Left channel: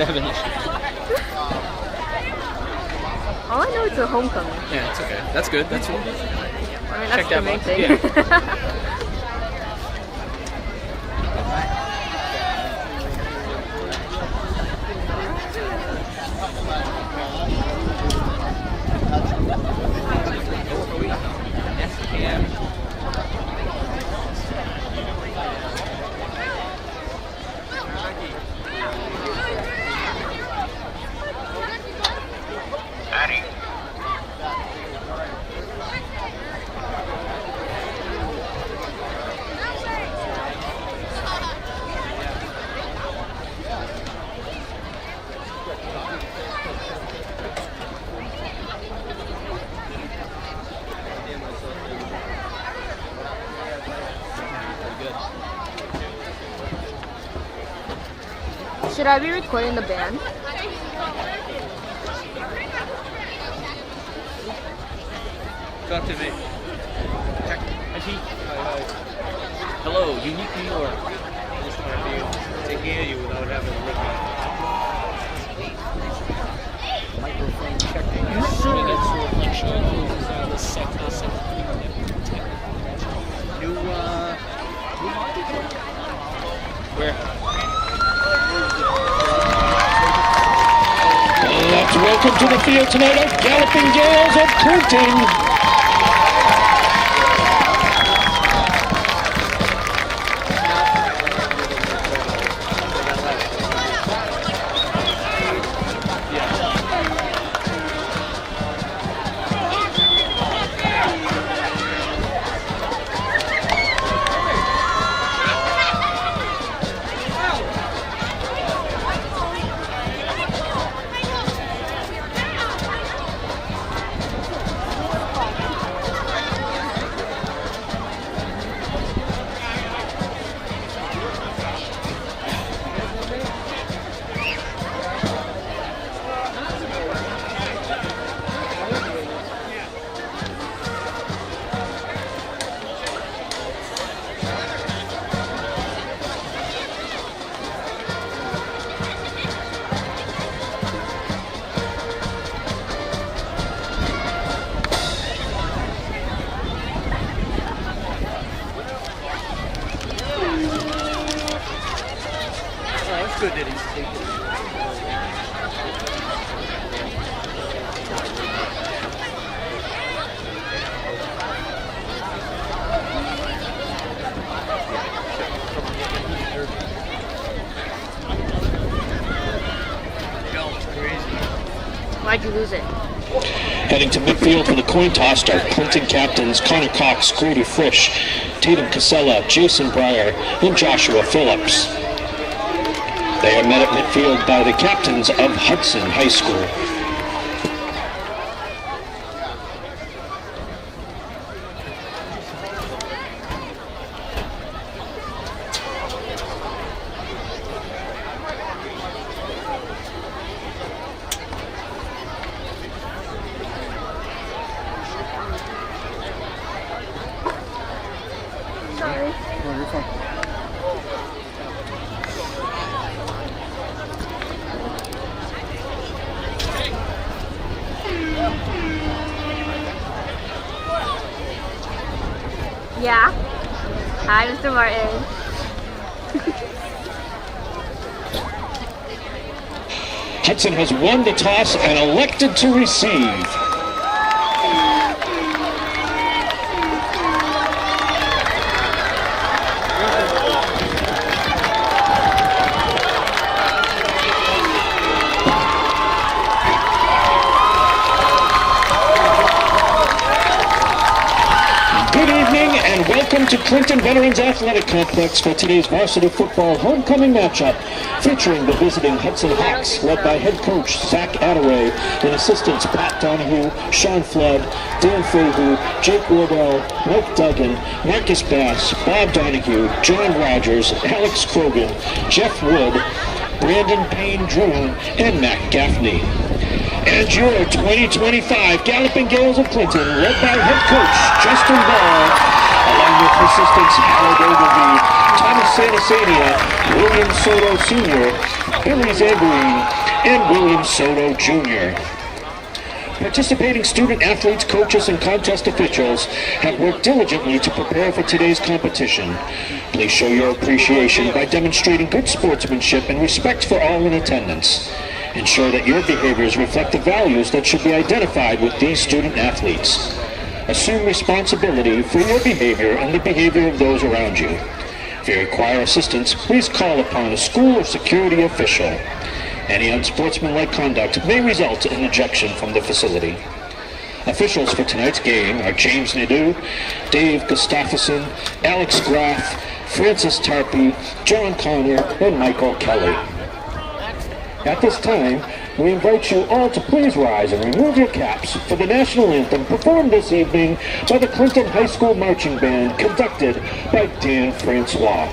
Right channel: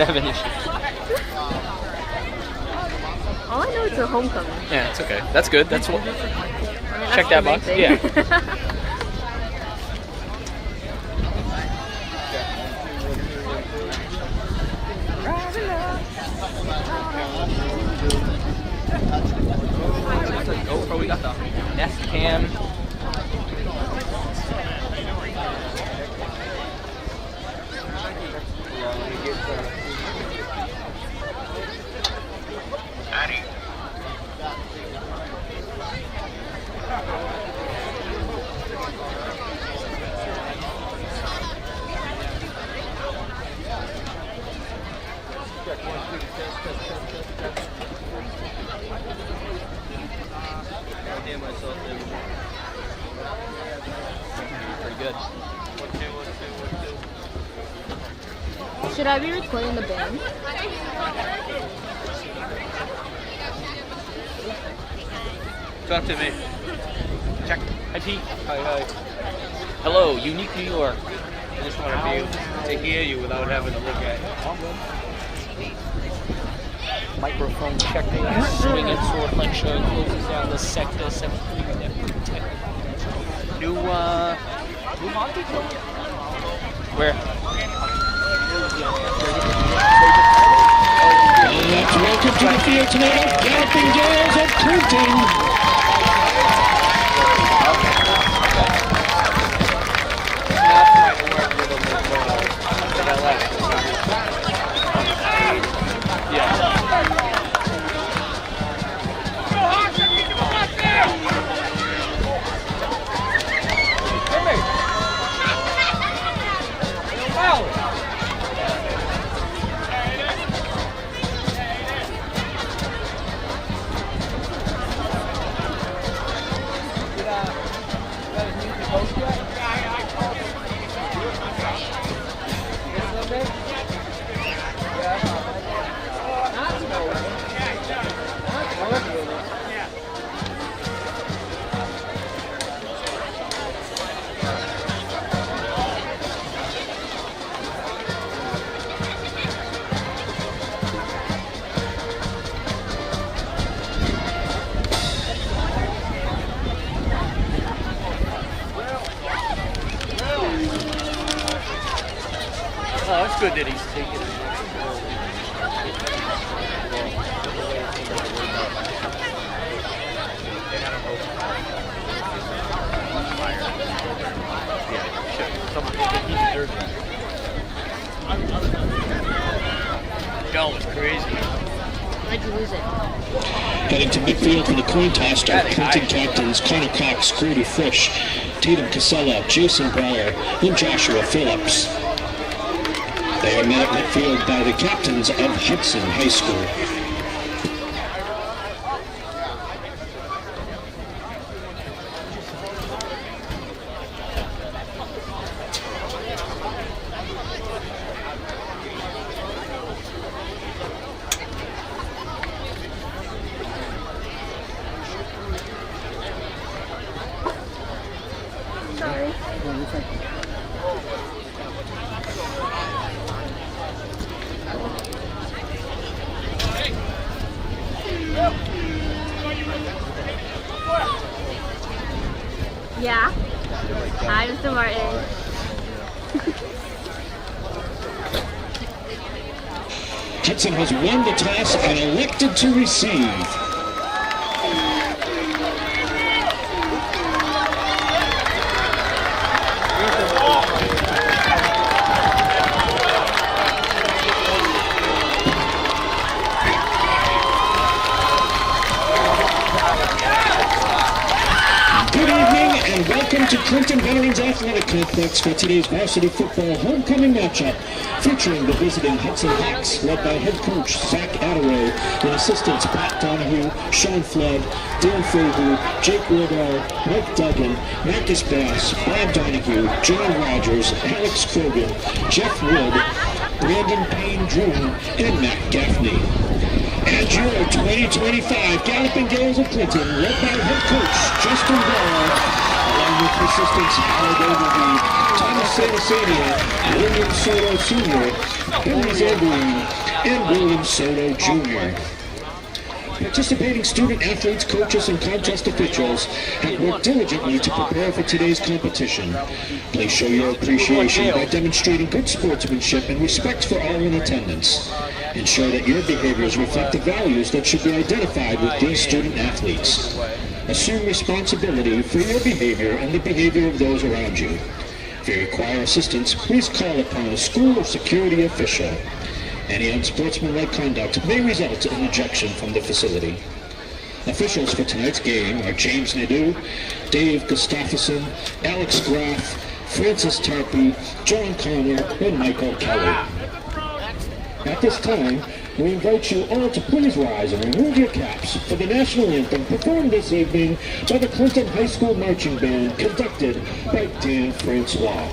have an issue. All I know is the homecoming. Yeah, it's okay. That's good. That's what. That's Check that the main box. thing. Yeah. Oh, we got the Nest Cam. Should I be recording the band? Talk to me. Check. Hi, Pete. Hi. Hello, unique New York. I just want to be able to hear you without having to look at it. Microphone checking. Swing and sword lecture closes on the sector. New where? Welcome to the field tonight of Galloping Gales of Clinton. Oh, it's good that he's taking it. That was crazy. Why'd you lose it? Heading to midfield for the coin toss are Clinton captains Connor Cox, Grady Frisch, Tatum Casella, Jason Breyer, and Joshua Phillips. They are met at midfield by the captains of Hudson High School. Sorry. Yeah. Hi, Mr. Martin. Hudson has won the toss and elected to receive. Good evening and welcome to Clinton Veterans Athletic Complex for today's varsity football homecoming matchup featuring the visiting Hudson Hawks led by head coach Zach Attaway and assistants Pat Donahue, Sean Flood, Dan Fahu, Jake Wardell, Mike Duggan, Marcus Bass, Bob Donahue, John Rogers, Alex Krogan, Jeff Wood, Brandon Payne Druin, and Matt Gaffney. And your 2025 Galloping Gales of Clinton, led by head coach Justin Ball, along with assistants Howard Ogilvie, Thomas Sanasania, William Soto Sr., Billy Zagreen, and William Soto Jr. Participating student athletes, coaches, and contest officials have worked diligently to prepare for today's competition. Please show your appreciation by demonstrating good sportsmanship and respect for all in attendance. Ensure that your behaviors reflect the values that should be identified with these student athletes. Assume responsibility for your behavior and the behavior of those around you. If you require assistance, please call upon a school or security official. Any unsportsmanlike conduct may result in ejection from the facility. Officials for tonight's game are James Nadeau, Dave Gustafson, Alex Graff, Francis Tarpey, John Connor, and Michael Kelly. At this time, we invite you all to please rise and remove your caps for the national anthem performed this evening by the Clinton High School Marching Band, conducted by Dan Francois.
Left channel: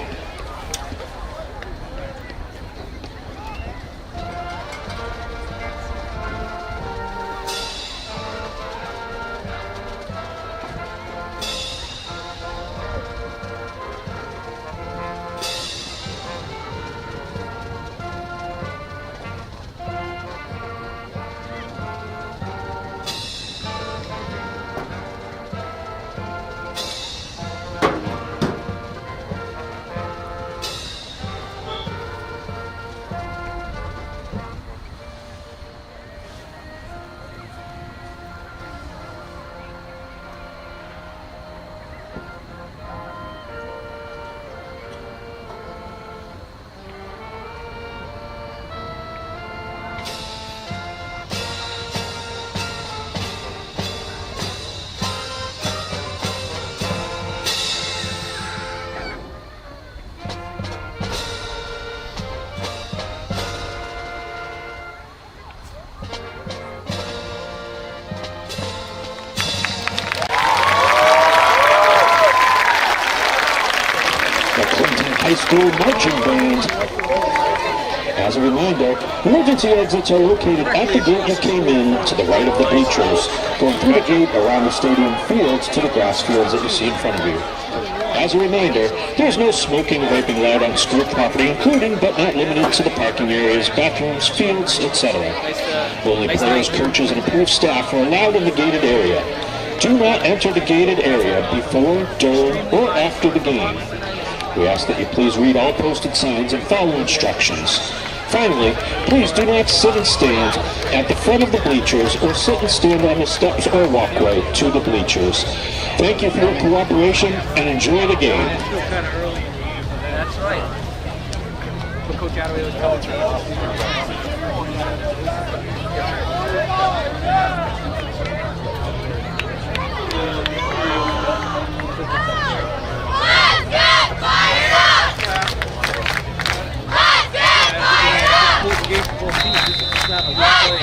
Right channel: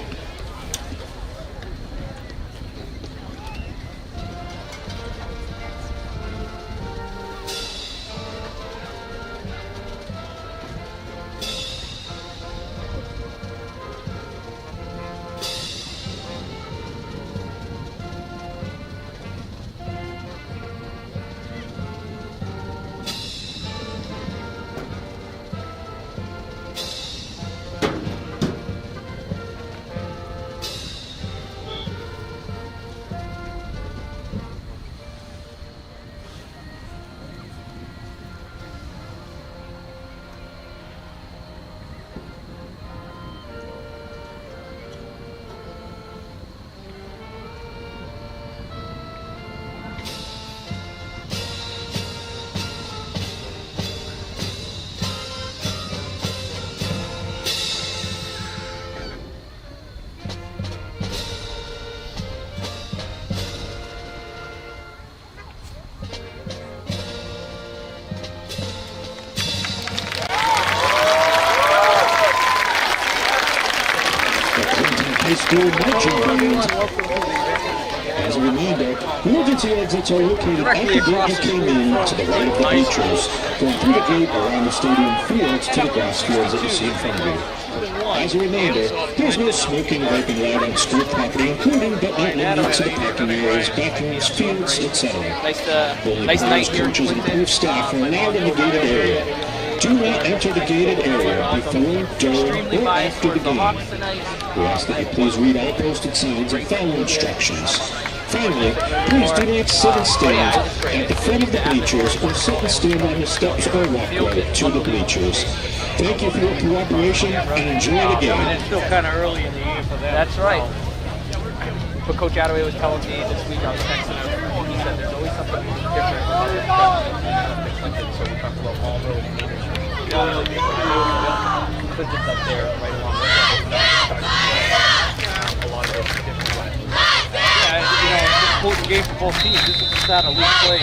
High School Marching Band. As a reminder, emergency exits are located at the gate you came in, to the right of the bleachers, going through the gate around the stadium fields to the grass fields that you see in front of you. As a reminder, there's no smoking or vaping allowed on school property, including but not limited to the parking areas, bathrooms, fields, etc. Only players, coaches, and approved staff are allowed in the gated area. Do not enter the gated area before, during, or after the game. We ask that you please read all posted signs and follow instructions. Finally, please do not sit and stand at the front of the bleachers or sit and stand on the steps or walkway to the bleachers. Thank you for your cooperation and enjoy the game. It's still kind of early in the year for that. That's right. But Coach Attaway was telling me this week on the game for both teams. This is the start of week play.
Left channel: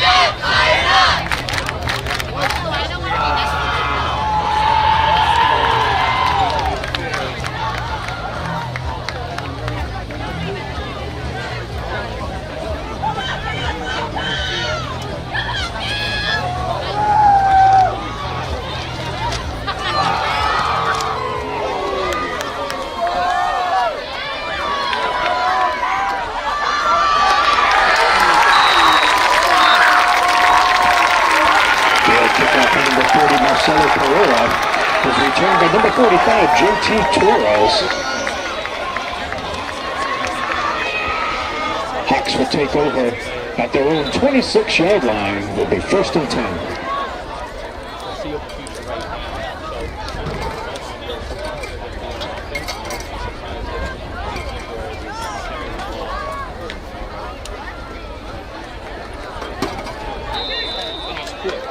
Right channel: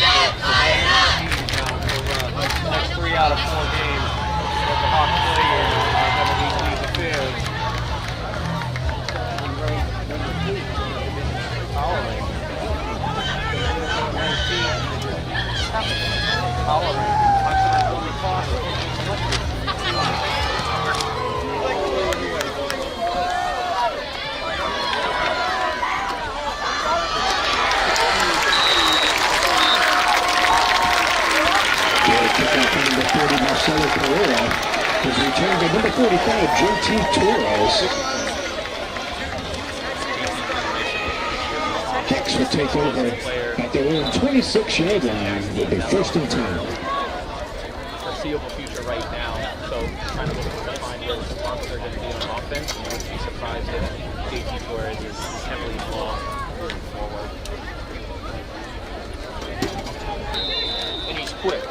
Is returned by number 45, JT Torres. Hawks will take over at their own 26-yard line. Will be 1st and 10. Foreseeable future right now. So they're going to be on offense. I wouldn't be surprised if JT Torres is heavily involved moving forward. And he's quick.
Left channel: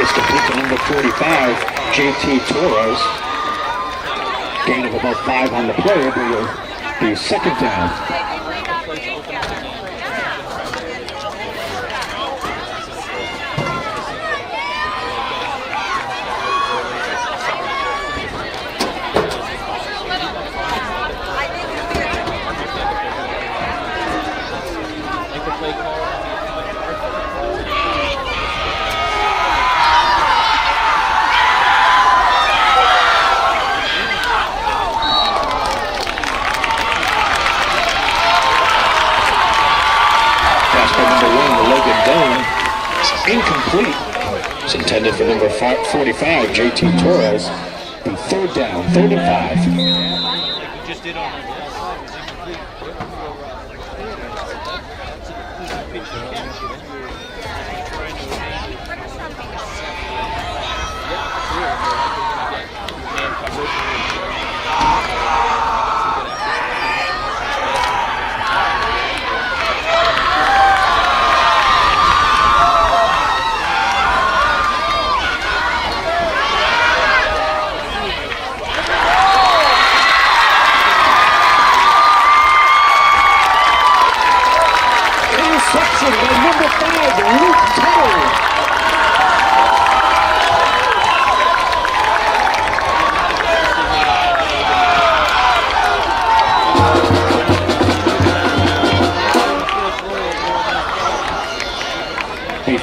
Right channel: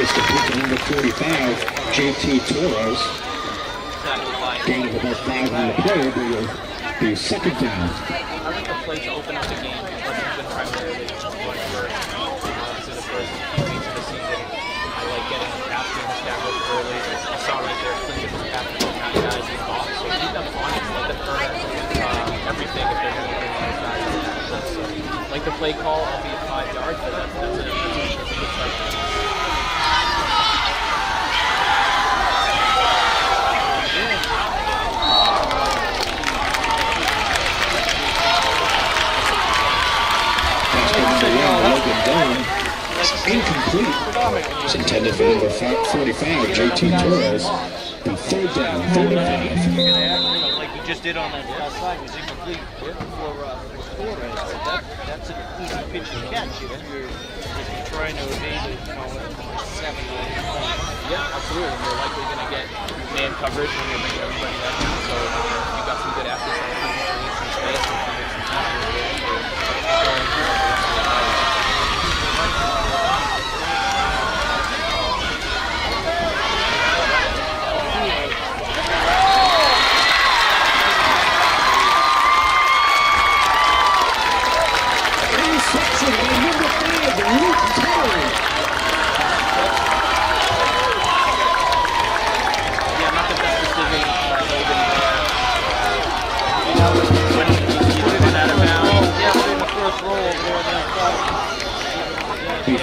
Is to pick number 45, JT Torres. Gain of about 5 on the play, but will be 2nd down. play call, I'll be at 5 yards, but that's a good start. Incomplete. It's intended for number 45, JT Torres. And third down, 35. Like we just did on the outside, was incomplete for that's an easy pitch to catch. If you're trying to evade it, 7 Yeah, absolutely. And they're likely going to get man coverage. So you got some good athletes some space and some time.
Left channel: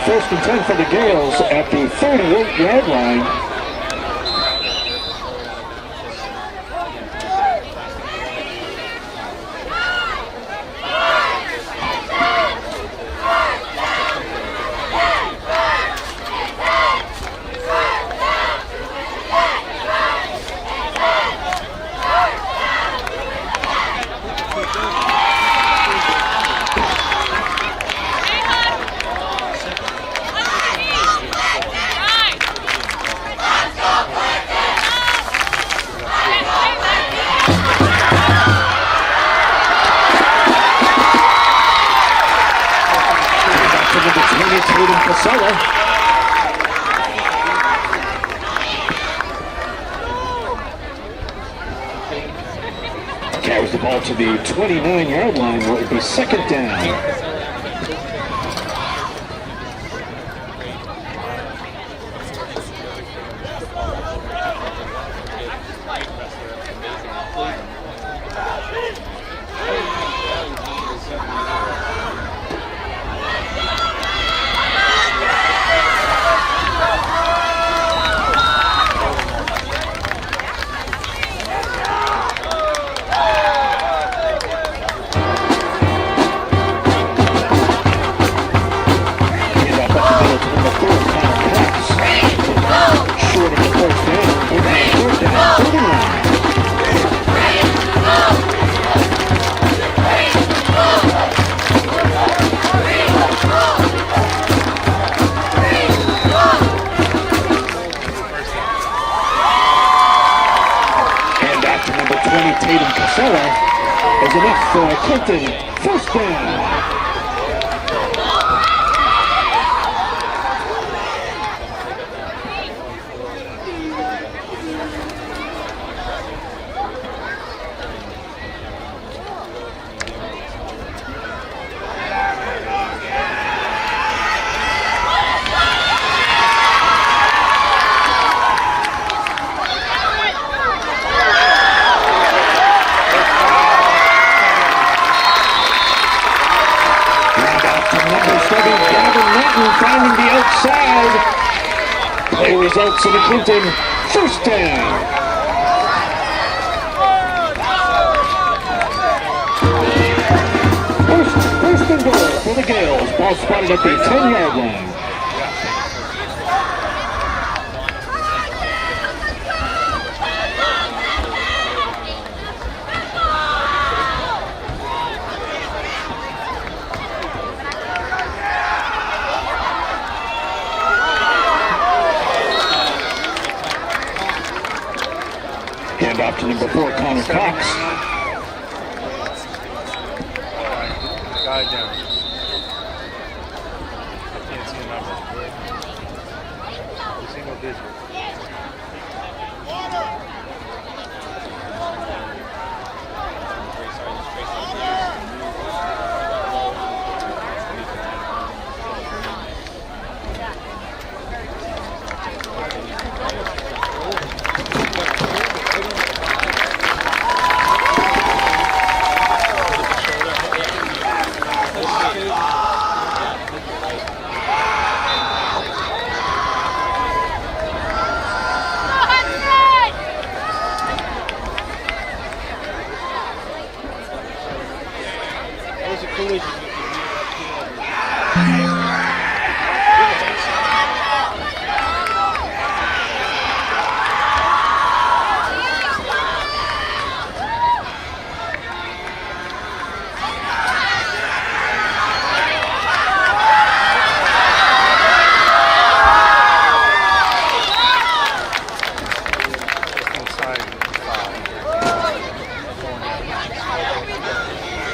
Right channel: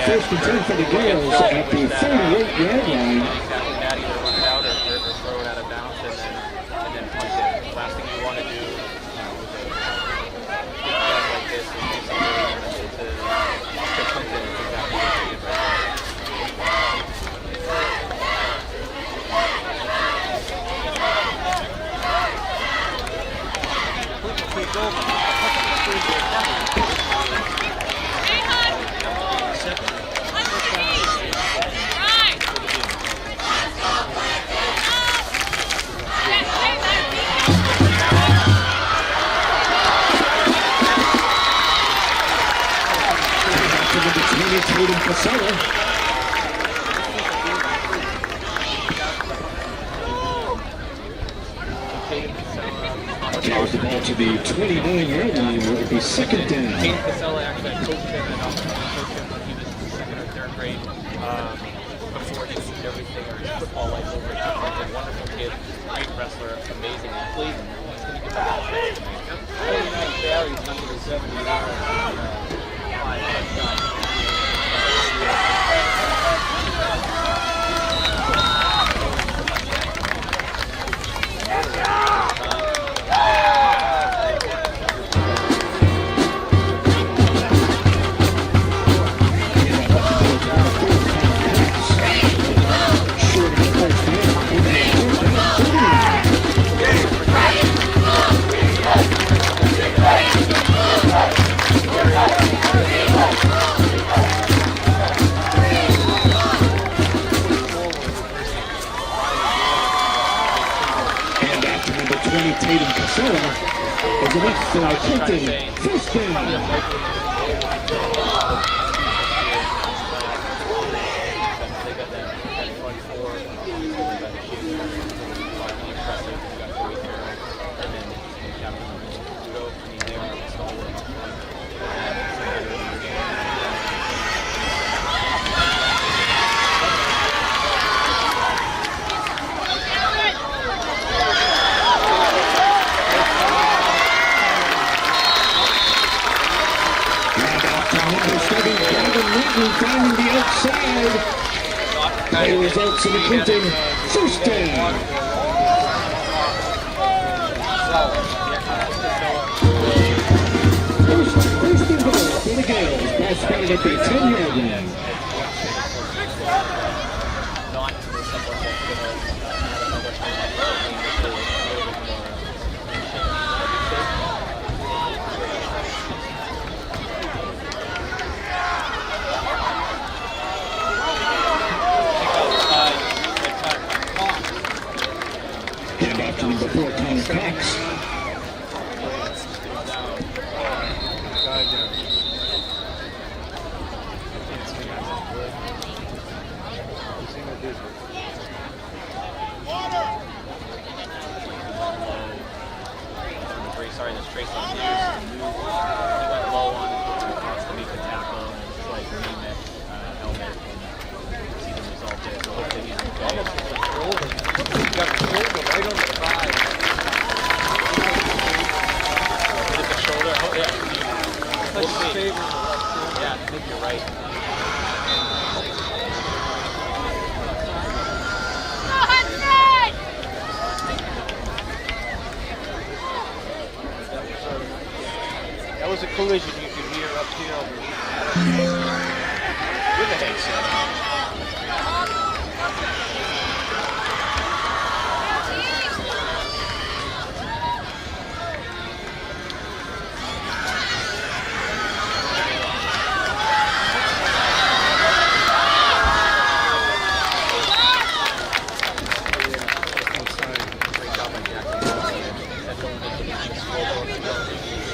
First and 10 for the Gales at the 38-yard line. Carries the ball to the 29-yard line where it would be second down. Is enough for Clinton. First down. Finding the outside. Play results in the Clinton. First down. First and goal for the Gales. Ball spotted at the 10-yard line. Off to number 4, Connor Cox. Guy down. I can't see him after. Single digit. Sorry, this trace on got low on was a collision. You could hear uphill.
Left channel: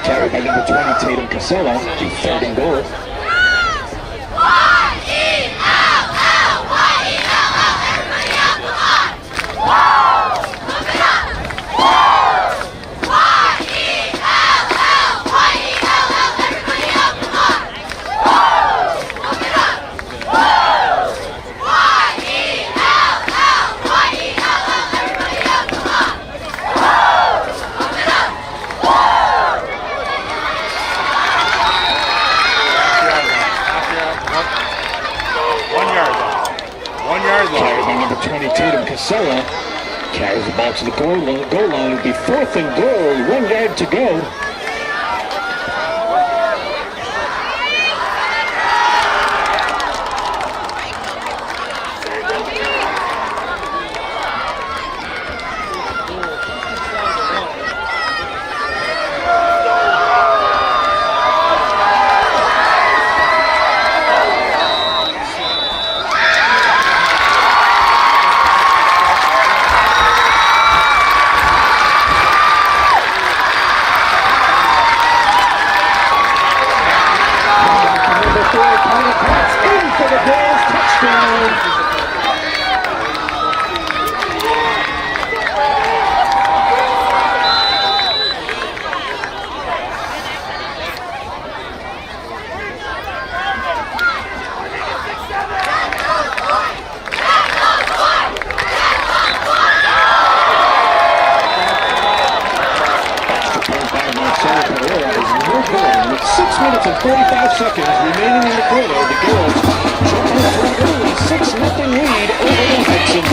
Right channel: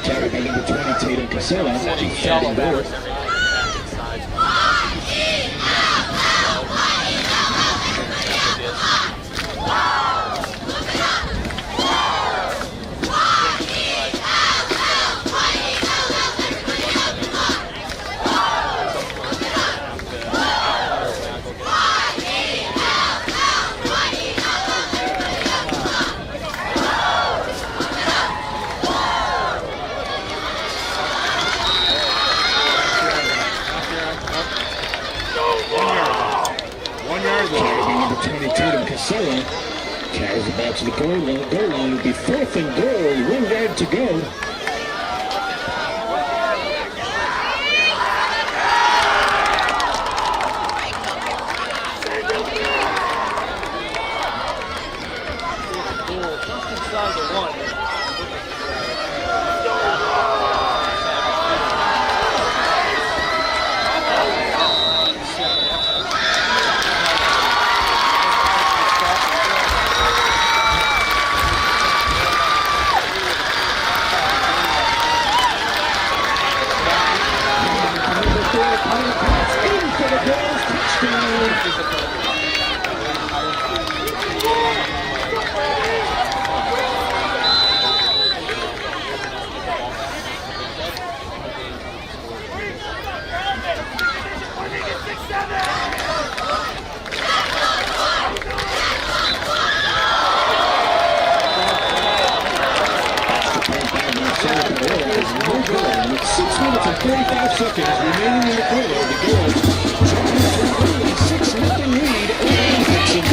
Carried by number 20, Tatum Casella, to third and goal. Carried by number 20, Tatum Casella. Carries the ball to the goal line. It'll be fourth and goal, 1 yard to go. With 6 minutes and 45 seconds remaining in the quarter, the Girls jump into an early 6-0 lead over the Hudson.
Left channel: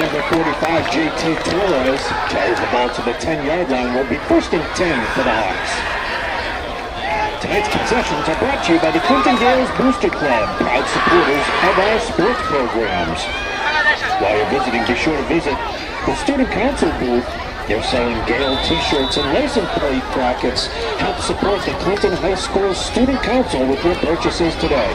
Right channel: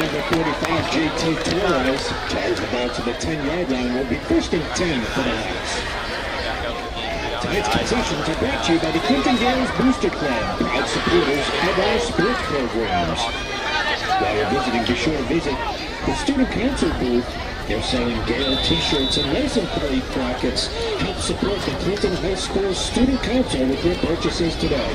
Number 45, JT Torres, carries the ball to the 10-yard line. Will be first and 10 for the Hawks. Tonight's possessions are brought to you by the Clinton Girls Booster Club, proud supporters of our sports programs. While you're visiting, be sure to visit the Student Council booth. They're selling Gale t-shirts and license plate brackets. Help support the Clinton High School Student Council with your purchases today.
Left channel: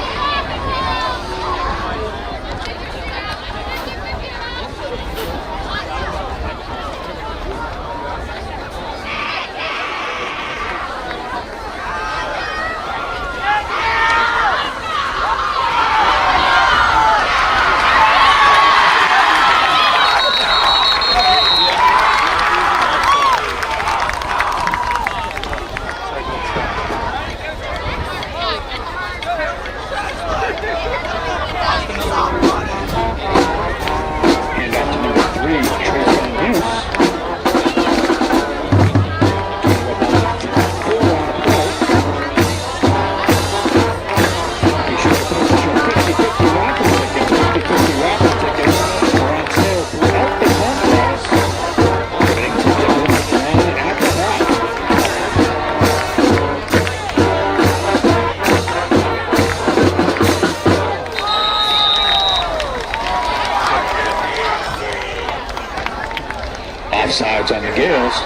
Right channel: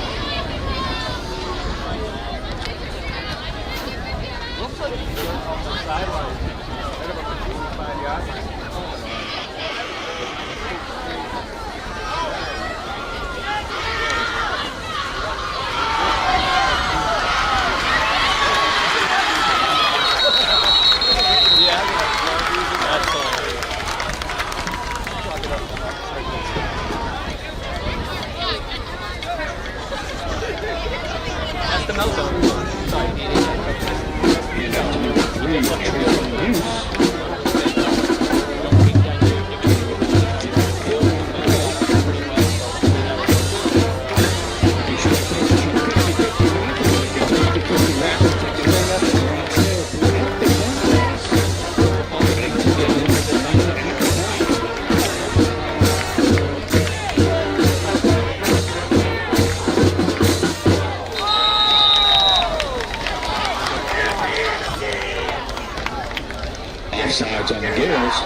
Offsides on the Gales.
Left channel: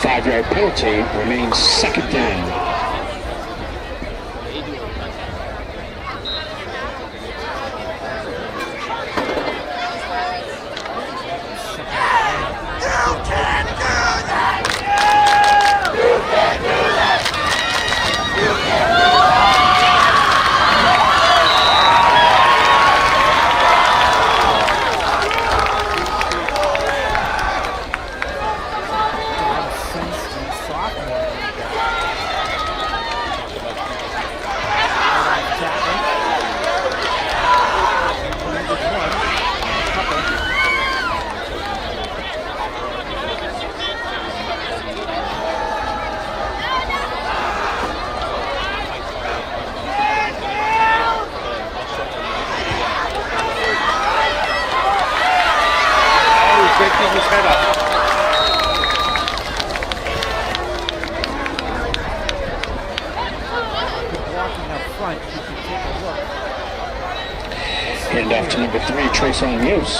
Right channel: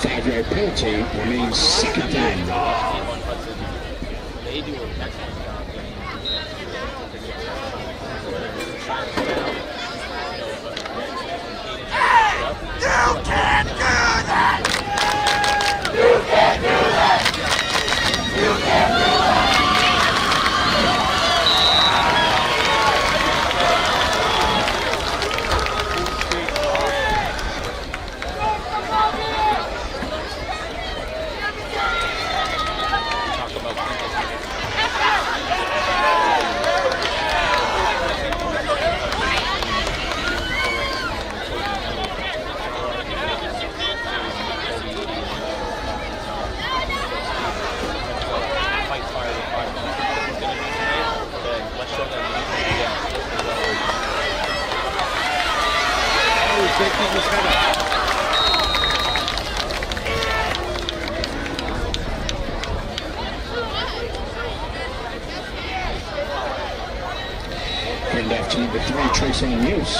5-yard penalty, remains second down. They do affect that. Keep his head up. Hand off to number 3, Trace on Muse.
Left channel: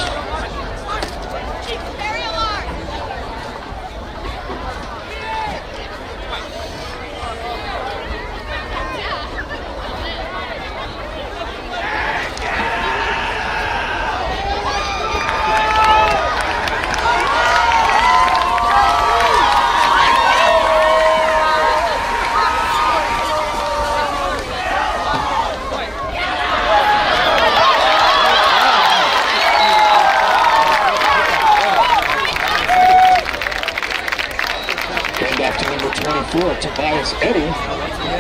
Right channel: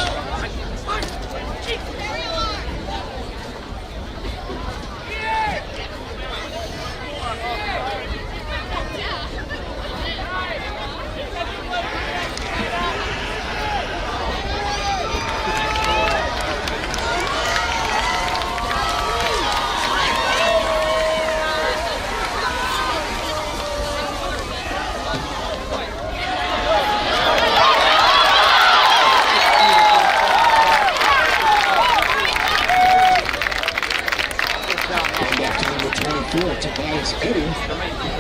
Tobias Eddy.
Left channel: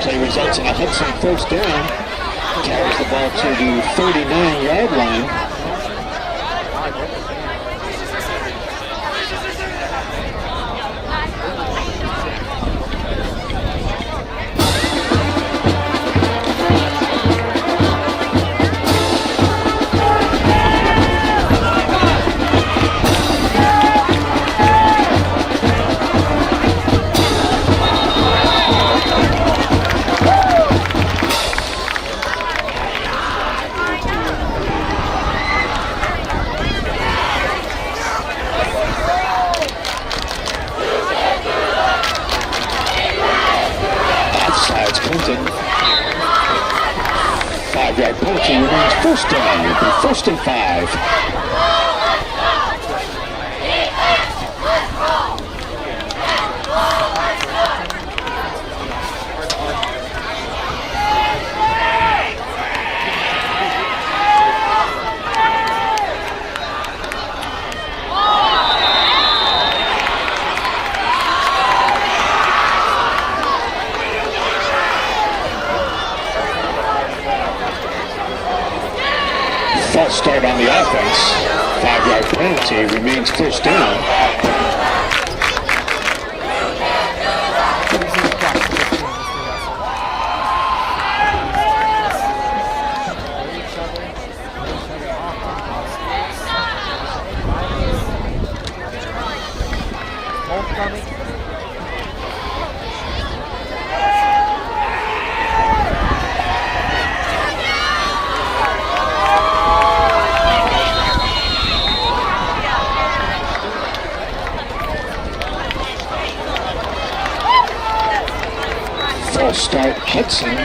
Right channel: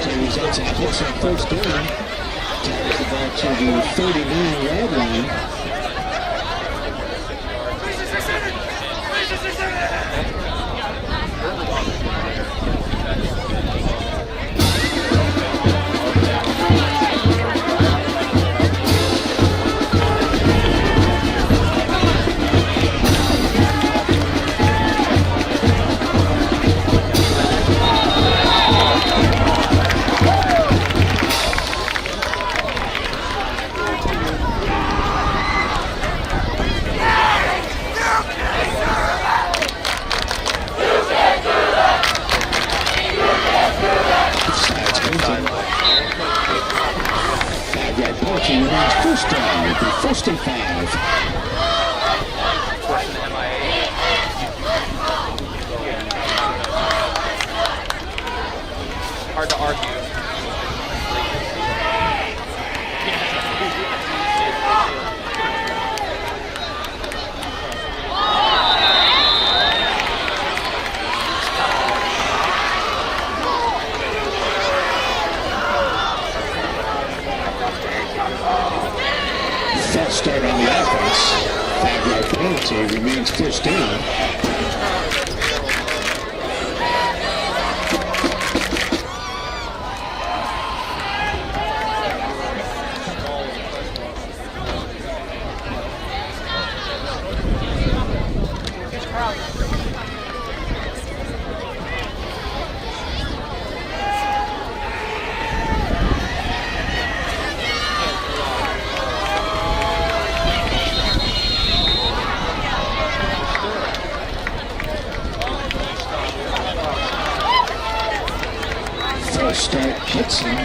Play results in a Hudson first down. Carries the ball to the 39-yard line. Penalty remains first down. It'll be 1st and 5. Hard to argue. False start on the offense. 5-yard penalty, remains first down. Start Hudson.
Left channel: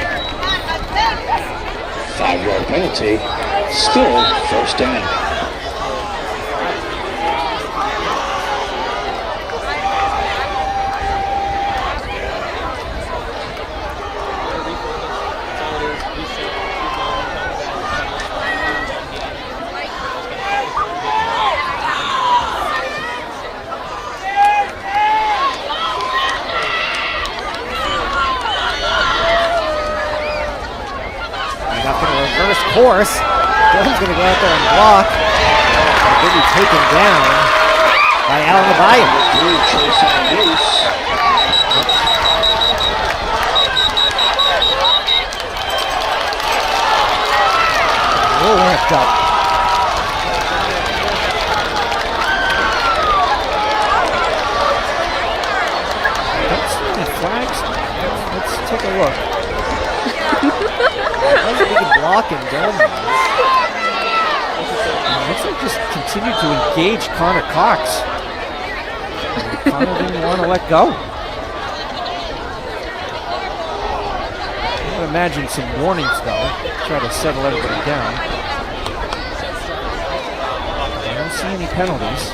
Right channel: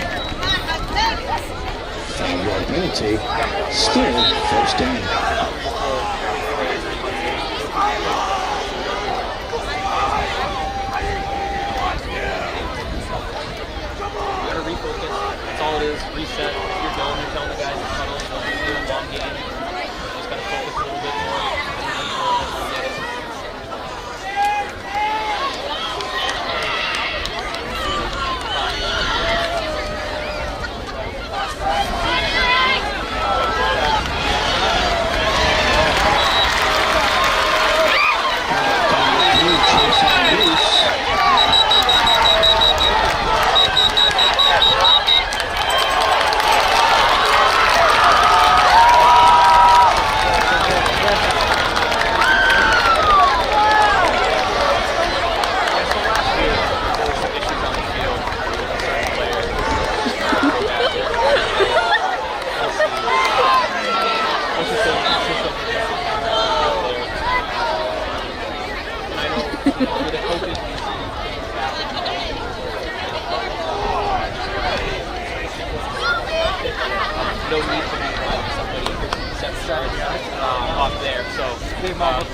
5-yard penalty. Still first down. That's all it is. Reset. You're done. You're telling the guys it's kind of a long game. Just gotta focus a little bit more. Course. He's going to go out there and block. He'll be taken down by Allen Levine. Chase on loose. Just continue to engage Connor Cox. didn't want to let go. I would imagine some warnings though. Try to settle everything down. Up there. Some penalties.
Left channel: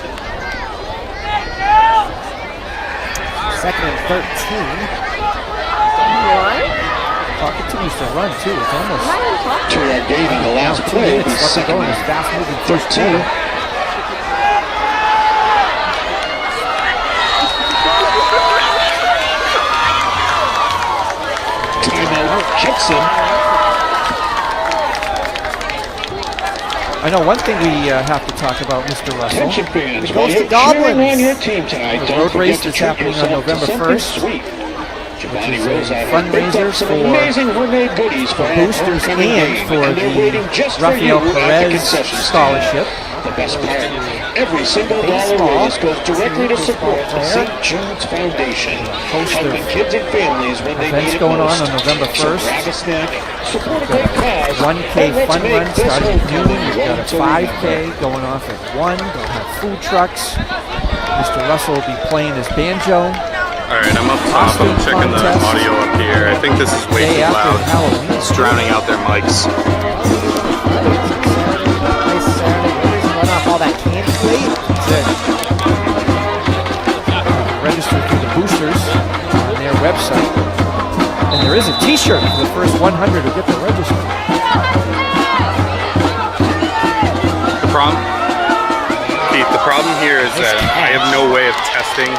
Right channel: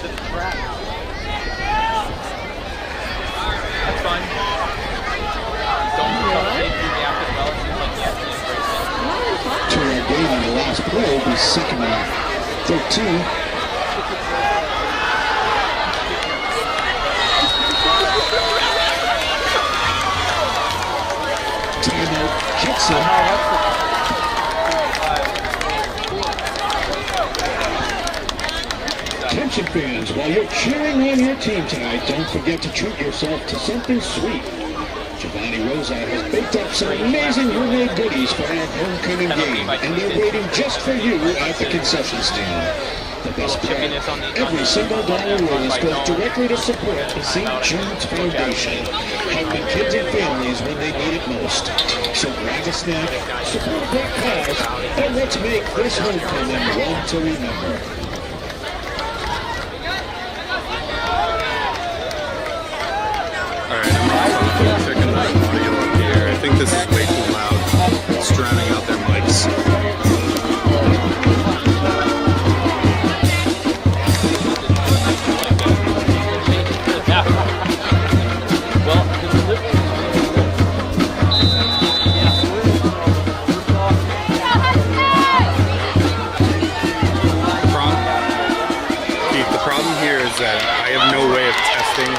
Second and 13. Continues to run too. It's almost Two-yard gain on the last play. It'll be second and 13. Timeout, Hudson. I know one thing we have to talk about, Mr. Russell. Attention fans, while you're cheering on your team tonight, don't forget to treat yourself to something sweet. Giovanni Rosa has picked up some amazing homemade goodies for our homecoming game, and they're waiting just for you at the concession stand. The best part, every single dollar raised goes directly to support the St. Jude's Foundation, helping kids and families when they need it most. So grab a snack, support a great cause, and let's make this homecoming one to 5K remember. going off at 1. Food trucks. Mr. Russell will be playing his banjo. Alright, I'm up top. I'm checking the audio up here. I think this is way too loud. It's drowning out their mics. Register to the boosters on their website. And there is a t-shirt for the first 100 of different registers. Keith, the problem here is that I have no way of testing.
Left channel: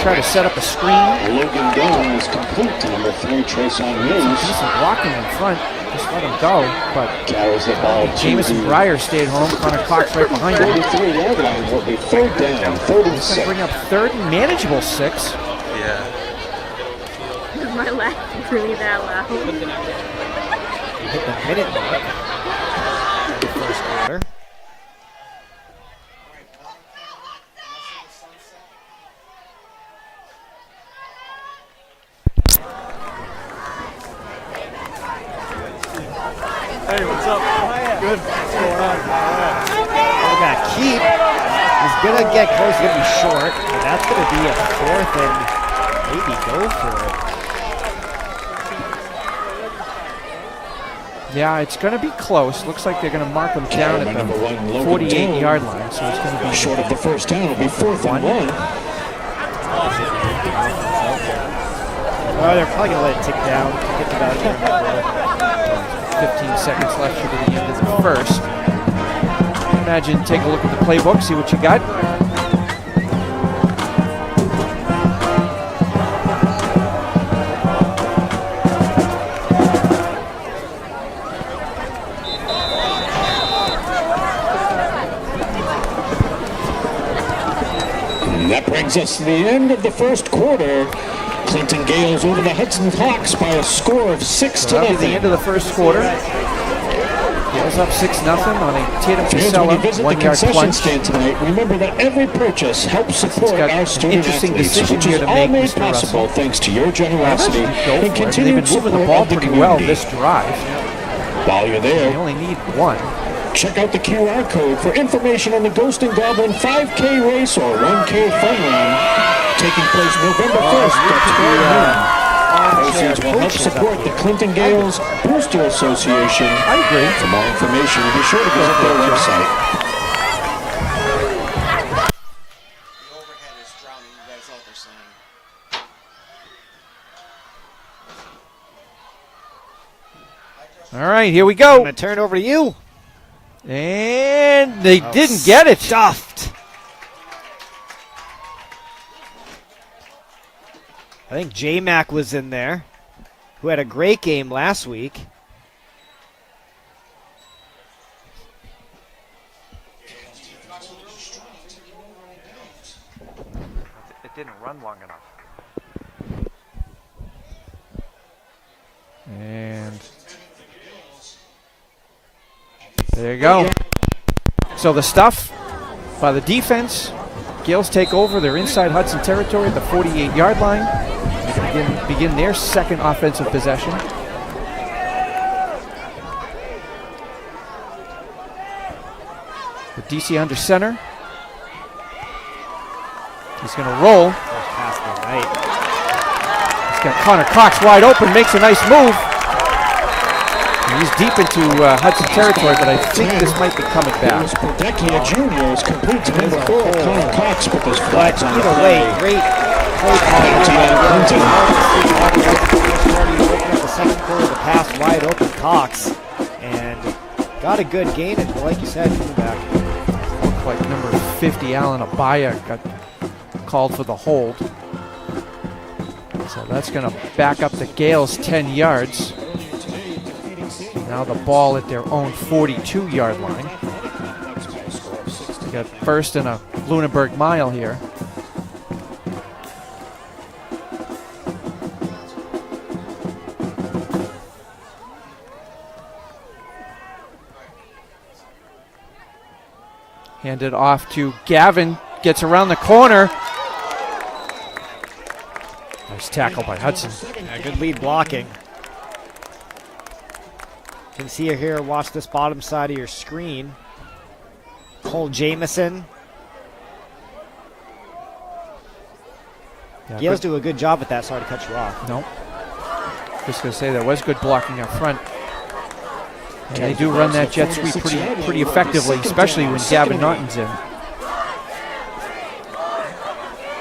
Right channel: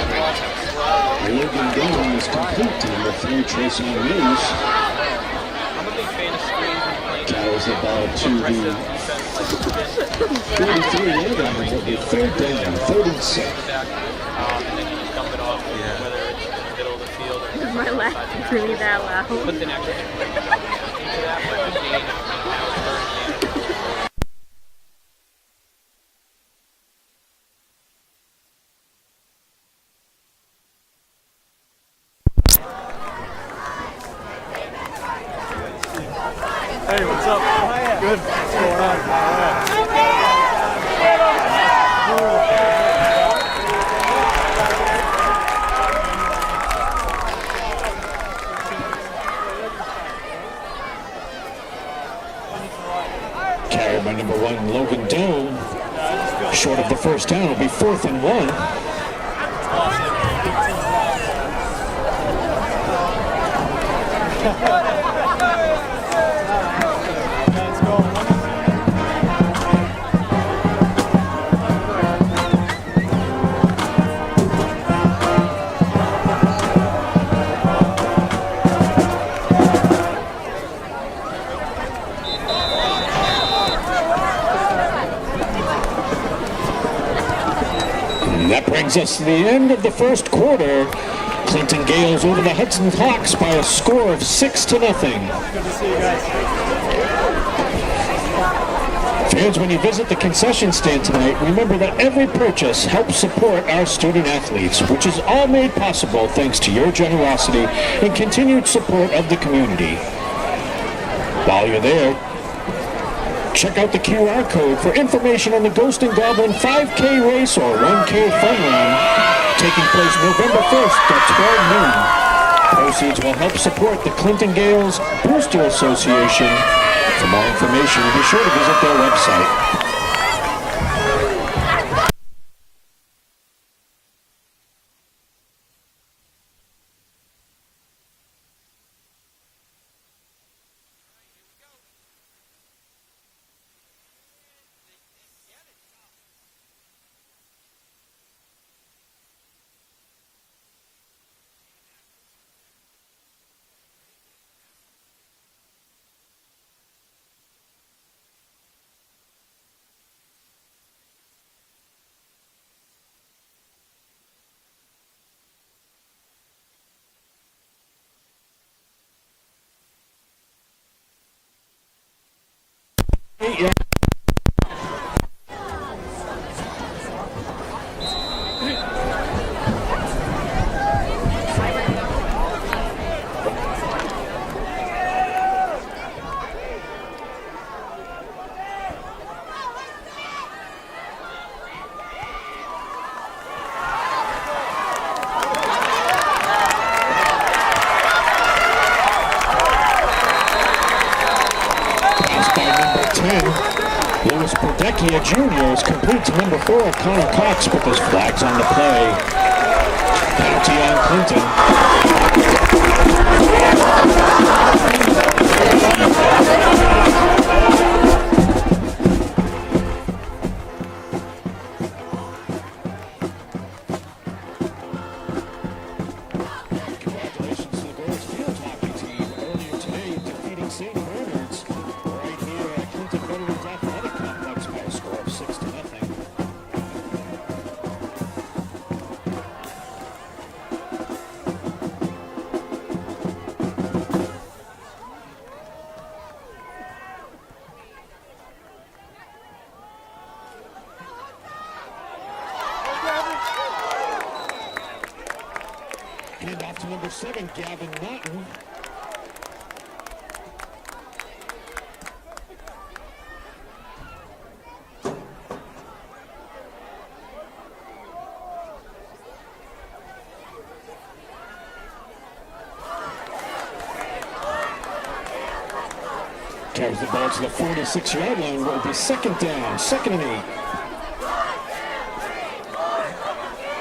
Try to set up a screen. Logan Dillon is complete to number 3, Treson Mills. Walking in front. Just let it go. But Carries the ball to James the Breyer stayed home. On a clock right behind him. 33-yard line. Will be third down, third and Bring 6. up third and manageable 6. Yeah. Is my laugh really that loud? Hey, what's up? Good. What's going on? He's going to get closer and short. That's going to be a fourth and yeah, it's going to be close. Looks like they're going to mark him Carry by number 1, Logan 48-yard Dillon. line. Short of the first down. It'll be 4th and 1. Well, they're probably going to let it tick down. 15 seconds left to go first. Imagine, take a look at the playbook, see what you got. And that brings us to the end of the first quarter. Clinton Gales over the Hudson Hawks by a score of 6-0. Into the first quarter. It's up 6-0. Fans, when you visit the concession stand tonight, remember that every purchase helps support our student athletes, which is all made possible thanks to your generosity and continued support of the community. While you're there, check out the QR code for information on the Ghost and Goblin 5K race or 1K fun run taking place November 1st at 12 noon. Proceeds will help support the Clinton Gales Booster Association. For more information, be sure to visit their website. The overhead is drowning you guys out there saying. All right, here we go. I'm going to turn it over to you. And they didn't get it. Stuffed. I think J-Mac was in there, who had a great game last week. It didn't run long enough. And there you go. So the stuff by the defense. Gales take over. They're inside Hudson territory, the 48-yard line. Begin their second offensive possession. DC under center. He's going to roll. He's got Connor Cox wide open, makes a nice move. And he's deep into Hudson territory, but I think this might be coming back. Lewis Prodecchia Jr. is complete to number 4, Connor Cox, but there's flags on the play. Penalty on Clinton. Like number 50, Alan Abaya, got called for the hold. So that's going to back up the Gales 10 yards. Now the ball at their own 42-yard line. Got first and a Lunenburg mile here. Handed off to Gavin, gets around the corner. Nice tackle by Hudson. Good lead blocking. You can see here, watch this bottom side of your screen. Cole Jamison. Yeah, Gales do a good job at that, sorry to cut you off. Nope. Just going to say there was good blocking up front. And they do run that jet sweep pretty effectively, especially when Gavin Norton's in.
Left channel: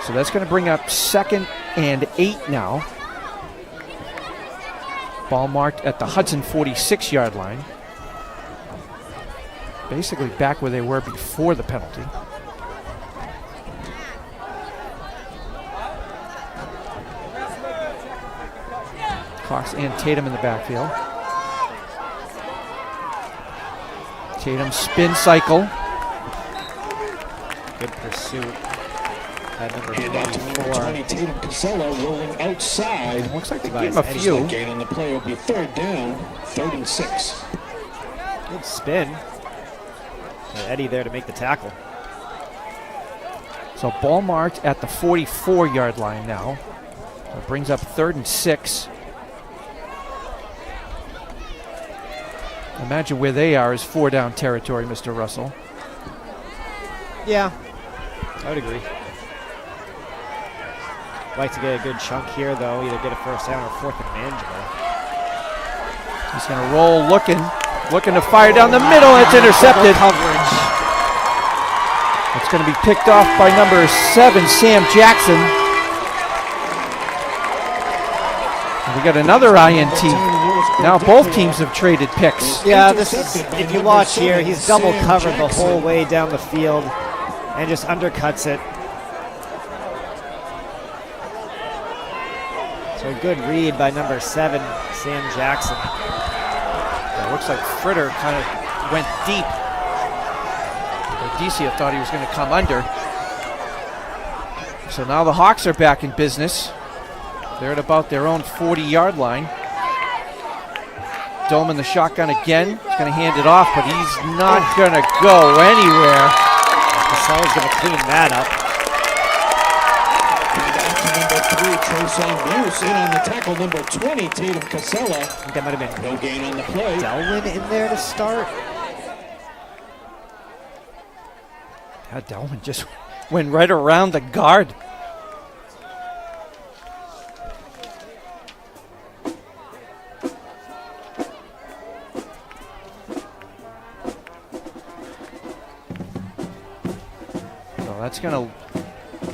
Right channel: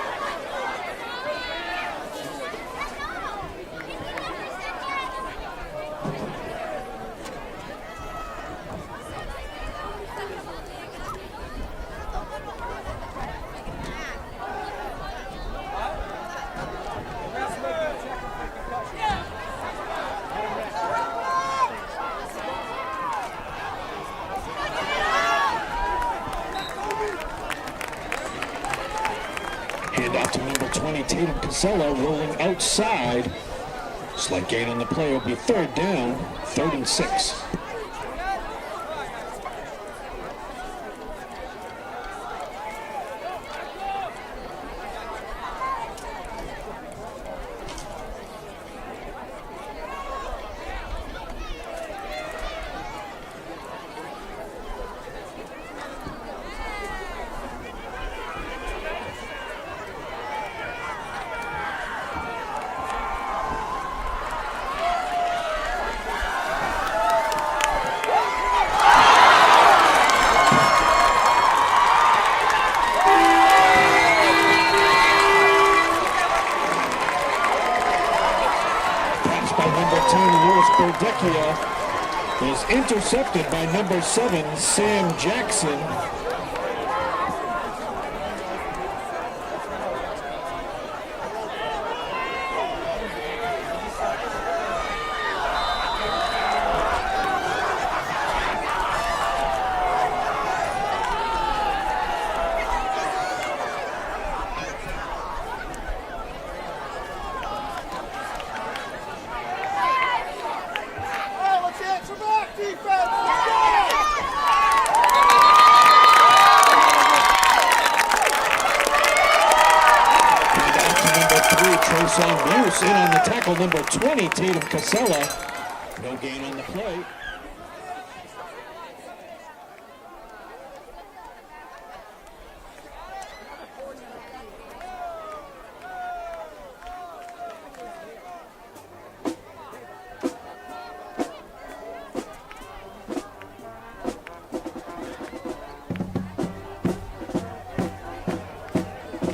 So that's going to bring up 2nd and 8 now. Ball marked at the Hudson 46-yard line. Basically back where they were before the penalty. Cox and Tatum in the backfield. Tatum spin cycle. Good pursuit. Hand out to number 20, Tatum Casella, rolling outside. Looks like they gave him a First few. gain on the play will be 3rd down, 3rd and 6. Good spin. And Eddie there to make the tackle. So ball marked at the 44-yard line now. It brings up 3rd and 6. Imagine where they are is 4-down territory, Mr. Russell. Yeah, I would agree. Like to get a good chunk here, though. Either get a first down or 4th and end. He's going to roll, looking to fire down the middle. It's intercepted. It's going to be picked off by number 7, Sam Jackson. We got another INT. Now both teams have traded picks. Yeah, if you watch here, he's double covered the whole way down the field and just undercuts it. So a good read by number 7, Sam Jackson. It looks like Fritter kind of went deep. DC thought he was going to come under. So now the Hawks are back in business. They're at about their own 40-yard line. Dome in the shotgun again. He's going to hand it off, but he's not going to go anywhere. Someone's going to clean that up. Number 3, Trason Bruce in on the tackle. Number 20, Tatum Casella. I think that might have been No gain on the play. Delwyn in there to start. Delwyn just went right around the guard. That's going to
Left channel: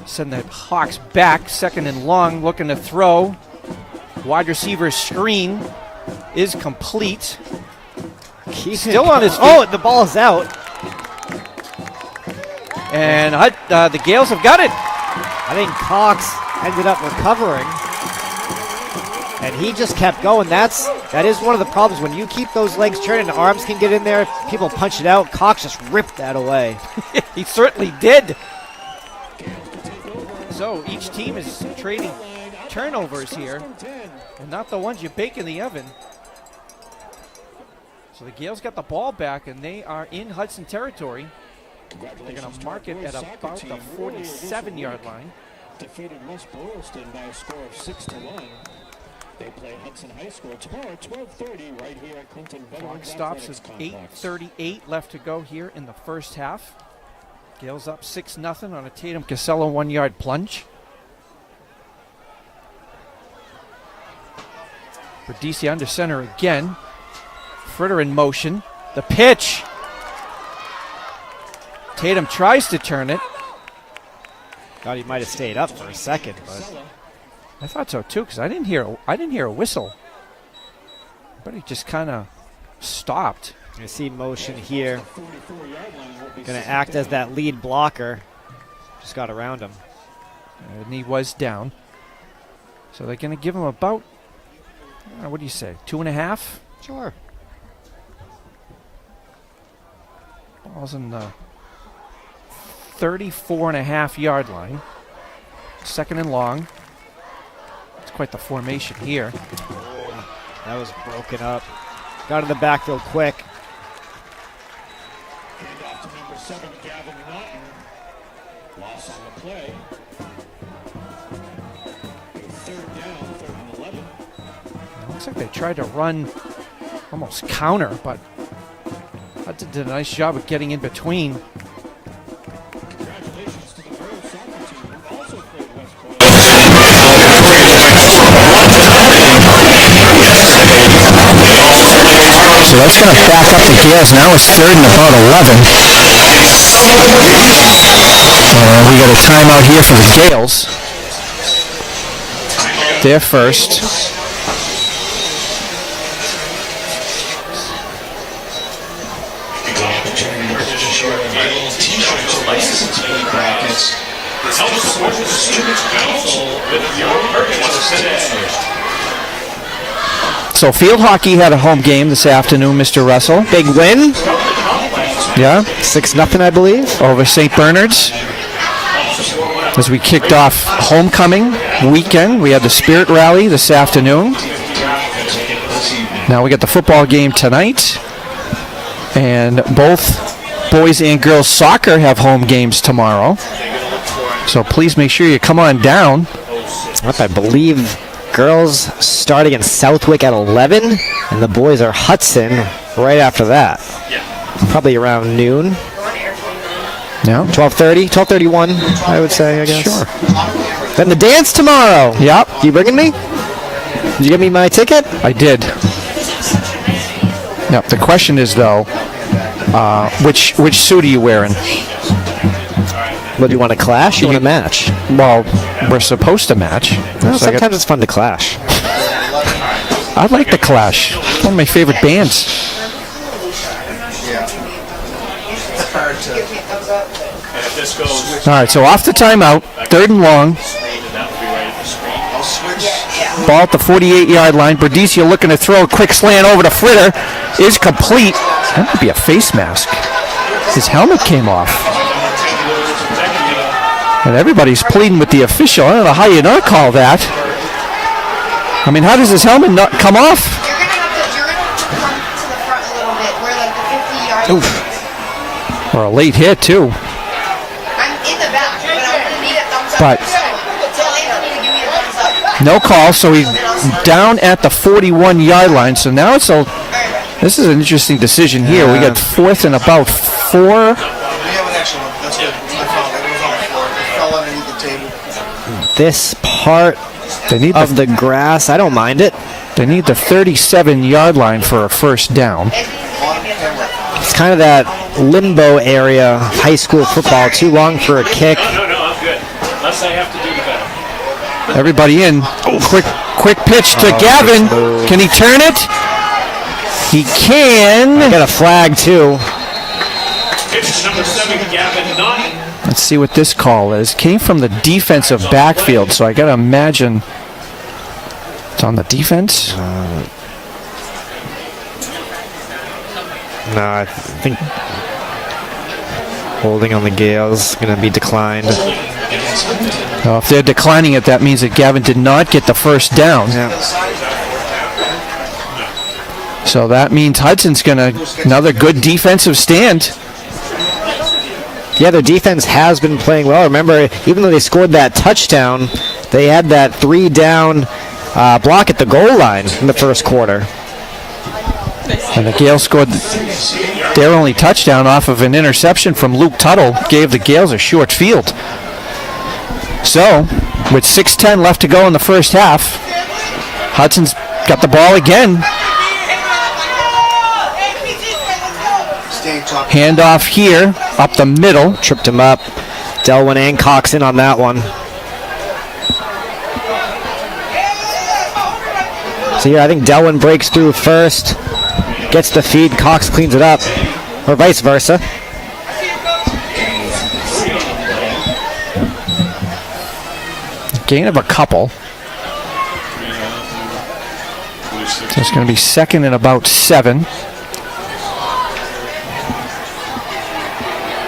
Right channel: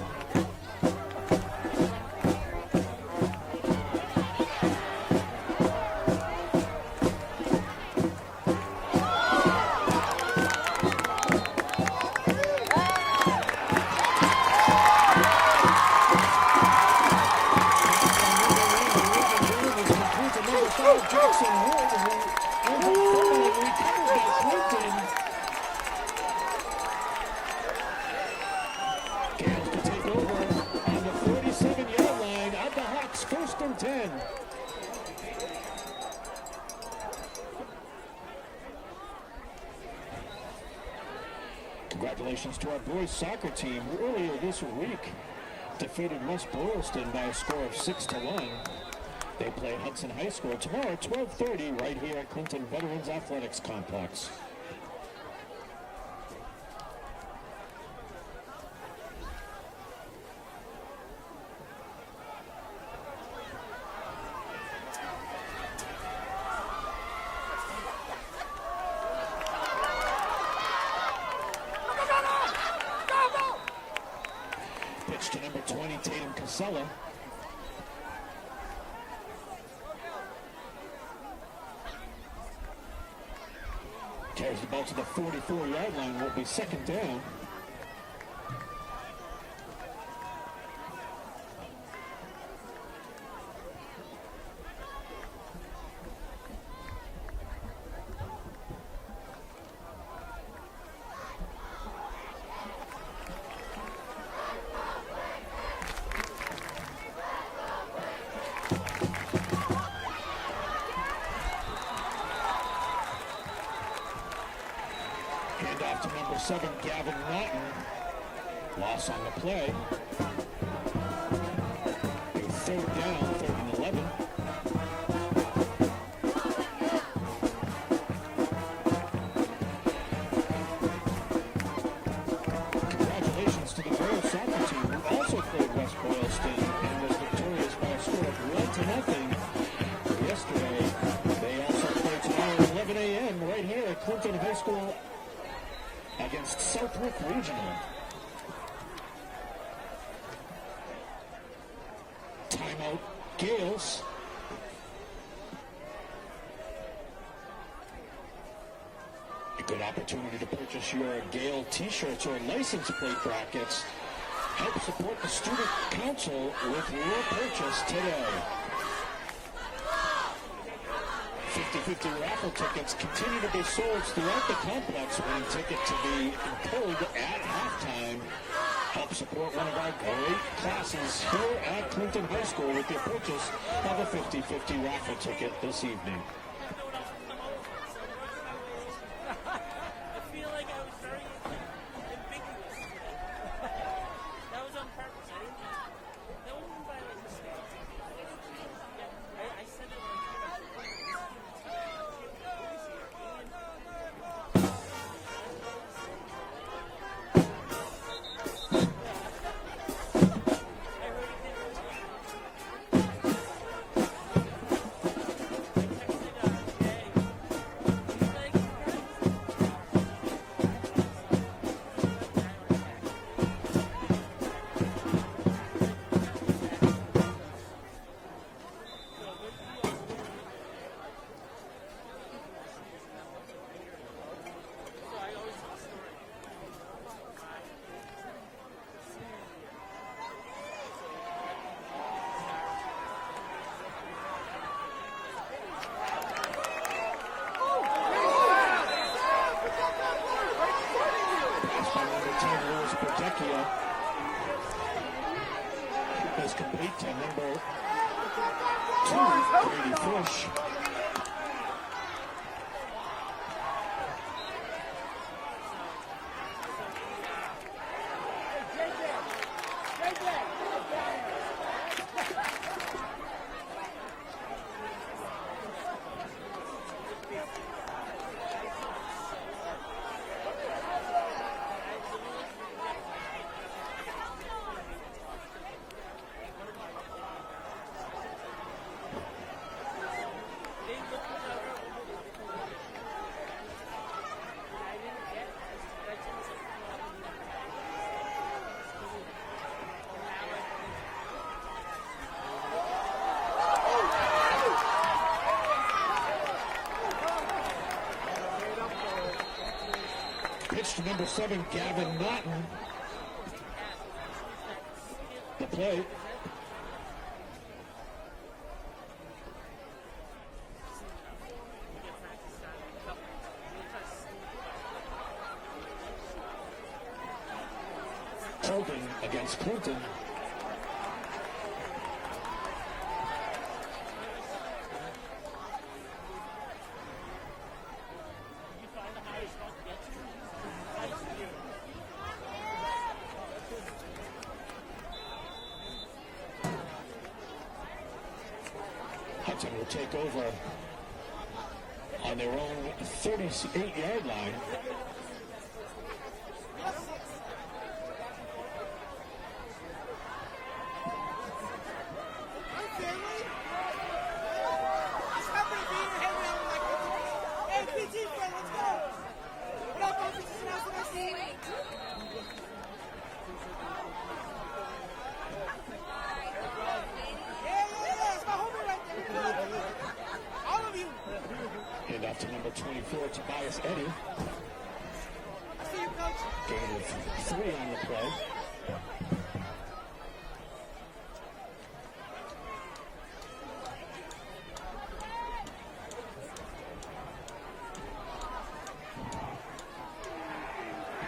send the Hawks back, 2nd and long, looking to throw. Wide receiver screen is complete. He's still on his feet. Oh, the ball's out. And the Gales have got it. I think Cox ended up recovering. And he just kept going. That is one of the problems. When you keep those legs turning, the arms can get in there. People punch it out. Cox just ripped that away. He certainly did. So each team is trading turnovers here, not the ones you bake in the oven. So the Gales got the ball back, and they are in Hudson territory. Congratulations to our boys soccer team. Earlier this week, 47-yard line. defeated West Boylston by a score of 6-1. They play Hudson High School tomorrow at 12:30 right here at Clinton Veterans Stops Athletics with Complex. 8:38 left to go here in the first half. Gales up 6-0 on a Tatum Casella 1-yard plunge. With DC under center again. Fritter in motion. The pitch. Tatum tries to turn it. Thought he might have stayed up for a second. I thought so too, because I didn't hear a whistle. But he just kind of stopped. You see motion here. Going to act as that lead blocker. Just got around him. And he was down. So they're going to give him about, what do you say, 2.5? Sure. Ball's in the 34.5-yard line. Second and long. That's quite the formation here. That was broken up. Got in the backfield quick. Hand off to number 7, Gavin Lawton. Loss on the play. Third down, 3rd and 11. Looks like they tried to run almost counter, but Hudson did a nice job of getting in between. Congratulations to the girls soccer team who also played West Point. So that's going to back up the Gales. Now it's 3rd and about 11. We got a timeout here for the Gales. They're first. So field hockey had a home game this afternoon, Mr. Russell. Big win. Yeah. 6-0, I believe. Over St. Bernard's. As we kicked off homecoming weekend, we had the Spirit Rally this afternoon. Now we got the football game tonight. And both boys and girls soccer have home games tomorrow. So please make sure you come on down. I believe girls start against Southwick at 11, and the boys are Hudson right after that. Probably around noon. Yeah. 12:30, 12:31, I would say, I guess. Sure. Then the dance tomorrow. Yep. You bringing me? Did you give me my ticket? I did. Now, the question is, though, which suit are you wearing? What, do you want to clash? You want to match? Well, we're supposed to match. Well, sometimes it's fun to clash. I like the Clash. One of my favorite bands. All right, so off the timeout, 3rd and long. Ball at the 48-yard line. Berdicia looking to throw a quick slant over to Fritter. Is complete. That might be a face mask. His helmet came off. And everybody's pleading with the official. I don't know how you not call that. I mean, how does his helmet not come off? You're going to have to come to the front a little bit. We're like the 50-yard line. Or a late hit, too. I'm in the back, but I'm going to need a thumbs up. But Tell Anthony to give me a thumbs up. no call, so he's down at the 41-yard line. So now it's a... This is an interesting decision here. We got 4th and about 4. We have an extra one. That's good. I found it. It was on the floor. It fell underneath the table. This part of the grass, I don't mind it. They need the 37-yard line for a first down. It's kind of that limbo area of high school football. Too long for a kick. No, I'm good. Unless I have to do the better. Everybody in. Quick pitch to Gavin. Can he turn it? He can. I got a flag, too. Pitch number 7, Gavin Naughton. Let's see what this call is. Came from the defensive backfield, so I got to imagine it's on the defense. No, I think holding on the Gales going to be declined. If they're declining it, that means that Gavin did not get the first down. Yeah. So that means Hudson's going to another good defensive stand. Yeah, their defense has been playing well. Remember, even though they scored that touchdown, they had that 3-down block at the goal line in the first quarter. And the Gales scored their only touchdown off of an interception from Luke Tuttle. Gave the Gales a short field. So, with 6:10 left to go in the first half, Hudson's got the ball again. Handoff here, up the middle. Tripped him up. Delwyn and Cox in on that one. So here, I think Delwyn breaks through first, gets the feed, Cox cleans it up, or vice versa. Gain of a couple. So it's going to be second and about 7.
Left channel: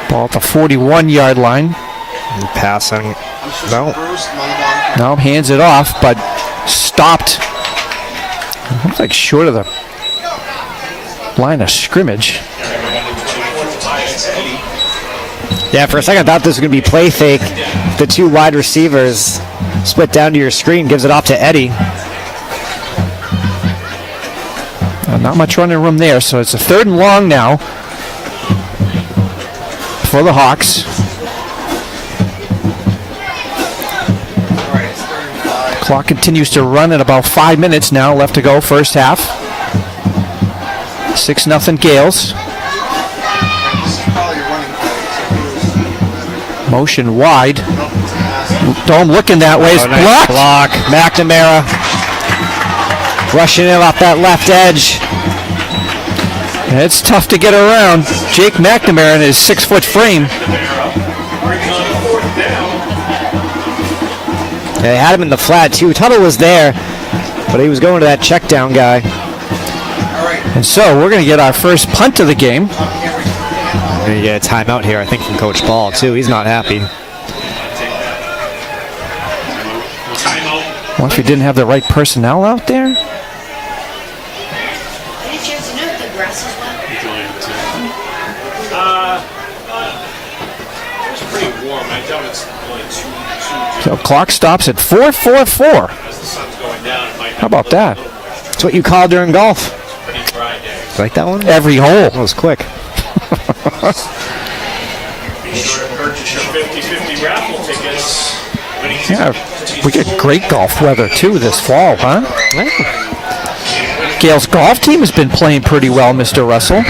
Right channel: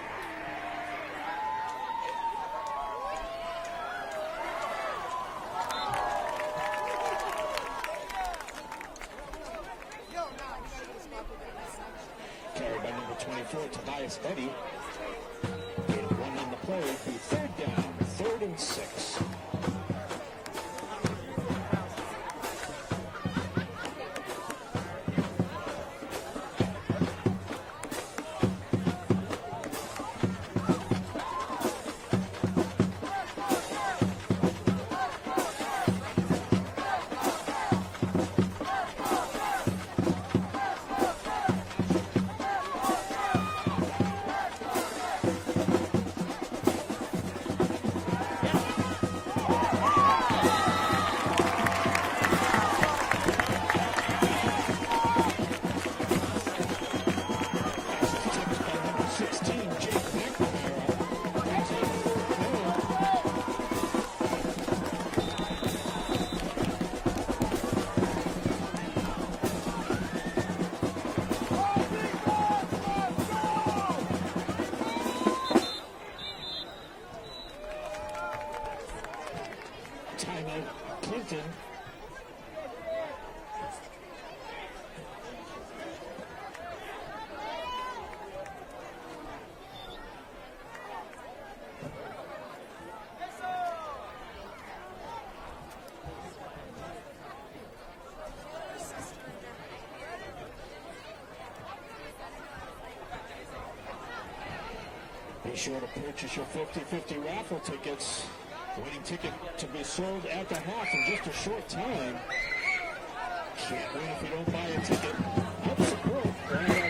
Ball at the 41-yard line. Passing. No. No, hands it off, but stopped. Looks like short of the line of scrimmage. Yeah, for a second I thought this was going to be play fake. The two wide receivers split down to your screen, gives it off to Eddie. Not much running room there, so it's a 3rd and long now for the Hawks. Clock continues to run at about 5 minutes now left to go, first half. 6-0 Gales. Motion wide. Dome looking that way. It's blocked. Block. McNamara rushing in off that left edge. It's tough to get around. Jake McNamara in his 6-foot frame. They had him in the flat too. Tuttle was there, but he was going to that check down guy. And so we're going to get our first punt of the game. We're going to get a timeout here, I think, from Coach Ball too. He's not happy. Well, if he didn't have the right personnel out there. So clock stops at 4:44. How about that? That's what you call during golf. Like that one? Every hole. That was quick. Yeah, we get great golf weather too this fall, huh? Yeah. Gale's golf team has been playing pretty well, Mr. Russell.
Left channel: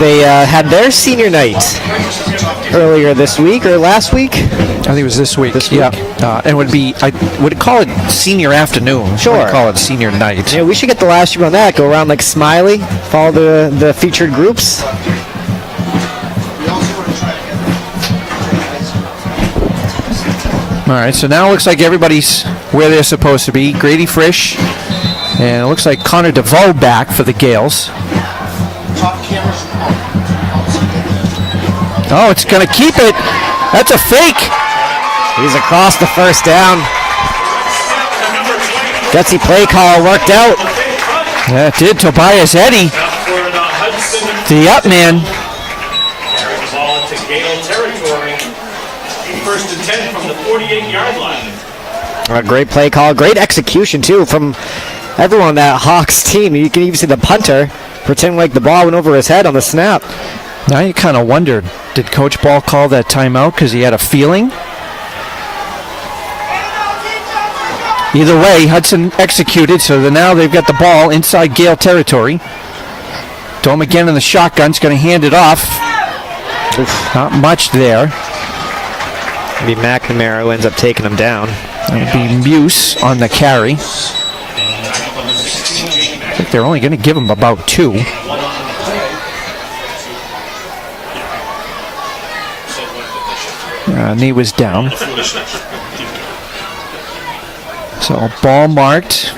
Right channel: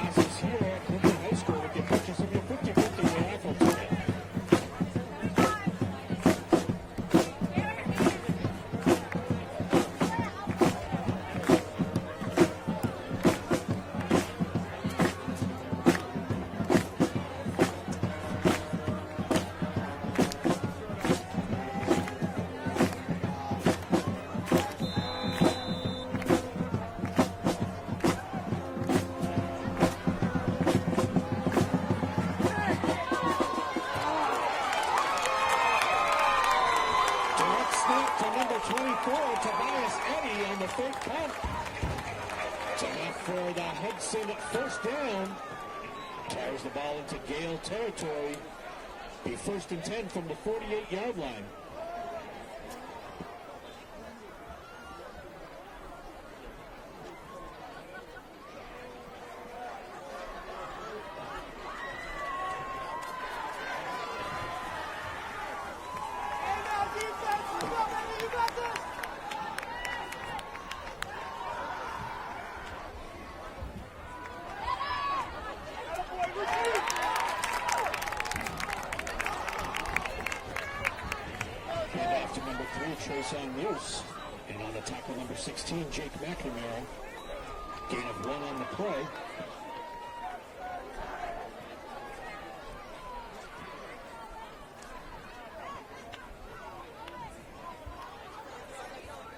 They had their senior night earlier this week or last week. I think it was this week. Yeah, and would be I would call it senior afternoon. Sure. I wouldn't call it senior night. Yeah, we should get the last year on that. Go around like Smiley, follow the featured groups. All right, so now it looks like everybody's where they're supposed to be. Grady Frisch, and it looks like Connor DeVoe back for the Gales. Oh, it's going to keep it. That's a fake. He's across the first down. Gutsy play call worked out. Yeah, it did. Tobias Eddy, the up man. First and 10 from the 48-yard line. A great play call. Great execution, too, from everyone on that Hawks team. You can even see the punter pretend like the ball went over his head on the snap. Now you kind of wondered, did Coach Ball call that timeout because he had a feeling? Either way, Hudson executed, so now they've got the ball inside Gale territory. Dome again in the shotgun's going to hand it off. Oof, not much there. Maybe McNamara who ends up taking him down. That'll be Muse on the carry. I think they're only going to give him about 2. Knee was down. So ball marked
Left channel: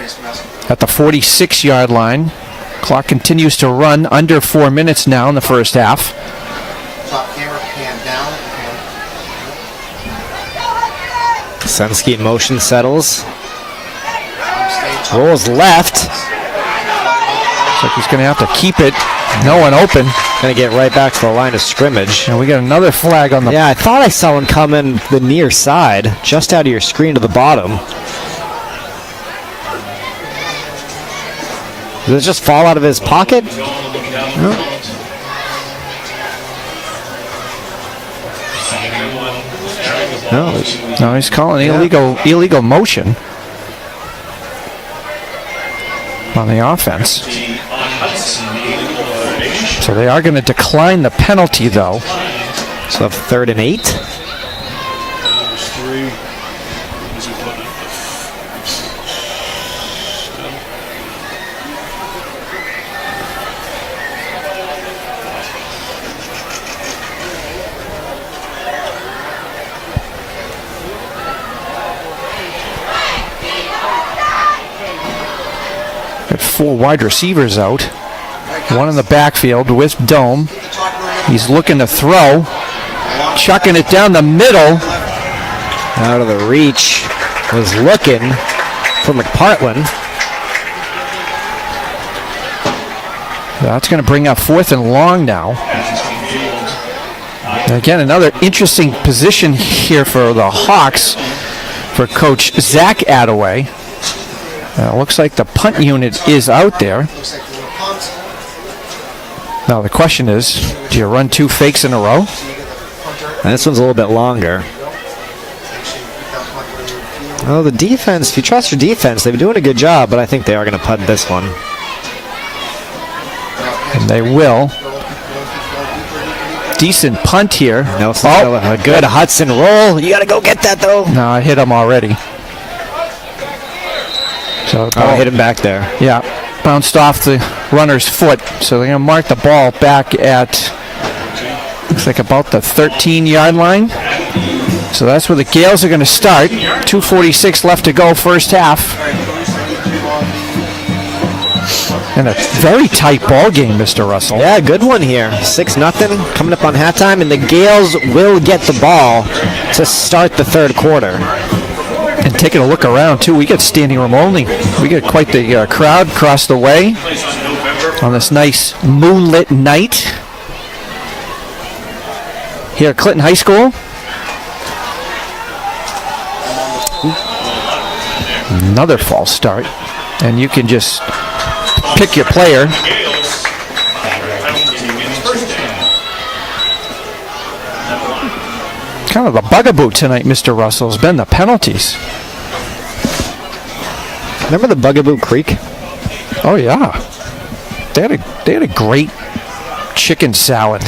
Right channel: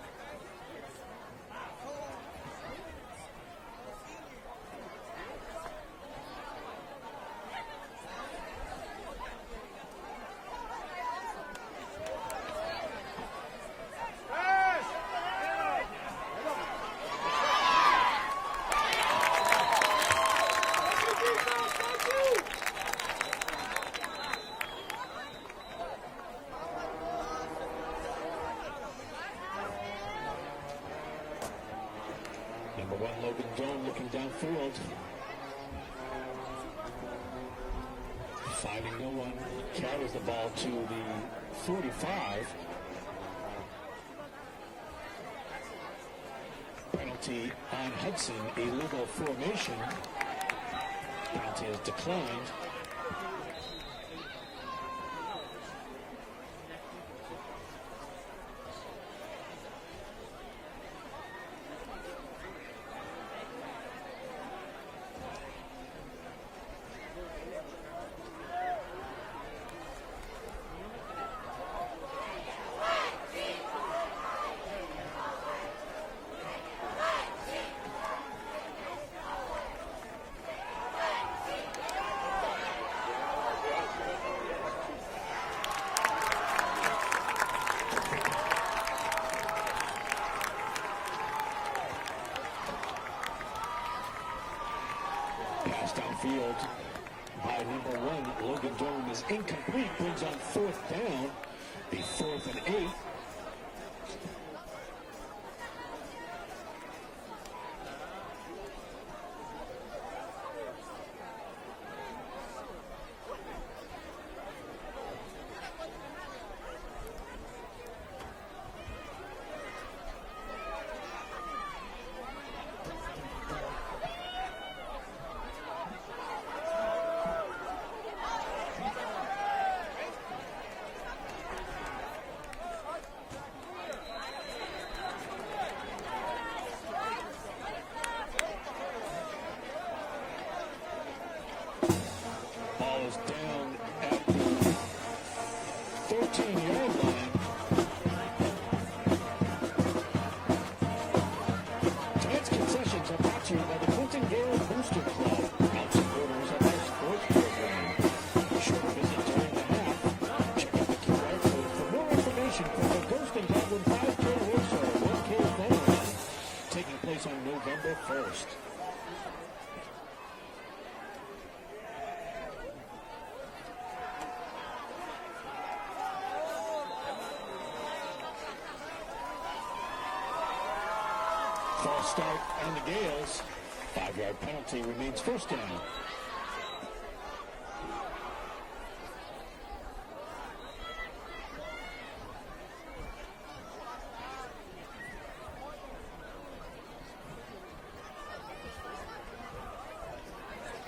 at the 46-yard line. Clock continues to run under 4 minutes now in the first half. Sunsky in motion, settles. Rolls left. Looks like he's going to have to keep it. No one open. Going to get right back to the line of scrimmage. And we got another flag on the... Yeah, I thought I saw one come in the near side, just out of your screen to the bottom. Did it just fall out of his pocket? No, he's calling illegal motion on the offense. So they are going to decline the penalty, though. So 3rd and 8. Got 4 wide receivers out. One in the backfield with Dome. He's looking to throw. Chucking it down the middle. Out of the reach. Was looking for McPartland. That's going to bring up 4th and long now. And again, another interesting position here for the Hawks for Coach Zach Attaway. Looks like the punt unit is out there. Now the question is, do you run 2 fakes in a row? And this one's a little bit longer. Oh, the defense, if you trust your defense, they've been doing a good job, but I think they are going to punt this one. And they will. Decent punt here. A good Hudson roll. You got to go get that, though. No, I hit him already. So hit him back there. Yeah, bounced off the runner's foot. So they're going to mark the ball back at, looks like about the 13-yard line. So that's where the Gales are going to start. 2:46 left to go, first half. And a very tight ball game, Mr. Russell. Yeah, good one here. 6-0 coming up on halftime, and the Gales will get the ball to start the 3rd quarter. And taking a look around, too, we got standing room only. We got quite the crowd across the way on this nice moonlit night here at Clinton High School. Another false start. And you can just pick your player. Kind of the bugaboo tonight, Mr. Russell, has been the penalties. Remember the Bugaboo Creek? Oh, yeah. They had a great chicken salad.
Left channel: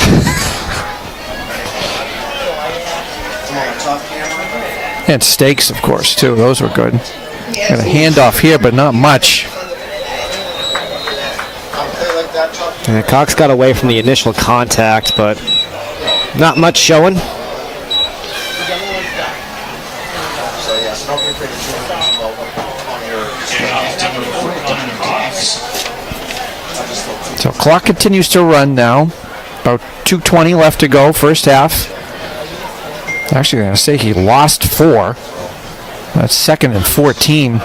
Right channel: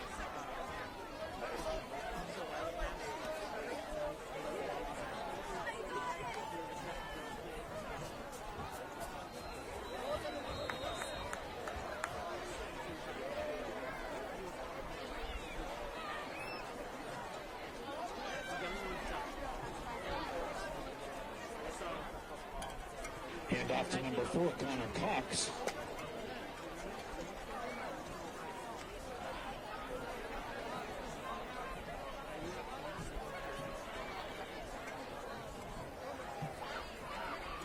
And steaks, of course, too. Those were good. Got a handoff here, but not much. And Cox got away from the initial contact, but not much showing. So clock continues to run now. About 2:20 left to go, first half. Actually, I'm going to say he lost 4. That's 2nd and 14.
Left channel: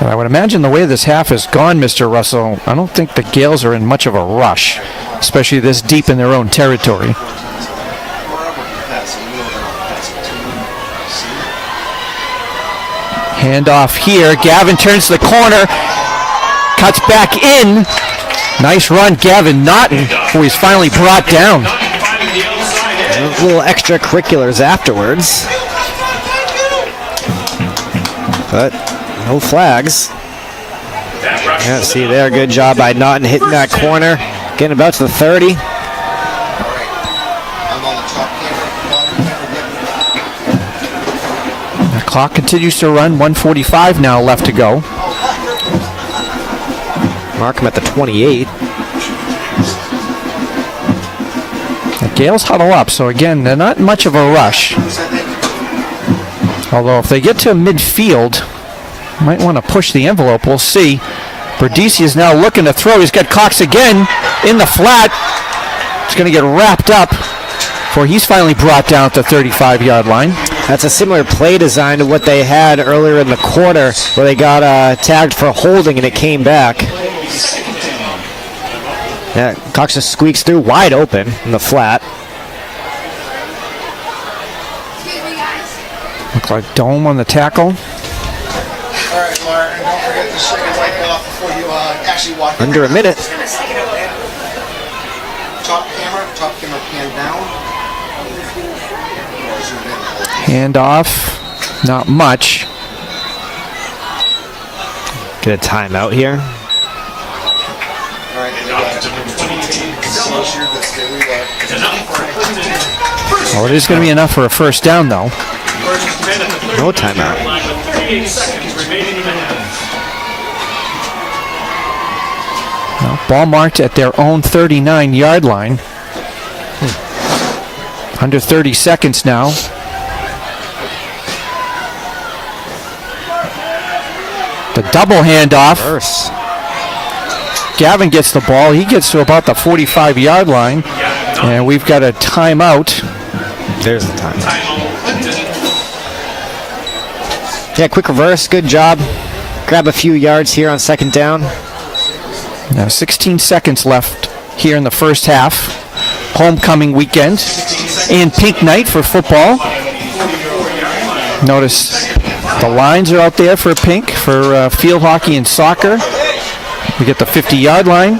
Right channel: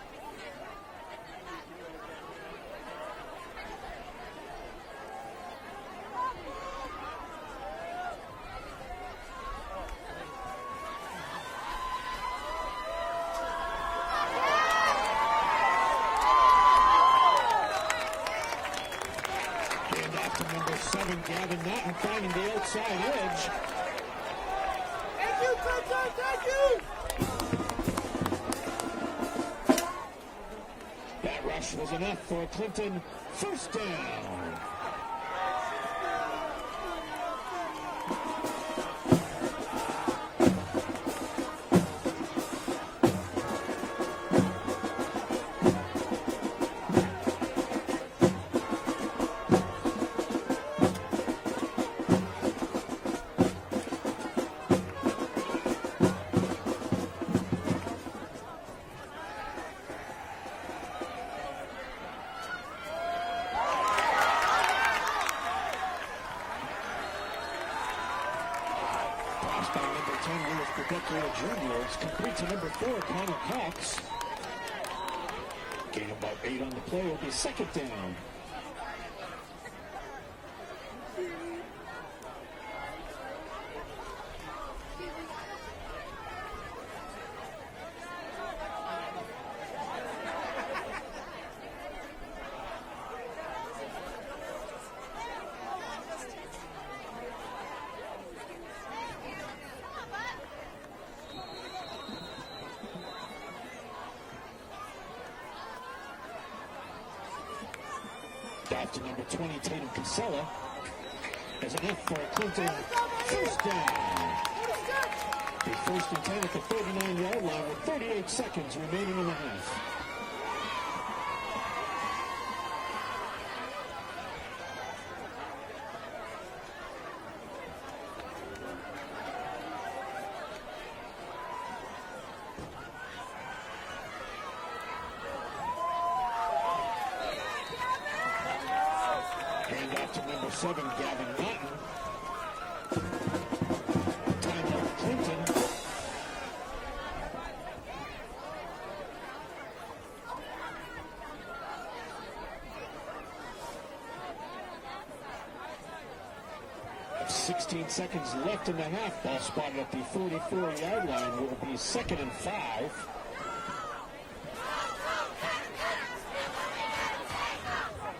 And I would imagine the way this half has gone, Mr. Russell, I don't think the Gales are in much of a rush, especially this deep in their own territory. Handoff here. Gavin turns to the corner. Cuts back in. Nice run, Gavin Naughton, who he's finally brought down. Little extracurriculars afterwards. But no flags. Yeah, see there, good job by Naughton hitting that corner. Getting about to the 30. The clock continues to run. 1:45 now left to go. Mark him at the 28. The Gales huddle up, so again, they're not much of a rush. Although if they get to midfield, might want to push the envelope. We'll see. Berdisi is now looking to throw. He's got Cox again in the flat. It's going to get wrapped up before he's finally brought down at the 35-yard line. That's a similar play design to what they had earlier in the quarter where they got tagged for holding and it came back. Yeah, Cox just squeaks through wide open in the flat. Look like Dome on the tackle. All right, Martin, don't forget the second leg wipe it off before you actually walk in. Under a minute. Top camera pan down. Hand off, not much. Get a timeout here. Well, it is going to be enough for a first down, though. No timeout. Well, ball marked at their own 39-yard line. Under 30 seconds now. The double handoff. Gavin gets the ball. He gets to about the 45-yard line. And we've got a timeout. There's the time. Yeah, quick reverse. Good job. Grab a few yards here on second down. Now 16 seconds left here in the first half. Homecoming weekend and pink night for football. Notice the lines are out there for pink for field hockey and soccer. We get the 50-yard line.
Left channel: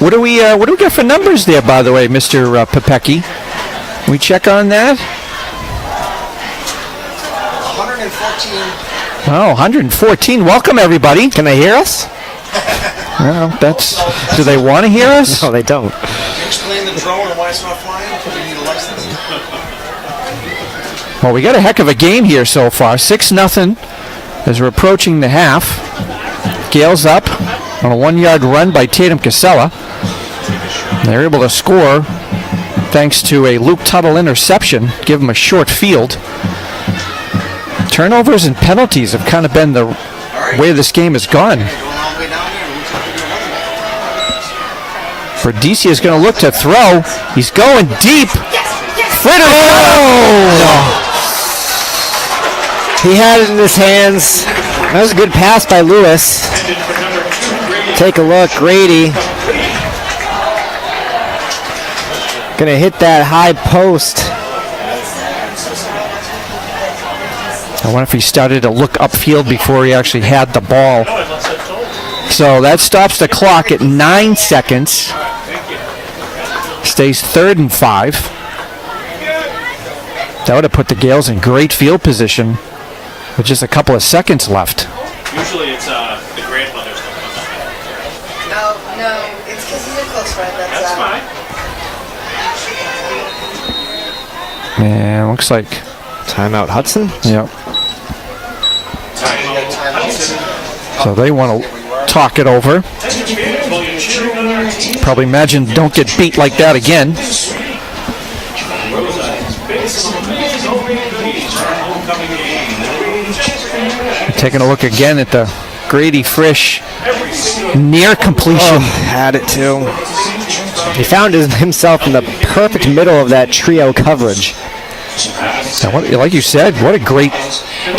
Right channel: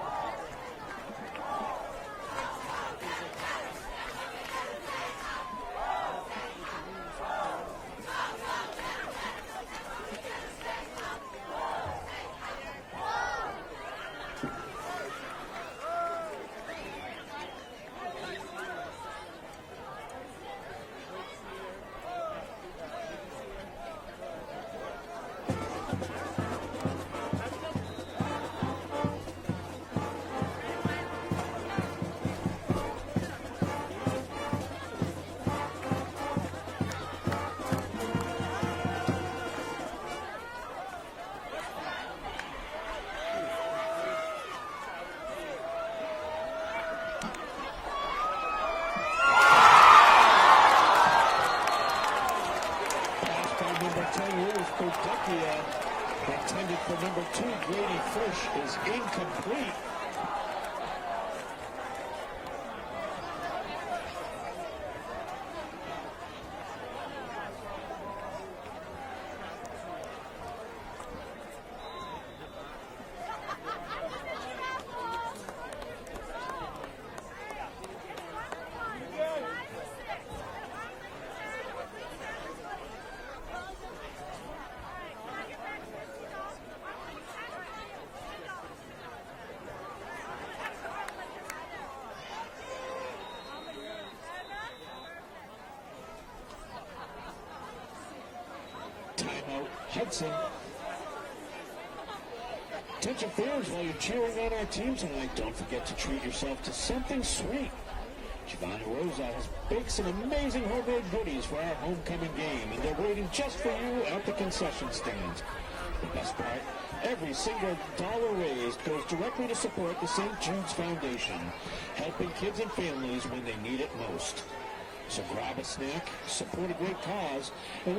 What do we get for numbers there, by the way, Mr. Pepecki? We check on that. 114. Oh, 114. Welcome, everybody. Can they hear us? Well, do they want to hear us? No, they don't. Can you explain the drone and why it's not flying? Do you need a license? Well, we got a heck of a game here so far. 6-0 as we're approaching the half. Gales up on a 1-yard run by Tatum Casella. They're able to score thanks to a Luke Tuttle interception, give them a short field. Turnovers and penalties have kind of been the way this game has gone. Berdicia is going to look to throw. He's going deep. Fritter! Oh! He had it in his hands. That was a good pass by Lewis. Take a look, Grady. Gonna hit that high post. I wonder if he started to look upfield before he actually had the ball. So that stops the clock at 9 seconds. Stays 3rd and 5. That would have put the Gales in great field position with just a couple of seconds left. Usually it's the grandmother's coming up. No, it's because he's a close friend. That's fine. And looks like timeout Hudson. Yep. So they want to talk it over. Probably imagine don't get beat like that again. Taking a look again at the Grady Frisch near completion. Oh, had it too. He found himself in the perfect middle of that trio coverage. Now, like you said, what a great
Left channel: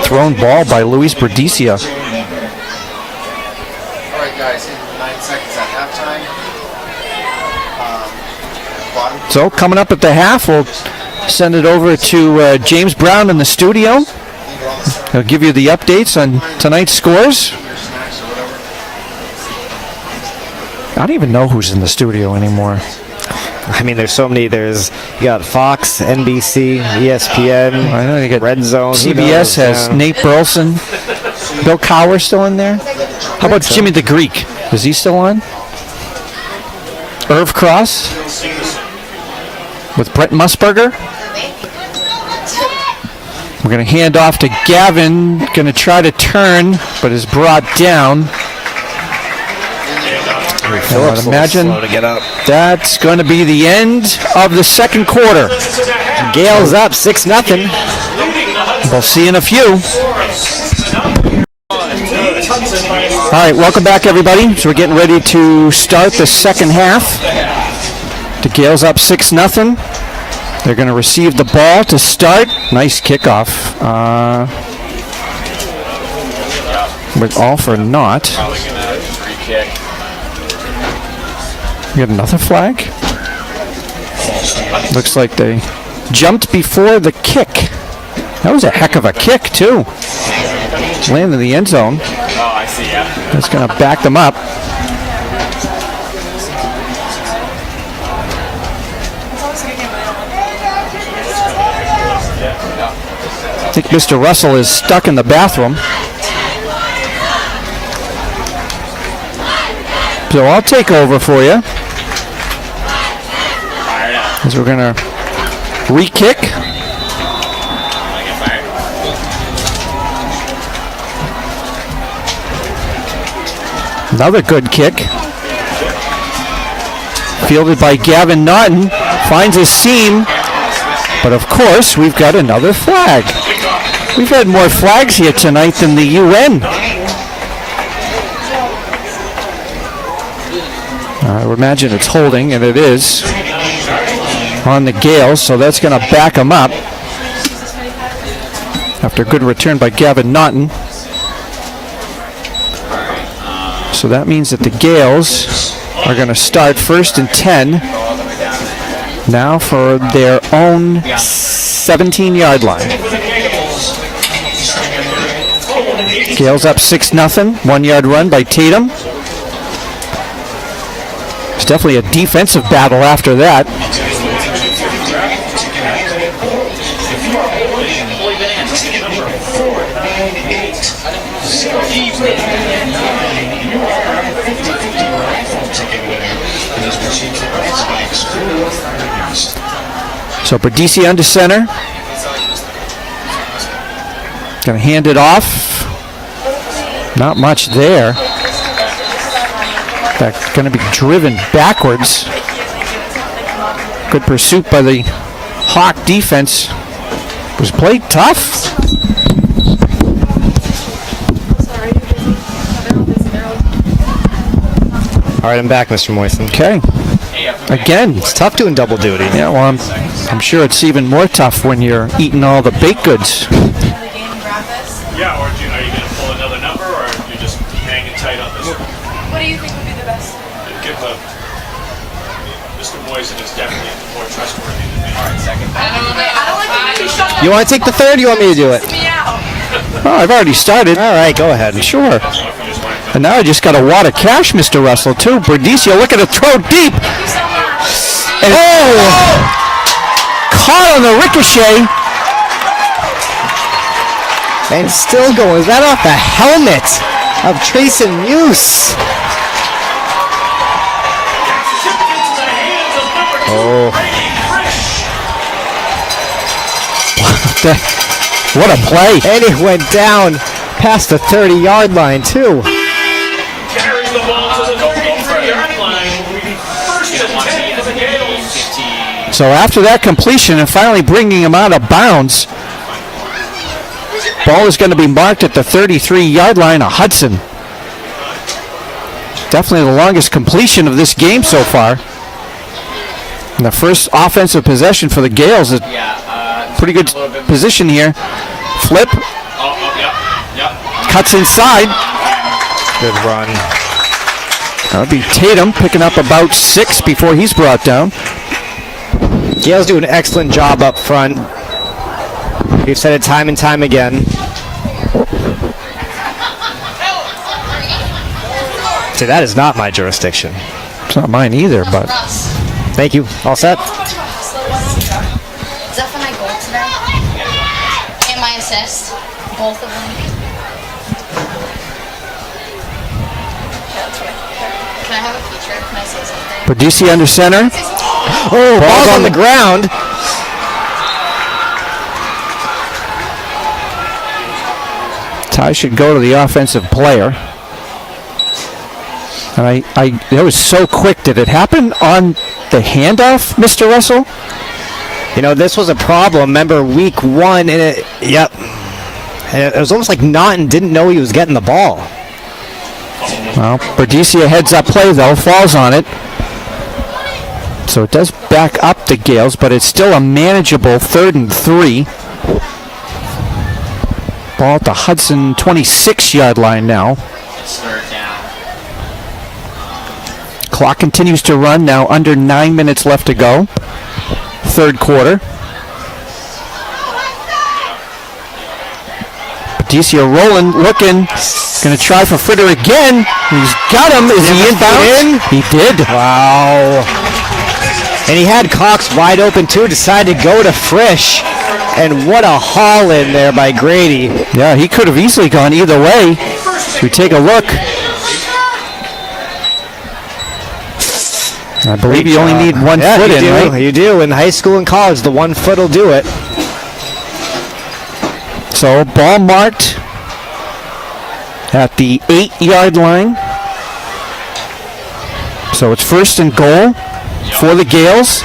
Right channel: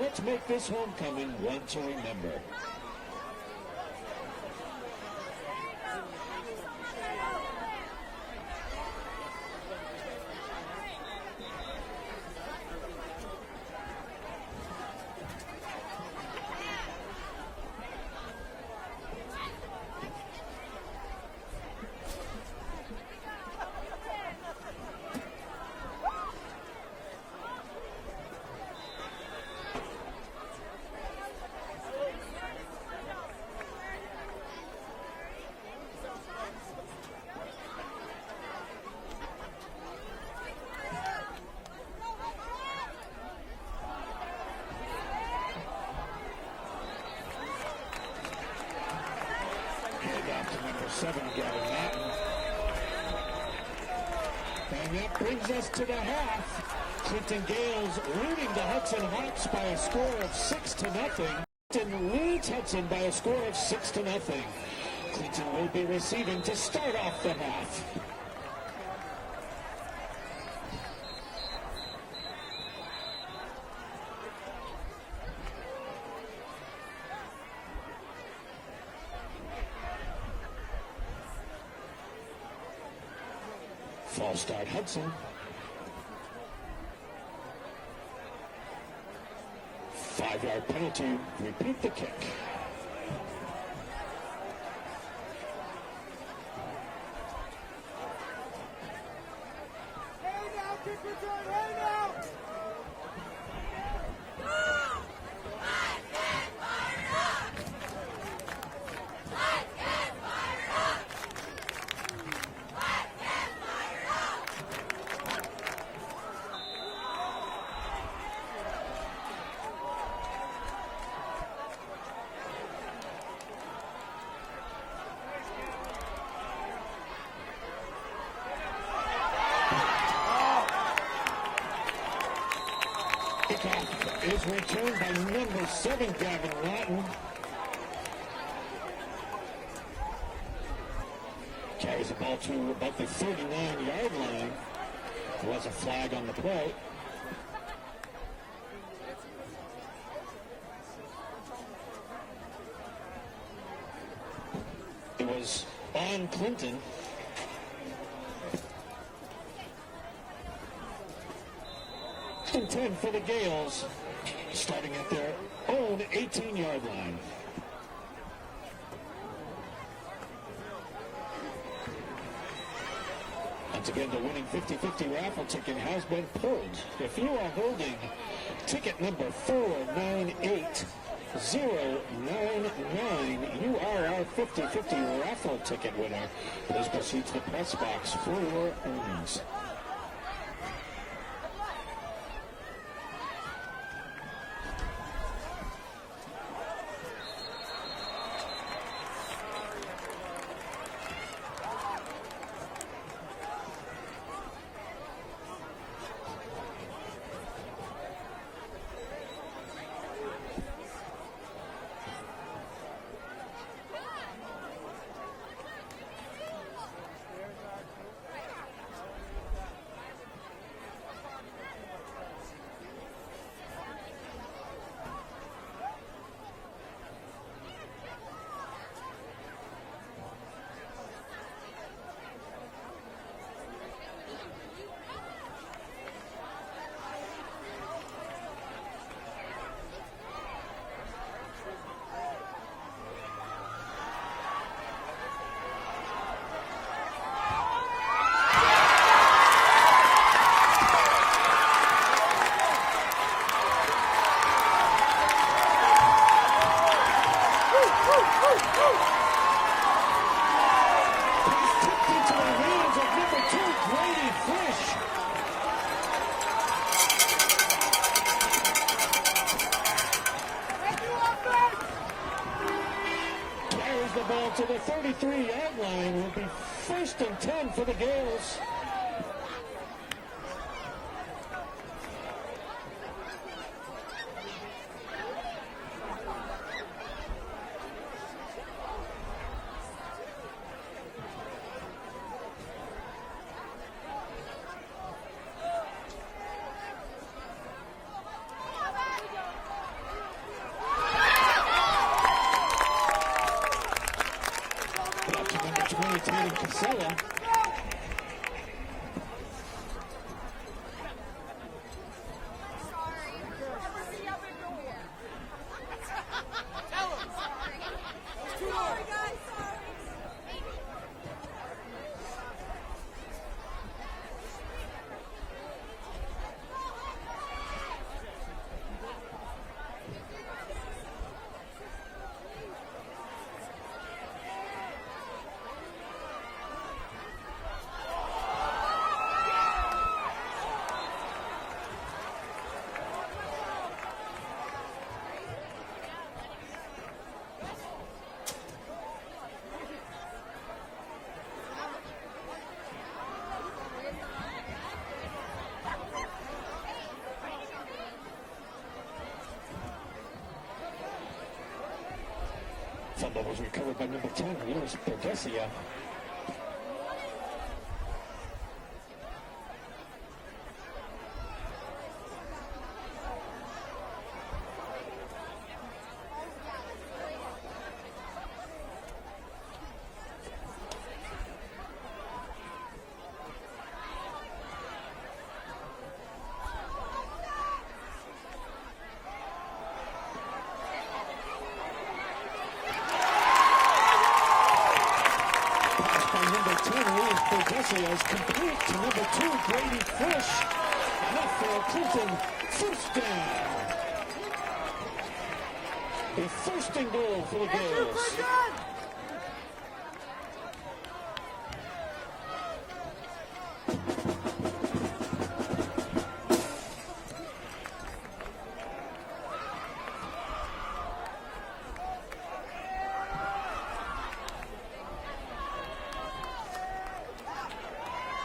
thrown ball by Luis Berdicia. All right, guys, 9 seconds at halftime. So coming up at the half, we'll send it over to James Brown in the studio. He'll give you the updates on tonight's scores. I don't even know who's in the studio anymore. I mean, there's so many. You got Fox, NBC, ESPN, I know you get Red Zone. CBS has Nate Burleson. Bill Cowher still in there? How about Jimmy the Greek? Is he still on? Irv Cross with Brett Musburger. We're going to hand off to Gavin. Going to try to turn, but is brought down. I would imagine that's going to be the end of the second quarter. Gales up 6-0. We'll see in a few. All right, welcome back, everybody. So we're getting ready to start the second half. The Gales up 6-0. They're going to receive the ball to start. Nice kickoff. With all for naught. We got another flag. Looks like they jumped before the kick. That was a heck of a kick, too. Landed in the end zone. Oh, I see, yeah. That's going to back them up. I think Mr. Russell is stuck in the bathroom. So I'll take over for you. As we're going to re-kick. Another good kick. Fielded by Gavin Naughton. Finds a seam. But of course, we've got another flag. We've had more flags here tonight than the UN. I would imagine it's holding, and it is, on the Gales, so that's going to back them up. After a good return by Gavin Naughton. So that means that the Gales are going to start 1st and 10 now for their own 17-yard line. Gales up 6-0, 1-yard run by Tatum. It's definitely a defensive battle after that. So Berdisi under center. Gonna hand it off. Not much there. In fact, gonna be driven backwards. Good pursuit by the Hawk defense. Was played tough. All right, I'm back, Mr. Moisten. Okay. Again, it's tough doing double duty. Yeah, well, I'm sure it's even more tough when you're eating all the baked goods. Yeah, or are you going to pull another number, or are you just hanging tight on this one? What do you think would be the best? Give Mr. Moisen is definitely more trustworthy than me. All right, second. I don't like to be shut down. You want to take the third? Or you want me to do it? Me out. Oh, I've already started. All right, go ahead. Sure. And now I just got a wad of cash, Mr. Russell, too. Berdisi looking to throw deep. And caught on the ricochet. And still going. Is that off the helmet of Trayson Muse? Oh. What a play. And he went down past the 30-yard line, too. Carries the ball to the 33-yard line. First and 10 for the Gales. So after that completion and finally bringing him out of bounds, ball is going to be marked at the 33-yard line of Hudson. Definitely the longest completion of this game so far. And the first offensive possession for the Gales is pretty good position here. Flip. Cuts inside. Good run. That'll be Tatum picking up about 6 before he's brought down. Gales do an excellent job up front. We've said it time and time again. See, that is not my jurisdiction. It's not mine either, but... Thank you. All set? Is that for my goal today? And my assist? Both of them? Can I have a feature? Can I say something? Berdisi under center. Oh, ball's on the ground. Ty should go to the offensive player. And that was so quick. Did it happen on the handoff, Mr. Russell? You know, this was a problem. Remember week 1, and it was almost like Naughton didn't know he was getting the ball. Well, Berdisi a heads-up play, though, falls on it. So it does back up the Gales, but it's still a manageable 3rd and 3. Ball at the Hudson 26-yard line now. Clock continues to run, now under 9 minutes left to go. 3rd quarter. Berdicia rolling, looking. Going to try for Fritter again. He's got him. Is he inbound? He did. Wow. And he had Cox wide open too, decided to go to Frisch. And what a haul in there by Grady. Yeah, he could have easily gone either way. We take a look. I believe you only need 1 foot in, right? You do. In high school and college, the 1 foot will do it. So ball marked at the 8-yard line. So it's 1st and goal for the Gales.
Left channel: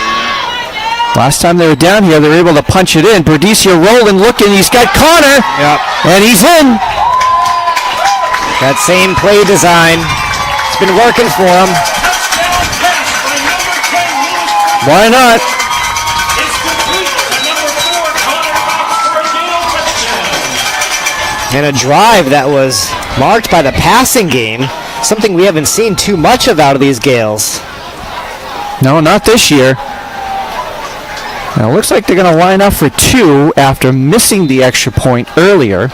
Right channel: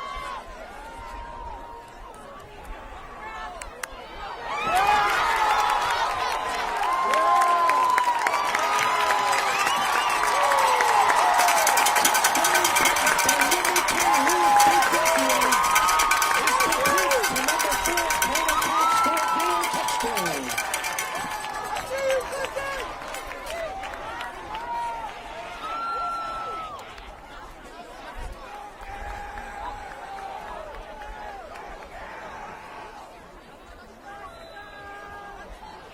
Last time they were down here, they were able to punch it in. Berdicia rolling, looking. He's got Connor. Yep. And he's in. That same play design. It's been working for him. Why not? And a drive that was marked by the passing game. Something we haven't seen too much of out of these Gales. No, not this year. Now, it looks like they're going to line up for 2 after missing the extra point earlier.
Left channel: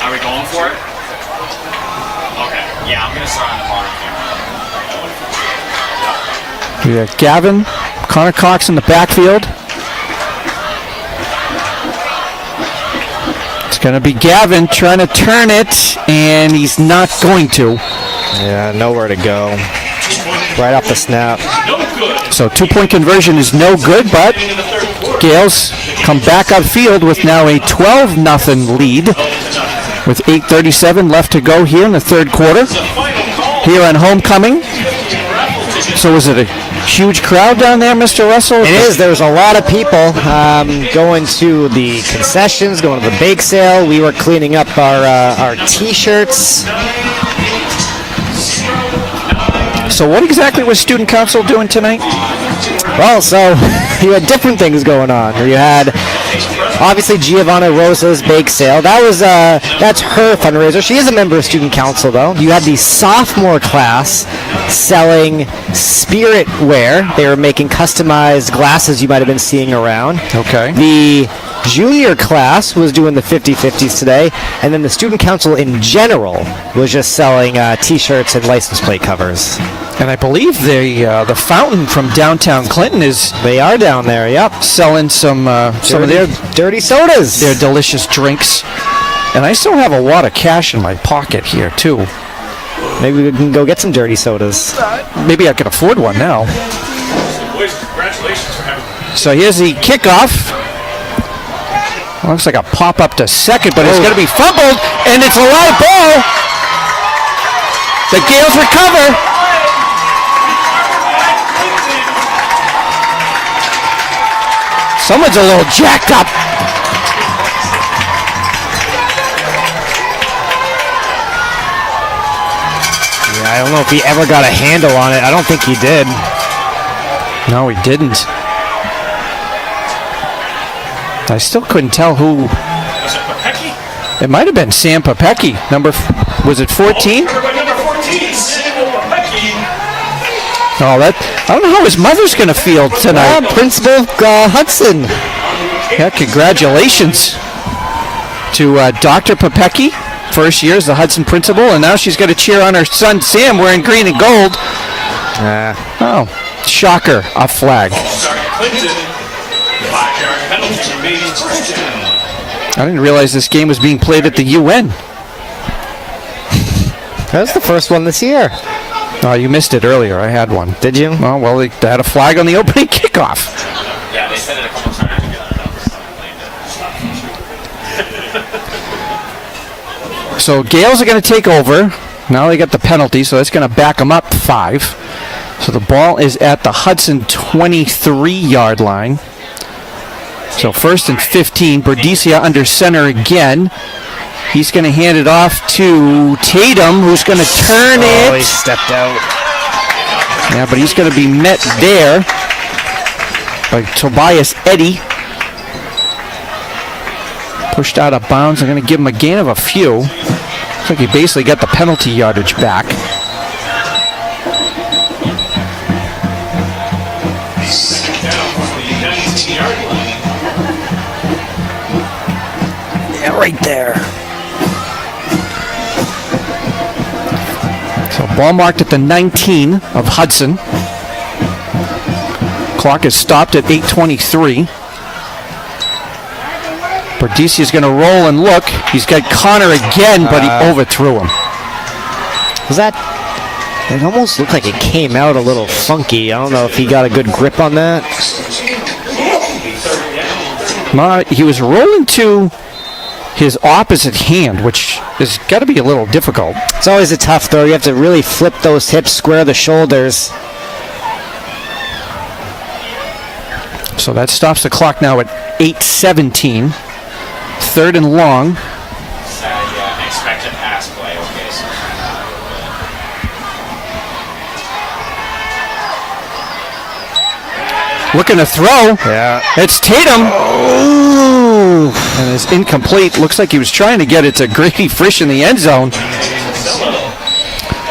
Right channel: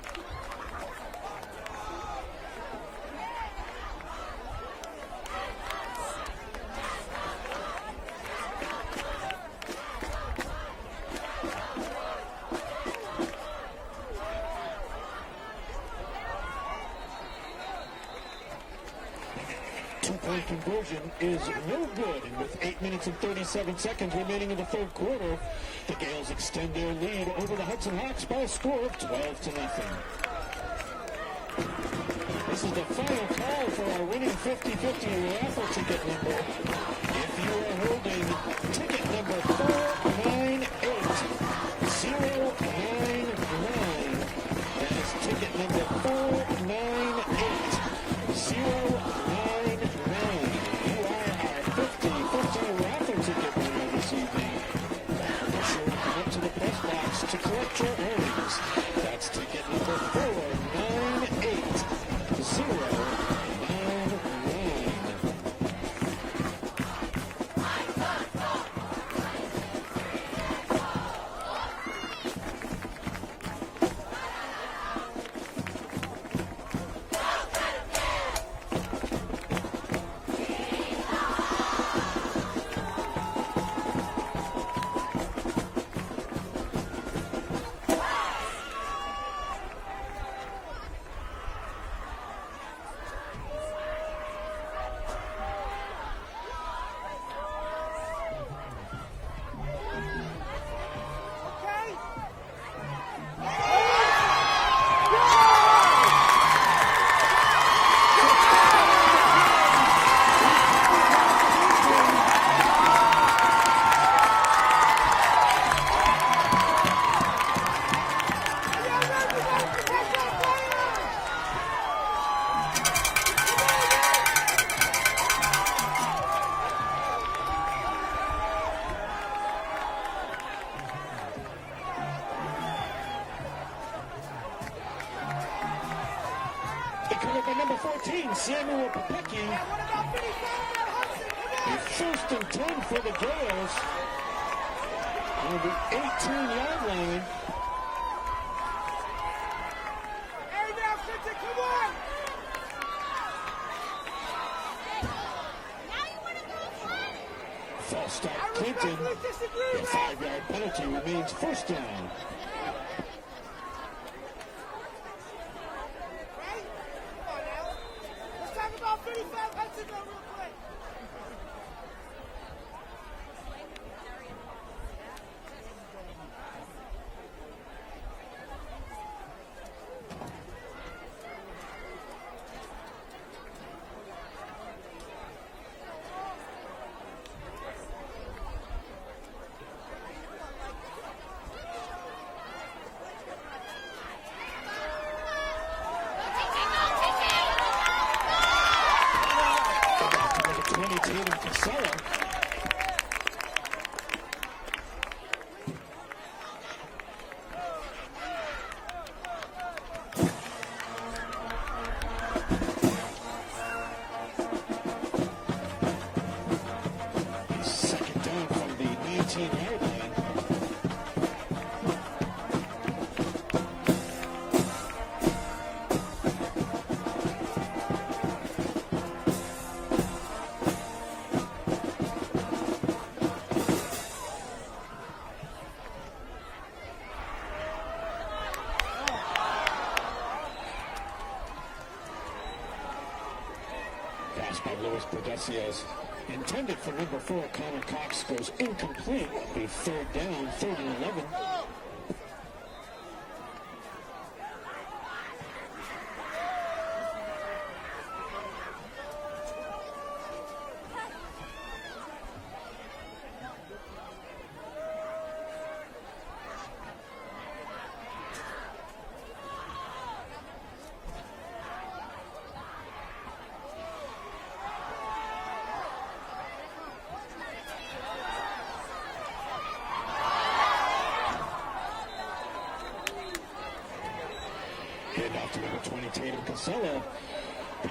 Are we going for it? Okay. Yeah, I'm going to start on the bar here. We got Gavin, Connor Cox in the backfield. It's going to be Gavin trying to turn it, and he's not going to. Yeah, nowhere to go. Right off the snap. So 2-point conversion is no good, but Gales come back upfield with now a 12-0 lead with 8:37 left to go here in the third quarter. Here on homecoming. So was it a huge crowd down there, Mr. Russell? It is. There's a lot of people going to the concessions, going to the bake sale. We were cleaning up our T-shirts. So what exactly was student council doing tonight? Well, so you had different things going on. You had obviously Giovanna Rosa's bake sale. That's her fundraiser. She is a member of student council, though. You had the sophomore class selling spirit wear. They were making customized glasses you might have been seeing around. Okay. The junior class was doing the 50-50s today, and then the student council in general was just selling T-shirts and license plate covers. And I believe the fountain from downtown Clinton is... They are down there, yep. Selling some of their dirty sodas. Their delicious drinks. And I still have a lot of cash in my pocket here, too. Maybe we can go get some dirty sodas. Maybe I can afford one now. Boys, congratulations for having me. So here's the kickoff. Looks like a pop-up to second, but it's going to be fumbled, and it's a live ball. The Gales recover. Someone's a little jacked up. Yeah, I don't know if he ever got a handle on it. I don't think he did. No, he didn't. I still couldn't tell who. Was it Papecki? It might have been Sam Papecki. Was it 14? Everybody number 14, Samuel Papecki. Oh, I don't know how his mother's going to feel tonight. Principal Hudson. Yeah, congratulations to Dr. Papecki. First year as the Hudson principal, and now she's got to cheer on her son Sam wearing green and gold. Oh, shocker, a flag. I didn't realize this game was being played at the UN. That's the first one this year. Oh, you missed it earlier. I had one. Did you? Oh, well, they had a flag on the opening kickoff. Yeah, they said it a couple times together. So Gales are going to take over. Now they got the penalty, so that's going to back them up 5. So the ball is at the Hudson 23-yard line. So 1st and 15. Berdicia under center again. He's going to hand it off to Tatum, who's going to turn it. Oh, he stepped out. Yeah, but he's going to be met there by Tobias Eddy. Pushed out of bounds. I'm going to give him a gain of a few. Looks like he basically got the penalty yardage back. Yeah, right there. So ball marked at the 19 of Hudson. Clock is stopped at 8:23. Bordisi is going to roll and look. He's got Connor again, but he overthrew him. Was that? It almost looked like it came out a little funky. I don't know if he got a good grip on that. He was rolling to his opposite hand, which has got to be a little difficult. It's always a tough throw. You have to really flip those hips, square the shoulders. So that stops the clock now at 8:17. 3rd and long. Expected pass play. Okay, so. Looking to throw. Yeah. It's Tatum. Oh. And it's incomplete. Looks like he was trying to get it to Grady Frisch in the end zone.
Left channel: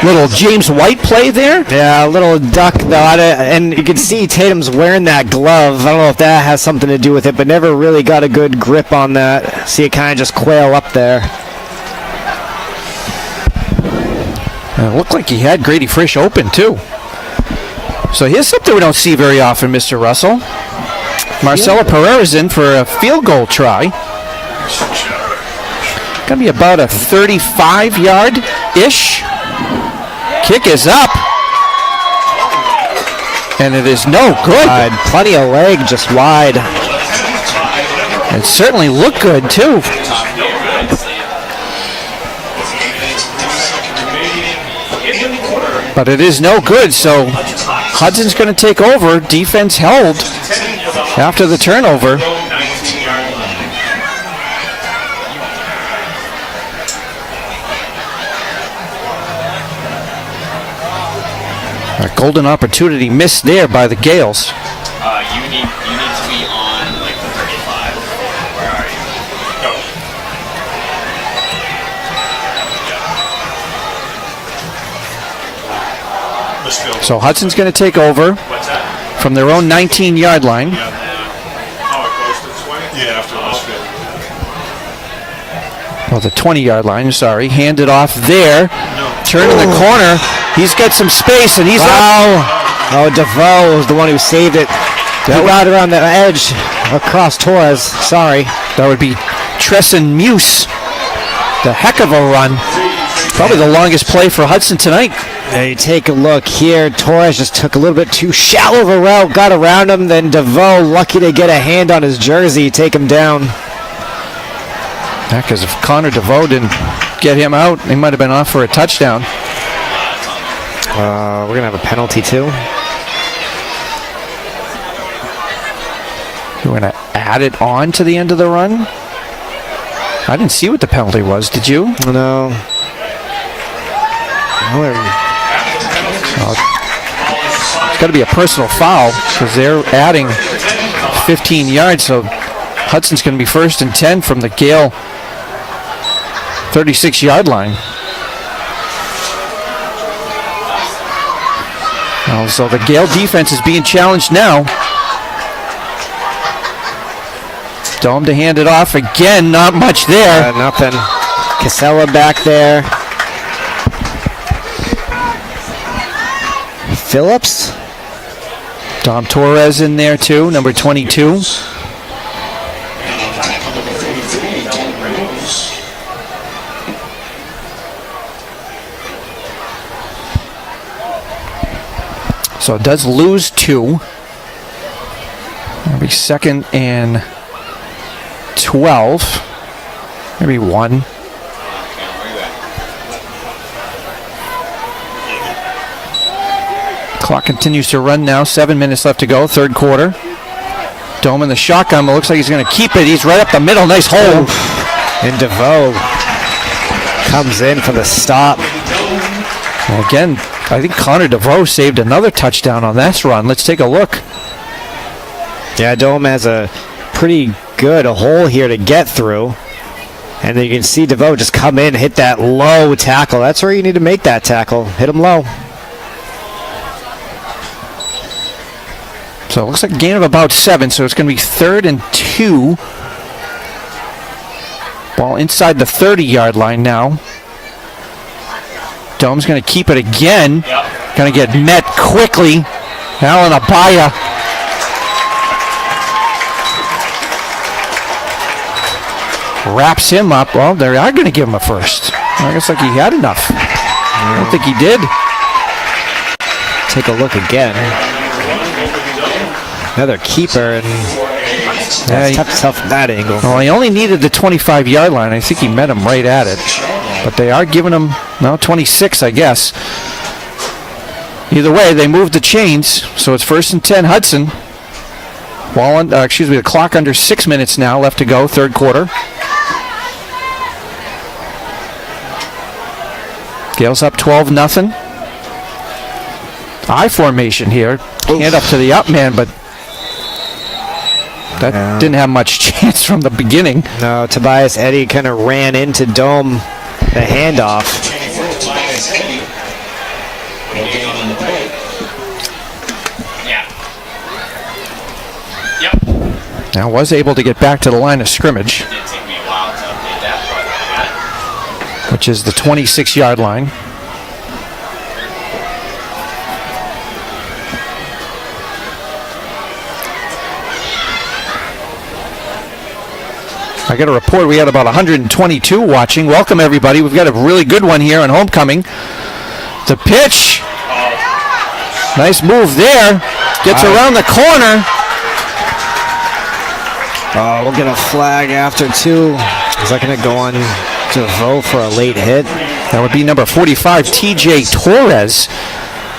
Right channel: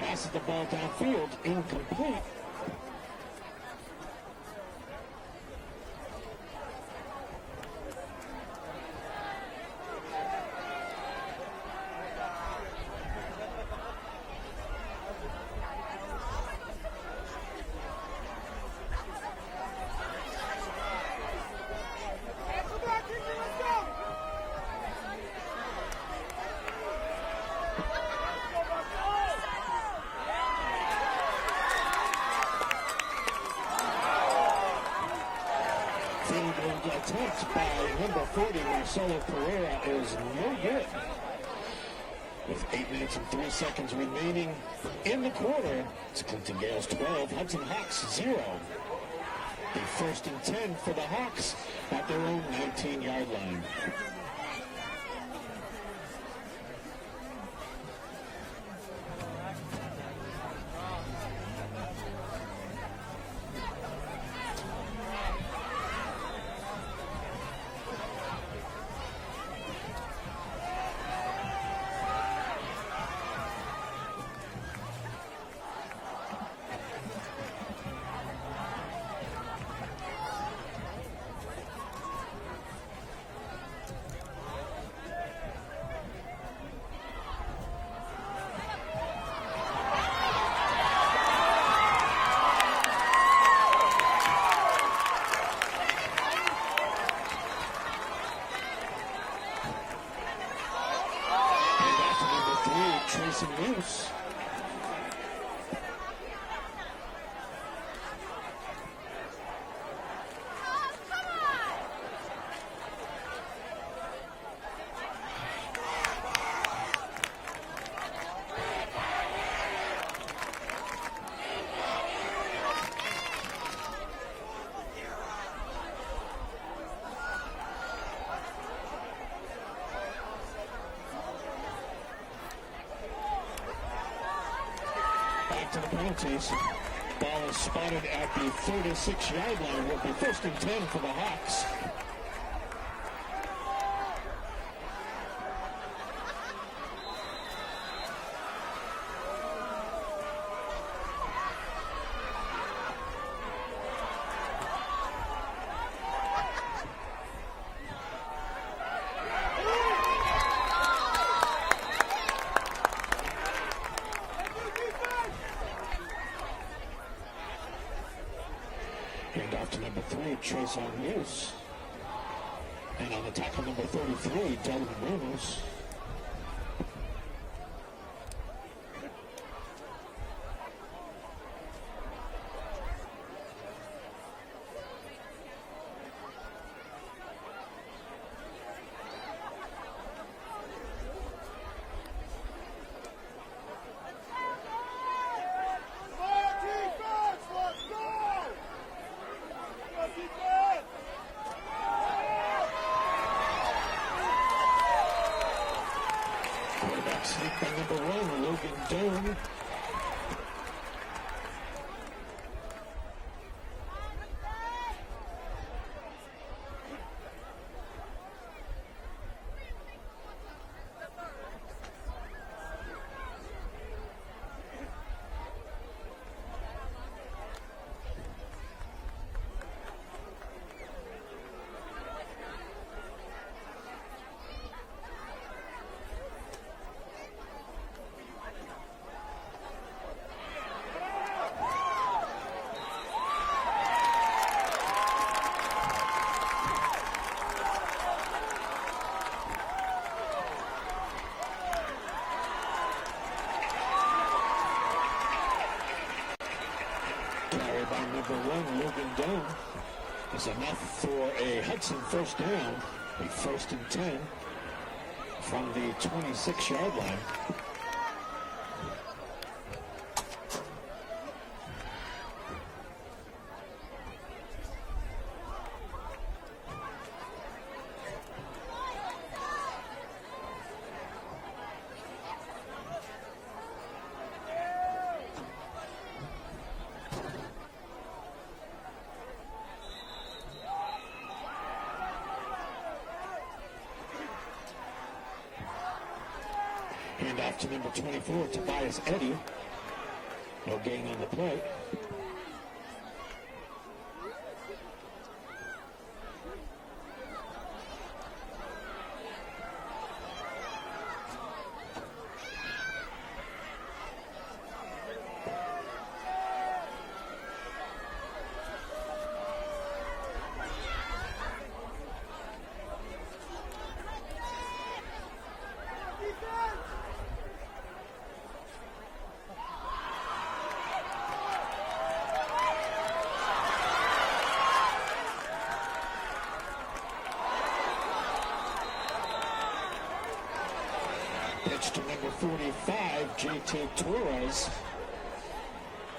Little James White play there. Yeah, a little duck though, and you can see Tatum's wearing that glove. I don't know if that has something to do with it, but never really got a good grip on that. See it kind of just quail up there. And it looked like he had Grady Frisch open too. So here's something we don't see very often, Mr. Russell. Marcelo Pereira's in for a field goal try. Gonna be about a 35-yard-ish. Kick is up. And it is no good. Plenty of leg, just wide. It certainly looked good, too. But it is no good, so Hudson's going to take over. Defense held after the turnover. A golden opportunity missed there by the Gales. You need to be on like the 35. Where are you? Go. So Hudson's going to take over from their own 19-yard line. Oh, it goes to 20? Yeah, after this field. Well, the 20-yard line, sorry. Handed off there. Turn in the corner. He's got some space, and he's out. Oh, DeVoe was the one who saved it. He got around the edge across Torres. Sorry. That would be Tresson Muse. The heck of a run. Probably the longest play for Hudson tonight. Yeah, you take a look here. Torres just took a little bit too shallow of a route, got around him. Then DeVoe, lucky to get a hand on his jersey, take him down. Yeah, because if Connor DeVoe didn't get him out, he might have been off for a touchdown. We're going to have a penalty, too. We're going to add it on to the end of the run. I didn't see what the penalty was. Did you? No. It's got to be a personal foul because they're adding 15 yards, so Hudson's going to be 1st and 10 from the Gale 36-yard line. So the Gale defense is being challenged now. Dome to hand it off again. Not much there. Nothing. Casella back there. Phillips. Dom Torres in there too, number 22. So it does lose 2. It'll be 2nd and 12. Maybe 1. Clock continues to run now. 7 minutes left to go. 3rd quarter. Dome in the shotgun, but looks like he's going to keep it. He's right up the middle. Nice hold. And DeVoe comes in for the stop. Well, again, I think Connor DeVoe saved another touchdown on this run. Let's take a look. Yeah, Dome has a pretty good hole here to get through. And then you can see DeVoe just come in, hit that low tackle. That's where you need to make that tackle. Hit him low. So it looks like a gain of about 7, so it's going to be 3rd and 2 Ball inside the 30-yard line now. Dome's going to keep it again. Going to get met quickly. Alan Abaya. Wraps him up. Well, they are going to give him a first. I guess like he had enough. I don't think he did. Take a look again. Another keeper, and tough from that angle. Well, he only needed the 25-yard line. I think he met him right at it. But they are giving him, 26, I guess. Either way, they moved the chains, so it's 1st and 10, Hudson. The clock under 6 minutes now left to go, third quarter. Gales up 12-0. I formation here. Hand up to the up man, but that didn't have much chance from the beginning. No, Tobias Eddy kind of ran into Dome, the handoff. Now was able to get back to the line of scrimmage, which is the 26-yard line. I got a report we had about 122 watching. Welcome, everybody. We've got a really good one here on homecoming. The pitch. Nice move there. Gets around the corner. We'll get a flag after two. Is that going to go on to vote for a late hit? That would be number 45, TJ Torres.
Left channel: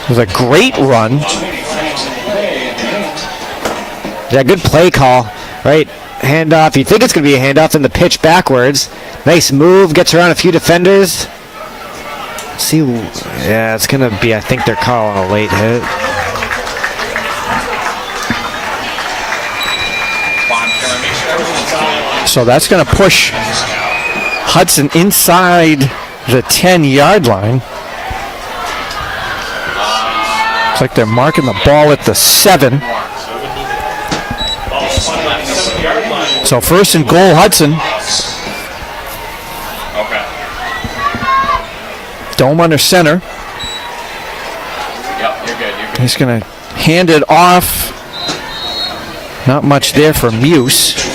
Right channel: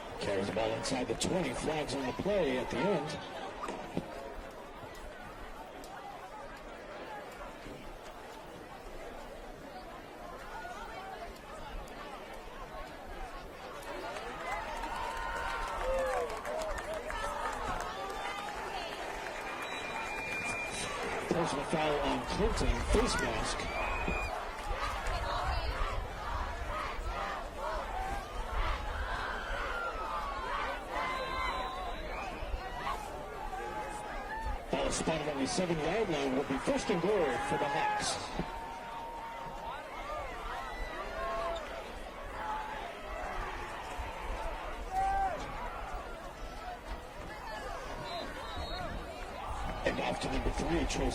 It was a great run. Yeah, good play call, right? Handoff. You think it's going to be a handoff, and the pitch backwards. Nice move. Gets around a few defenders. See, yeah, it's going to be, I think they're calling a late hit. So that's going to push Hudson inside the 10-yard line. Looks like they're marking the ball at the 7. So 1st and goal, Hudson. Dome under center. He's going to hand it off. Not much there for Muse.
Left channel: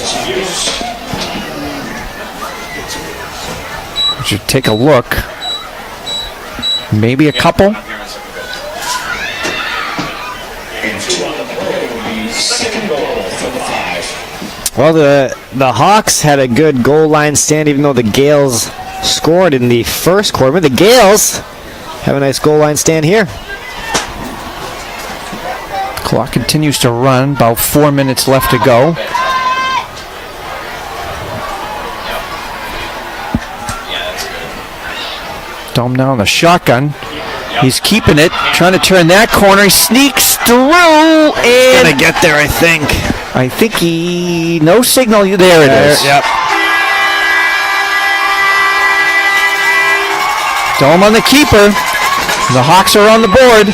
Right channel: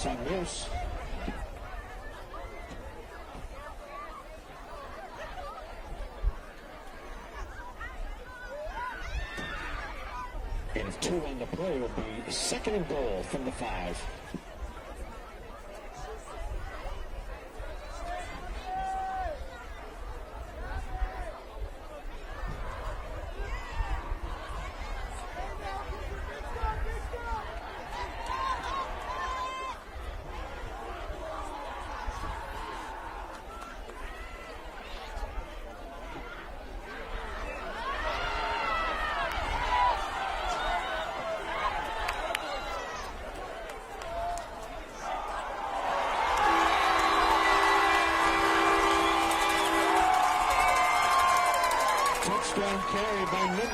Should take a look. Maybe a couple. Well, the Hawks had a good goal line stand, even though the Gales scored in the first quarter. The Gales have a nice goal line stand here. Clock continues to run. About 4 minutes left to go. Dome now on the shotgun. He's keeping it, trying to turn that corner. He sneaks through, and he's gonna get there, I think. I think he, no signal. There it is. Yep. Dome on the keeper. The Hawks are on the board.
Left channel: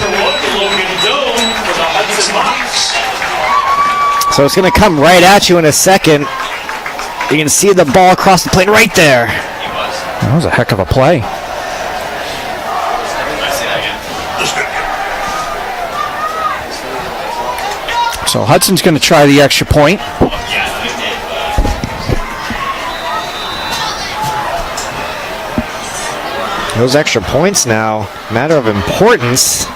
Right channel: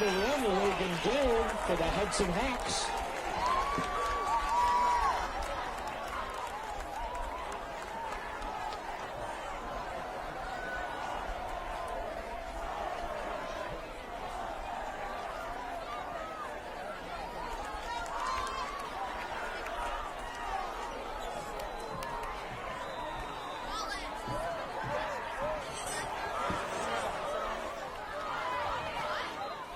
So it's gonna come right at you in a second. You can see the ball across the plane right there. That was a heck of a play. So Hudson's going to try the extra point. Those extra points now, matter of importance.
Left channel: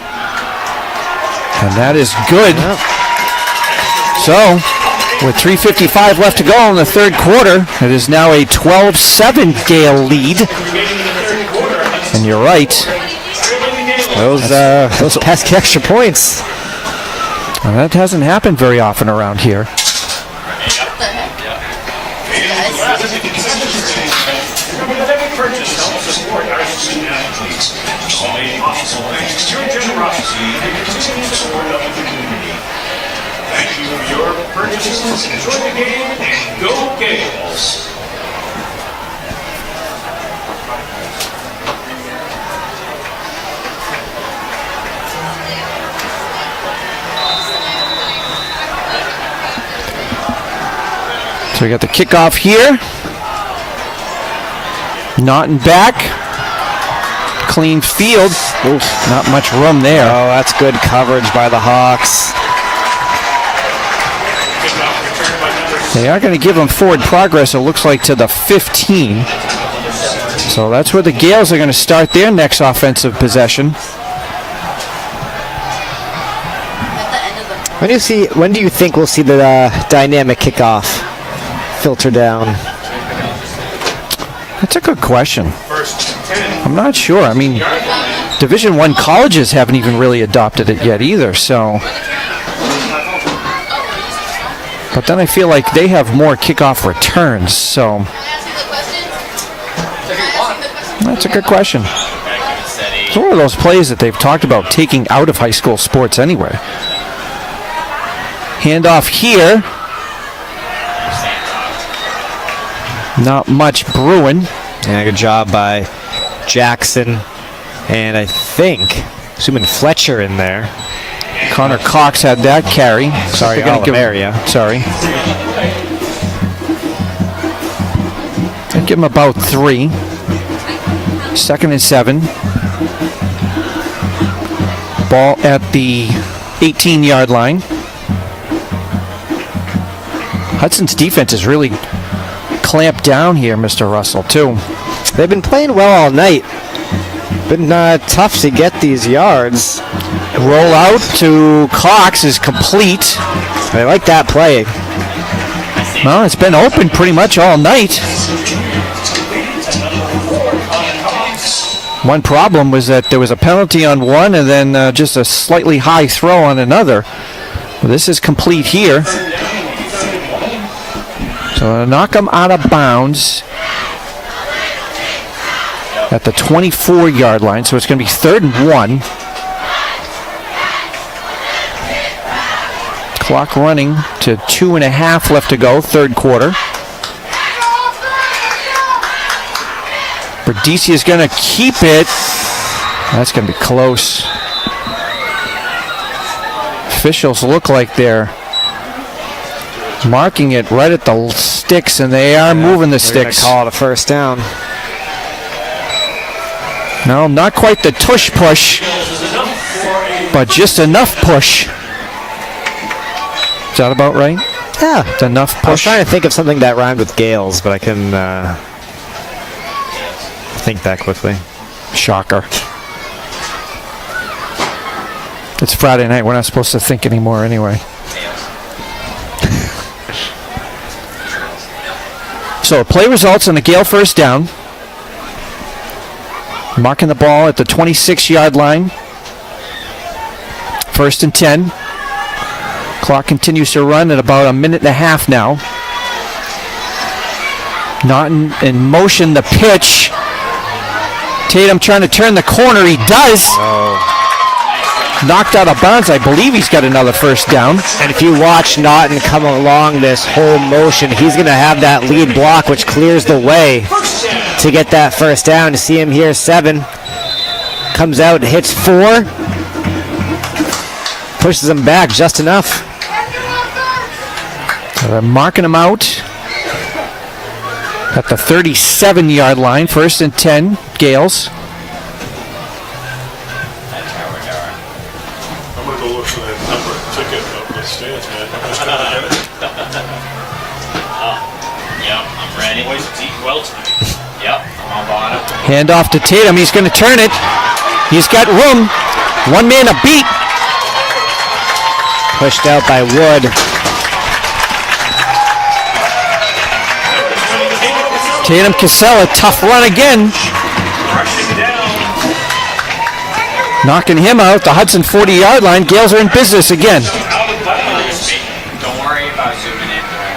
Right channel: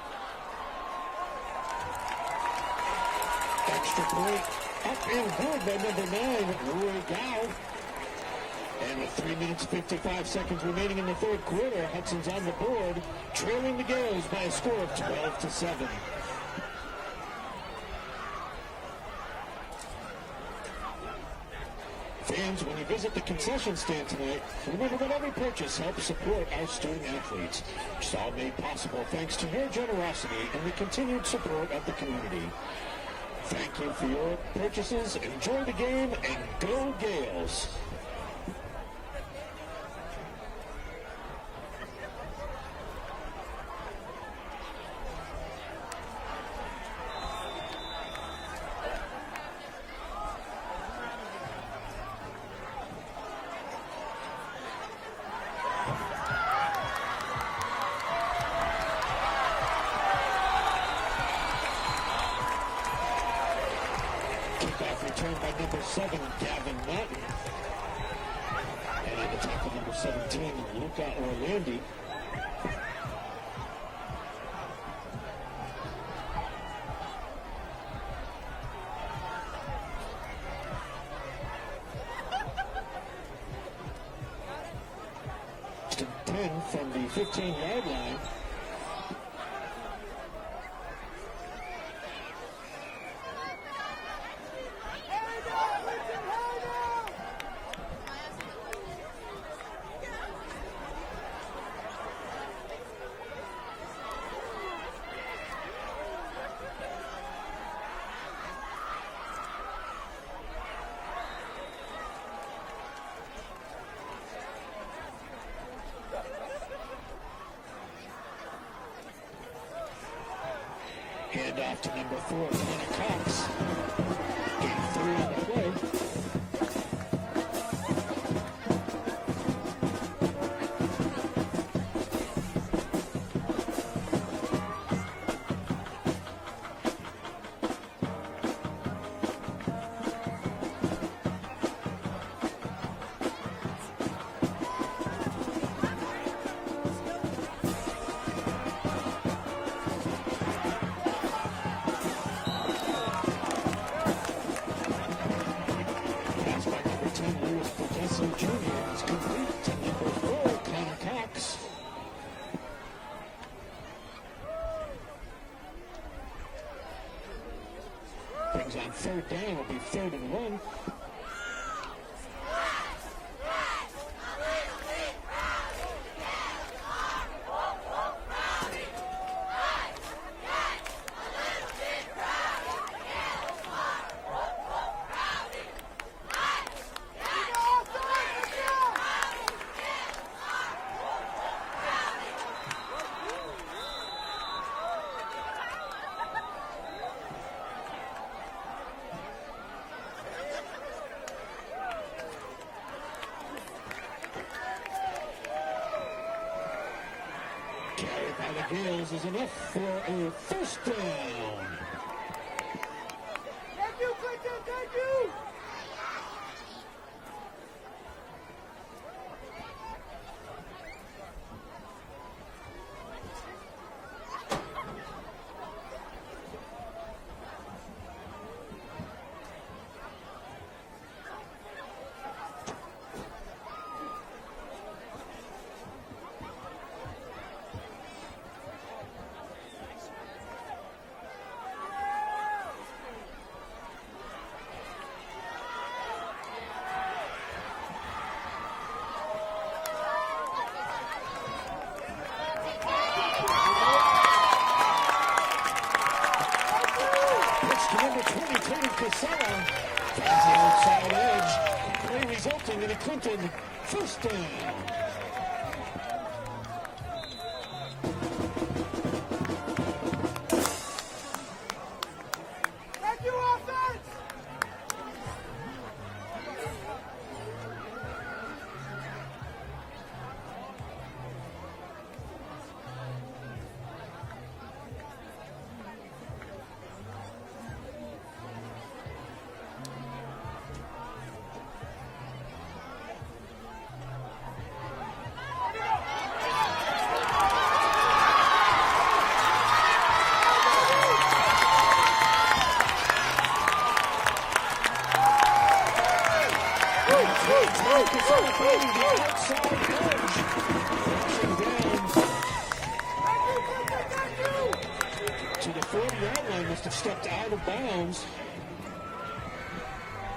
And that is good. Yep. So, with 3:55 left to go in the third quarter, it is now a 12-7 Gale lead. And you're right. Those pesky extra points. Well, that hasn't happened very often around here. Thank you for your purchases. Enjoy the game and go Gales. So we got the kickoff here. Naughton back. Clean field. Oof, not much room there. Oh, that's good coverage by the Hawks. They are going to give them forward progress, it looks like, to the 15. So that's where the Gales are going to start their next offensive possession. When do you think we'll see the dynamic kickoff filter down? That's a good question. I'm not sure. I mean, Division I colleges haven't even really adopted it yet either, so. But then I feel like they have more kickoff returns, so. That's a good question. It's one of those plays that they've talked about taking out of high school sports anyway. Handoff here. Not much brewing. Yeah, good job by Jackson. And I think, assuming Fletcher in there. Connor Cox had that carry. Sorry, Oliveria. Sorry. I'd give him about 3. 2nd and 7. Ball at the 18-yard line. Hudson's defense is really clamped down here, Mr. Russell, too. They've been playing well all night. Been tough to get these yards. Roll out to Cox is complete. I like that play. Well, it's been open pretty much all night. One problem was that there was a penalty on one and then just a slightly high throw on another. Well, this is complete here. So knock them out of bounds at the 24-yard line. So it's going to be 3rd and 1. Clock running to 2.5 left to go, 3rd quarter. Berdisi is going to keep it. That's going to be close. Officials look like they're marking it right at the sticks, and they are moving the sticks. Call it a first down. No, not quite the tush push, but just enough push. Is that about right? Yeah. It's enough push. I was trying to think of something that rhymed with Gales, but I couldn't think that quickly. Shocker. It's Friday night. We're not supposed to think anymore anyway. So play results on the Gale first down. Marking the ball at the 26-yard line. 1st and 10. Clock continues to run at about 1.5 minutes now. Naughton in motion, the pitch. Tatum trying to turn the corner. He does. Knocked out of bounds. I believe he's got another first down. And if you watch Naughton come along this whole motion, he's going to have that lead block, which clears the way to get that first down. To see him here, 7. Comes out, hits 4. Pushes him back just enough. So they're marking him out at the 37-yard line. 1st and 10, Gales. I'm going to go look for that number ticket of the stands, man. I'm just trying to get it. Yep, I'm ready. Yep, I'm on bottom. Hand off to Tatum. He's going to turn it. He's got room. One man a beat. Pushed out by Wood. Tatum Casella, tough run again. Knocking him out, the Hudson 40-yard line. Gales are in business again. Don't worry about zooming in during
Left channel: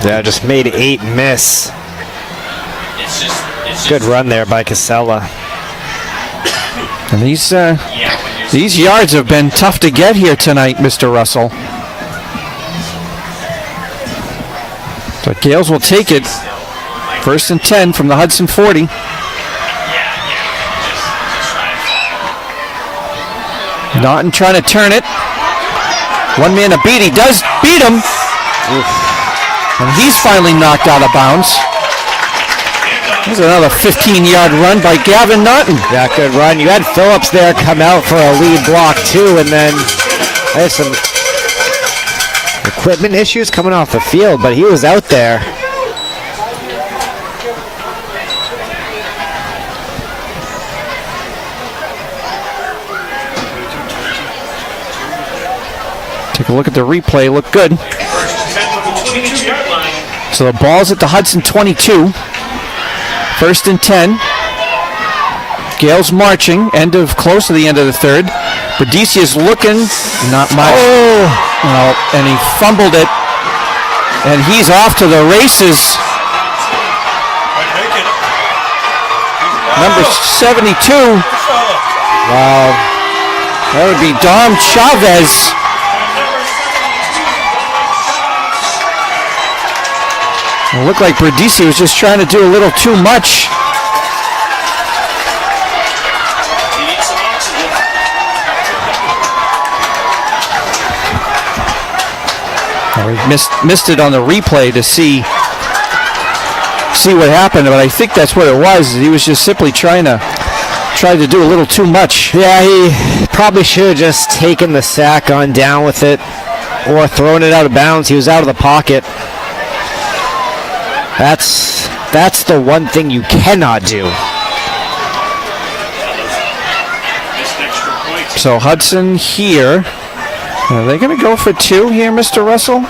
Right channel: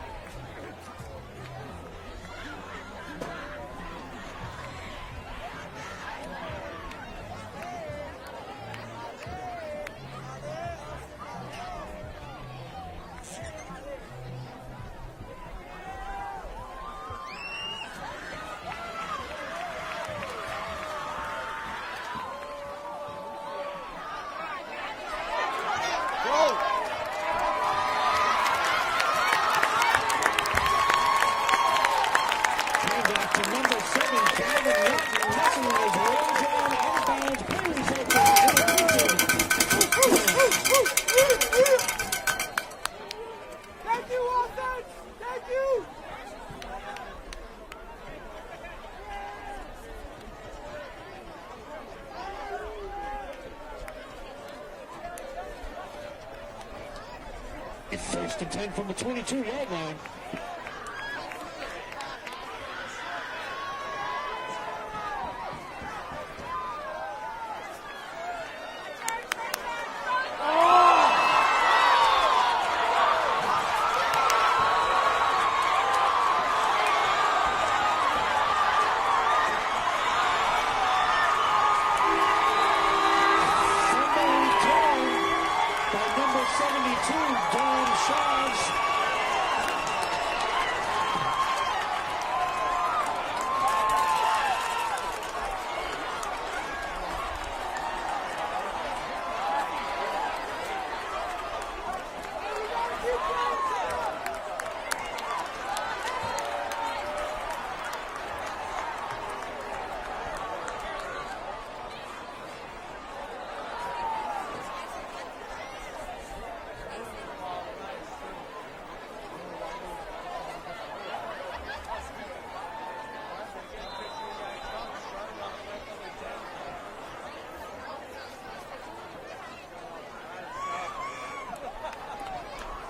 that Yeah, just made 8 miss. play. It's just Good run there by Casella. And these yards have been tough to get here tonight, Mr. Russell. So Gales will take it. 1st and 10 from the Hudson 40. Naughton trying to turn it. One man a beat. He does beat him. And he's finally knocked out of bounds. There's another 15-yard run by Gavin Naughton. Yeah, good run. You had Phillips there come out for a lead block too, and then there's some equipment issues coming off the field, but he was out there. Take a look at the replay. Look good. So the ball's at the Hudson 22. 1st and 10. Gales marching. Close to the end of the third. Berdicia's looking. Not much. Oh, and he fumbled it. And he's off to the races. Number 72. Wow. That would be Dom Chavez. It looked like Berdici was just trying to do a little too much. We missed it on the replay to see what happened, but I think that's what it was. He was just simply trying to do a little too much. Yeah, he probably should have just taken the sack, gone down with it, or thrown it out of bounds. He was out of the pocket. That's the one thing you cannot do. So Hudson here. Are they going to go for 2 here, Mr. Russell?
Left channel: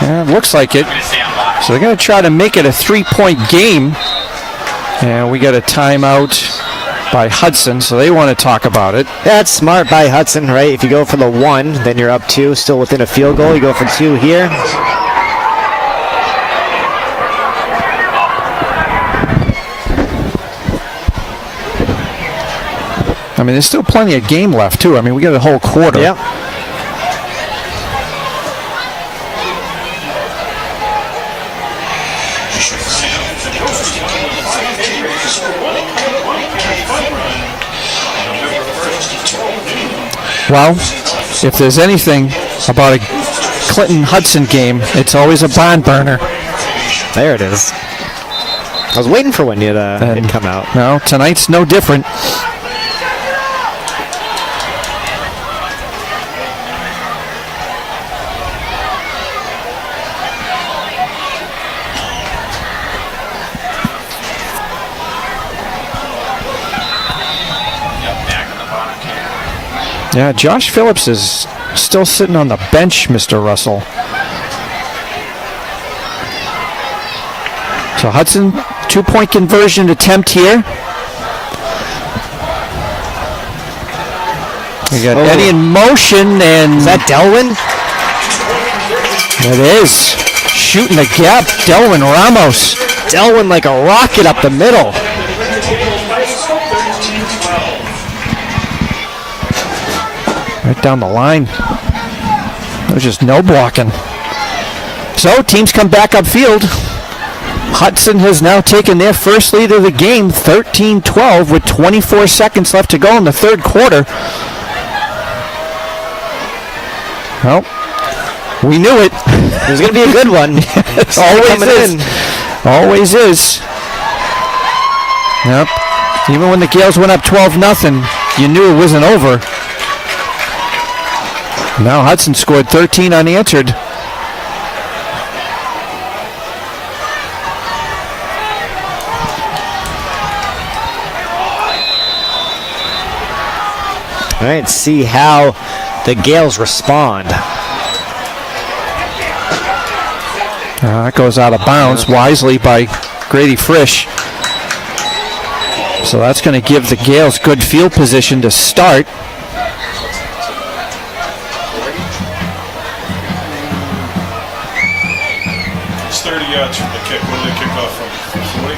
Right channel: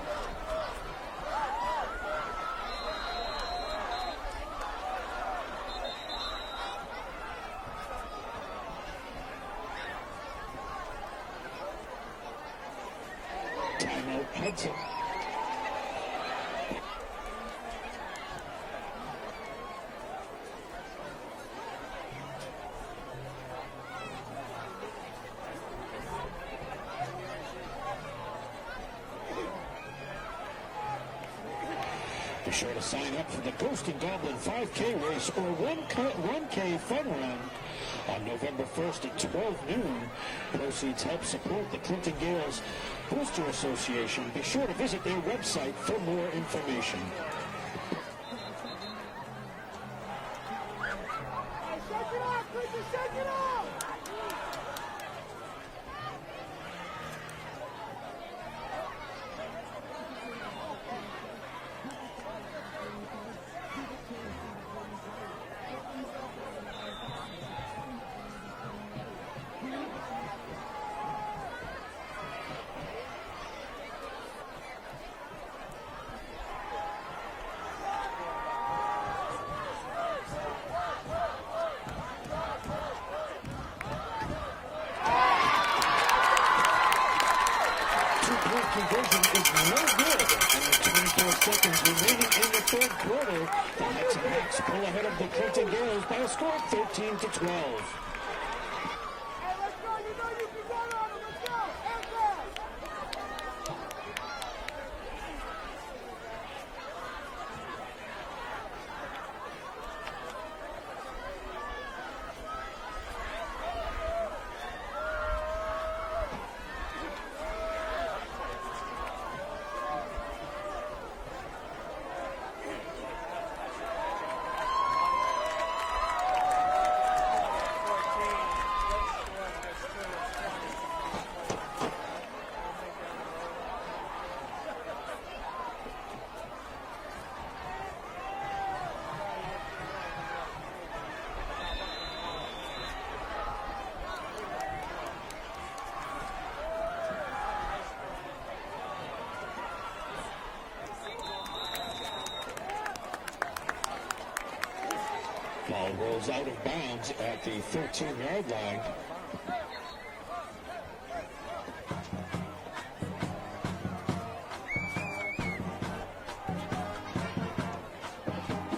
Yeah, it looks like it. So they're going to try to make it a 3-point game. And we got a timeout by Hudson, so they want to talk about it. That's smart by Hudson, right? If you go for the 1, then you're up 2, still within a field goal. You go for 2 here. I mean, there's still plenty of game left, too. I mean, we got a whole quarter. Yep. Well, if there's anything about a Clinton-Hudson game, it's always a barn burner. There it is. I was waiting for when it'd come out. No, tonight's no different. Yeah, Josh Phillips is still sitting on the bench, Mr. Russell. So Hudson, 2-point conversion attempt here. We got Eddie in motion, and is that Delwyn? It is. Shooting the gap, Delwyn Ramos. Delwyn like a rocket up the middle. Right down the line. There's just no blocking. So teams come back upfield. Hudson has now taken their first lead of the game, 13-12, with 24 seconds left to go in the third quarter. Well, we knew it. It was going to be a good one. It always is. Always is. Yep. Even when the Gales went up 12-0, you knew it wasn't over. Now Hudson scored 13 unanswered. All right, see how the Gales respond. That goes out of bounds wisely by Grady Frisch. So that's going to give the Gales good field position to start. It's 30 yards from the kick. When did they kick off from? 40?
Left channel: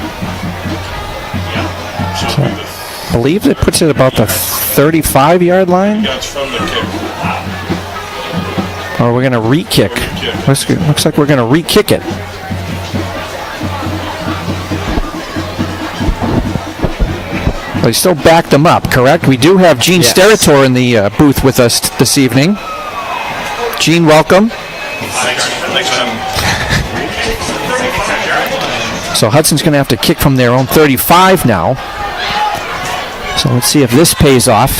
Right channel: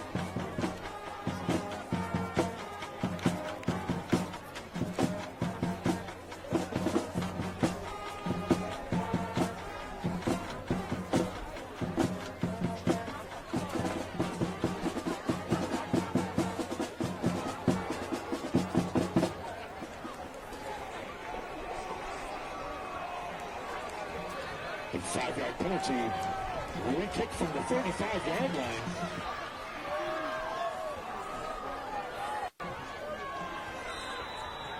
Yeah. So it'll be I believe it puts it about the 35-yard line. yards from the kick. Or we're going to re-kick. Looks like we're going to re-kick it. But he still backed them up, correct? We do have Gene Steratore in the booth with us this evening. Gene, welcome. Thanks So Hudson's going to have to kick from their own 35 now. So let's see if this pays off.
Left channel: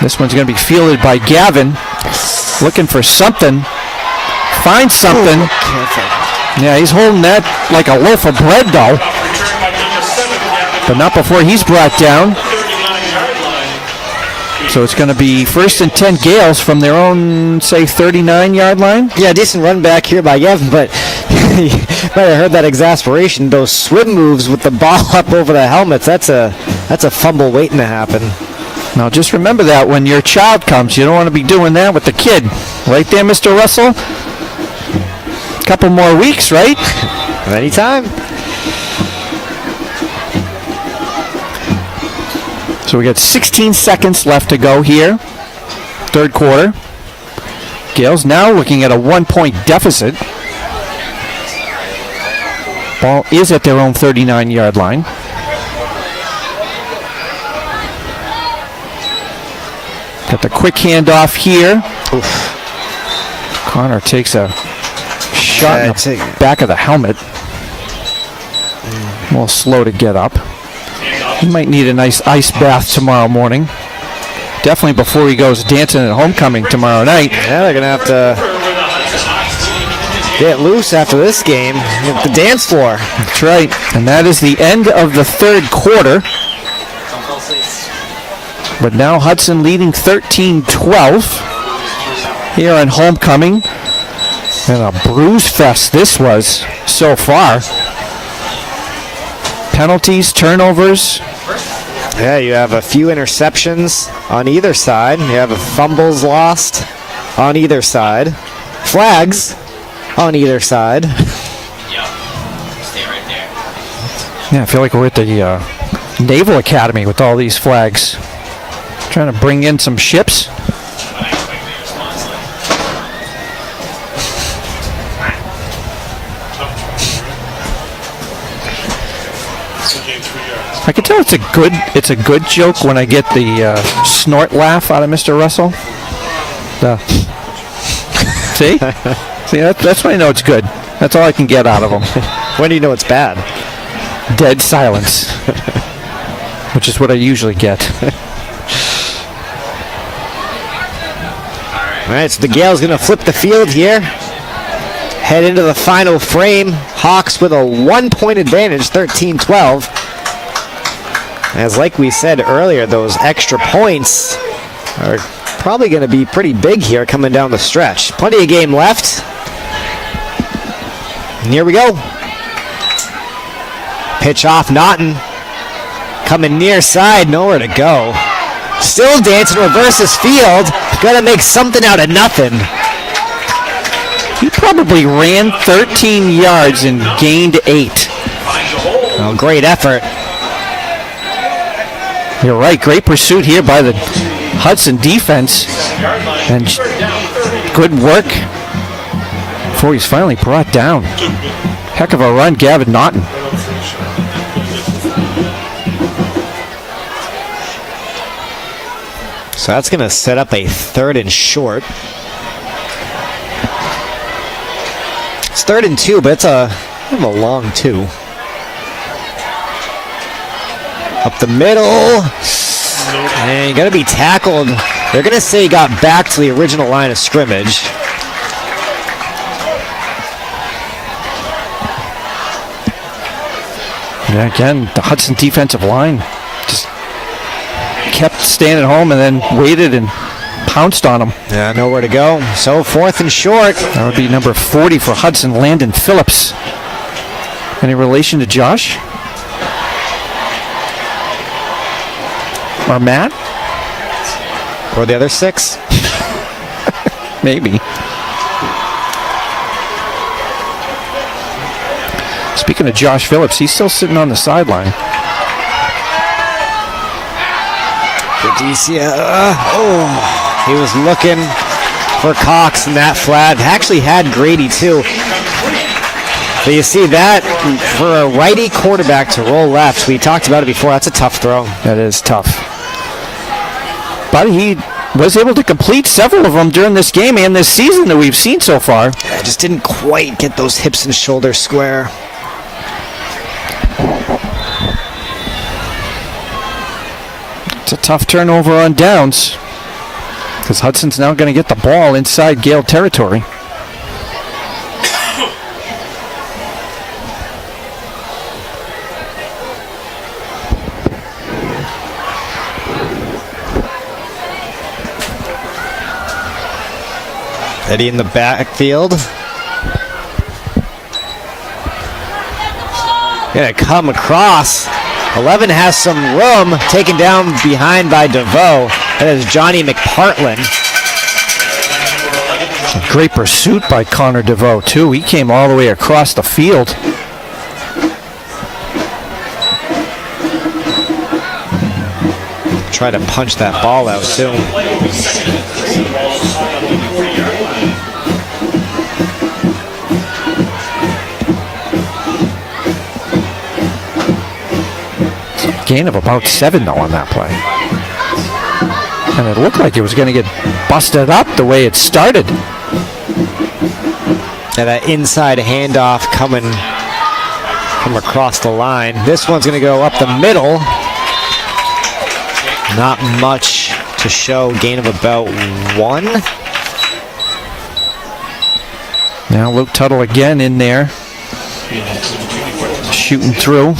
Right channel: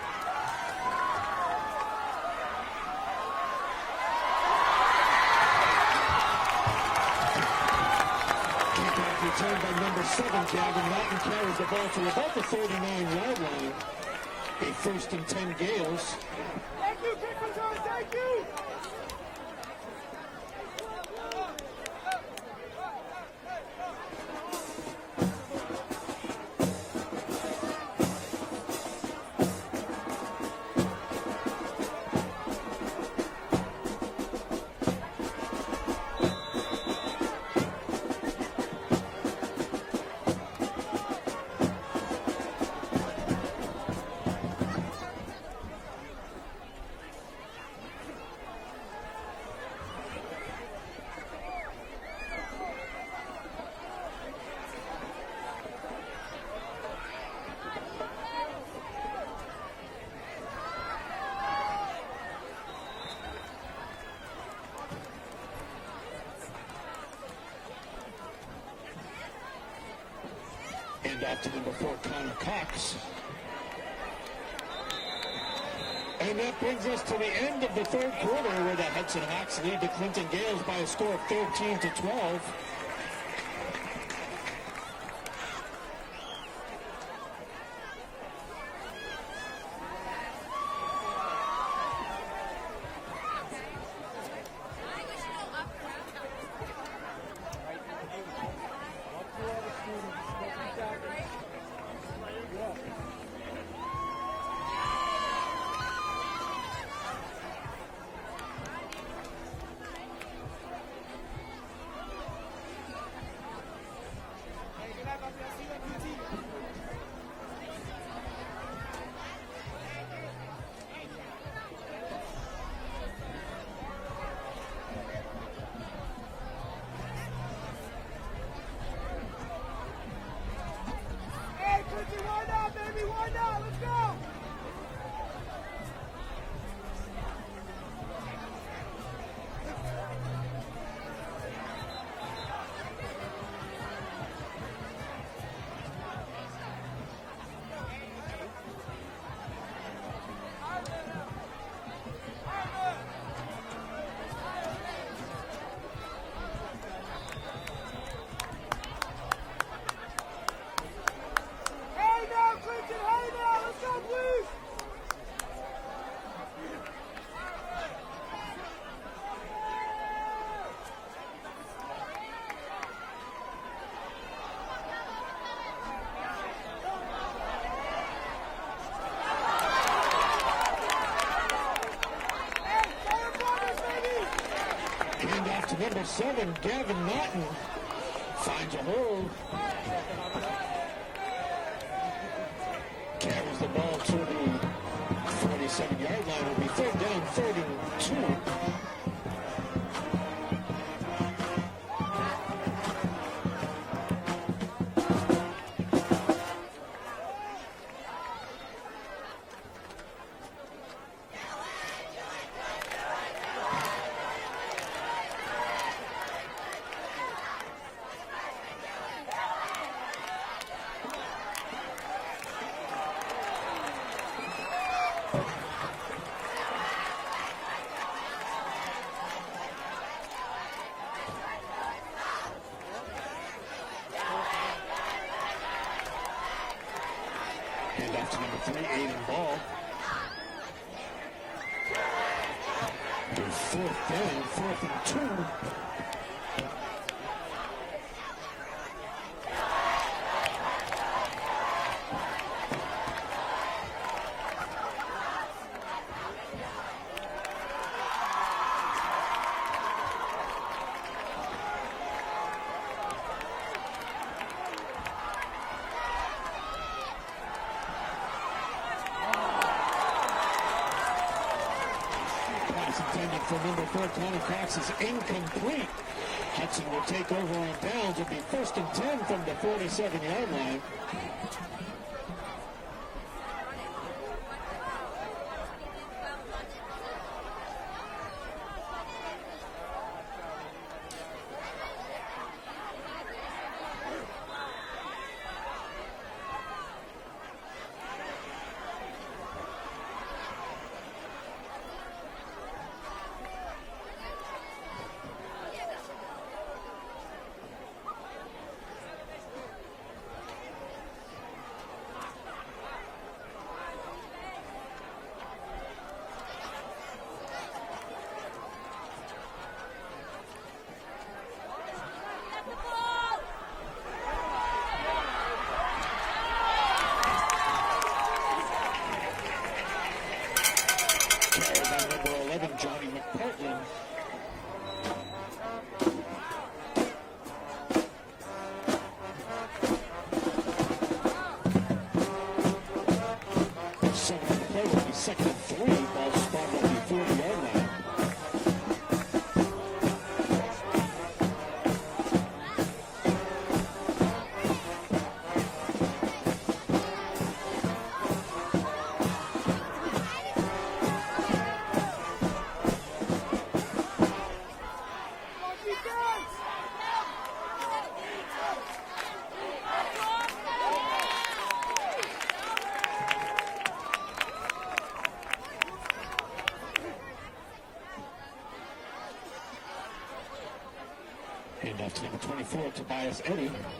This one's going to be fielded by Gavin. Looking for something. Finds something. Yeah, he's holding that like a loaf of bread, though. But not before he's brought down. So it's going to be 1st and 10 Gales from their own, say, 39-yard line. Yeah, decent run back here by Gavin, but you might have heard that exasperation. Those swim moves with the ball up over the helmets, that's a fumble waiting to happen. Now just remember that when your child comes, you don't want to be doing that with the kid. Right there, Mr. Russell? Couple more weeks, right? Anytime. So we got 16 seconds left to go here. Third quarter. Gales now looking at a 1-point deficit. Ball is at their own 39-yard line. Got the quick handoff here. Oof. Connor takes a shot in the back of the helmet. A little slow to get up. He might need a nice ice bath tomorrow morning. Definitely before he goes dancing at homecoming tomorrow night. Yeah, they're going to have to get loose after this game at the dance floor. That's right. And that is the end of the third quarter. But now Hudson leading 13-12 here on homecoming. And a bruise fest this was so far. Penalties, turnovers. Yeah, you have a few interceptions on either side. You have fumbles lost on either side. Flags on either side. Yeah, I feel like we're at the Naval Academy with all these flags. Trying to bring in some ships. I can tell it's a good joke when I get the snort laugh out of Mr. Russell. See, that's when I know it's good. That's all I can get out of him. When do you know it's bad? Dead silence, which is what I usually get. All right, so the Gales going to flip the field here. Head into the final frame. Hawks with a 1-point advantage, 13-12. As like we said earlier, those extra points are probably going to be pretty big here coming down the stretch. Plenty of game left. And here we go. Pitch off Naughton. Coming near side, nowhere to go. Still dancing, reverses field. Got to make something out of nothing. He probably ran 13 yards and gained 8. Oh, great effort. You're right. Great pursuit here by the Hudson defense. And good work before he's finally brought down. Heck of a run, Gavin Naughton. So that's going to set up a 3rd and short. It's 3rd and 2, but it's a long 2. Up the middle. And you got to be tackled. They're going to say he got back to the original line of scrimmage. Yeah, again, the Hudson defensive line just kept staying at home and then waited and pounced on him. Yeah, nowhere to go. So 4th and short. That would be number 40 for Hudson, Landon Phillips. Any relation to Josh? Or Matt? Or the other 6? Maybe. Speaking of Josh Phillips, he's still sitting on the sideline. He was looking for Cox in that flat. Actually had Grady too. So you see that for a righty quarterback to roll left. We talked about it before. That's a tough throw. That is tough. But he was able to complete several of them during this game and this season that we've seen so far. I just didn't quite get those hips and shoulders square. It's a tough turnover on downs because Hudson's now going to get the ball inside Gale territory. Eddie in the backfield. Gonna come across. 11 has some room, taken down behind by DeVoe. That is Johnny McPartland. Great pursuit by Connor DeVoe, too. He came all the way across the field. Try to punch that ball out, too. Gain of about 7, though, on that play. And it looked like it was going to get busted up the way it started. And that inside handoff coming from across the line. This one's going to go up the middle. Not much to show. Gain of about 1. Now Luke Tuttle again in there. Shooting through.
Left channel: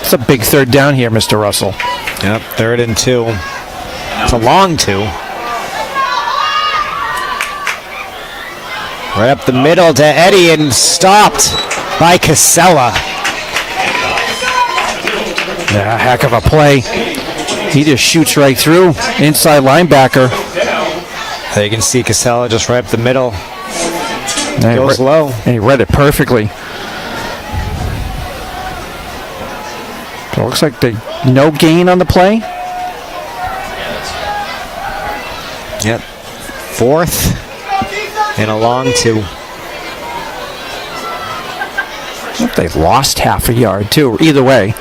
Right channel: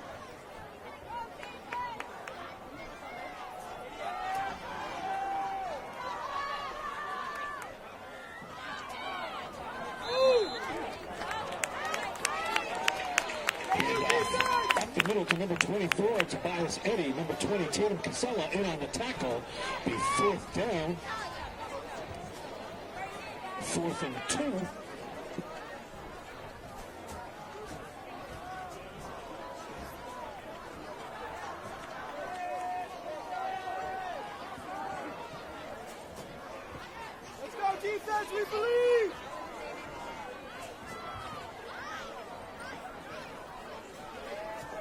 It's a big third down here, Mr. Russell. Yep, 3rd and 2. It's a long 2. Right up the middle to Eddie and stopped by Casella. Yeah, heck of a play. He just shoots right through. Inside linebacker. You can see Casella just right up the middle. Goes low. And he read it perfectly. So it looks like no gain on the play. Yep. 4th and a long 2. They've lost half a yard, too. Either way.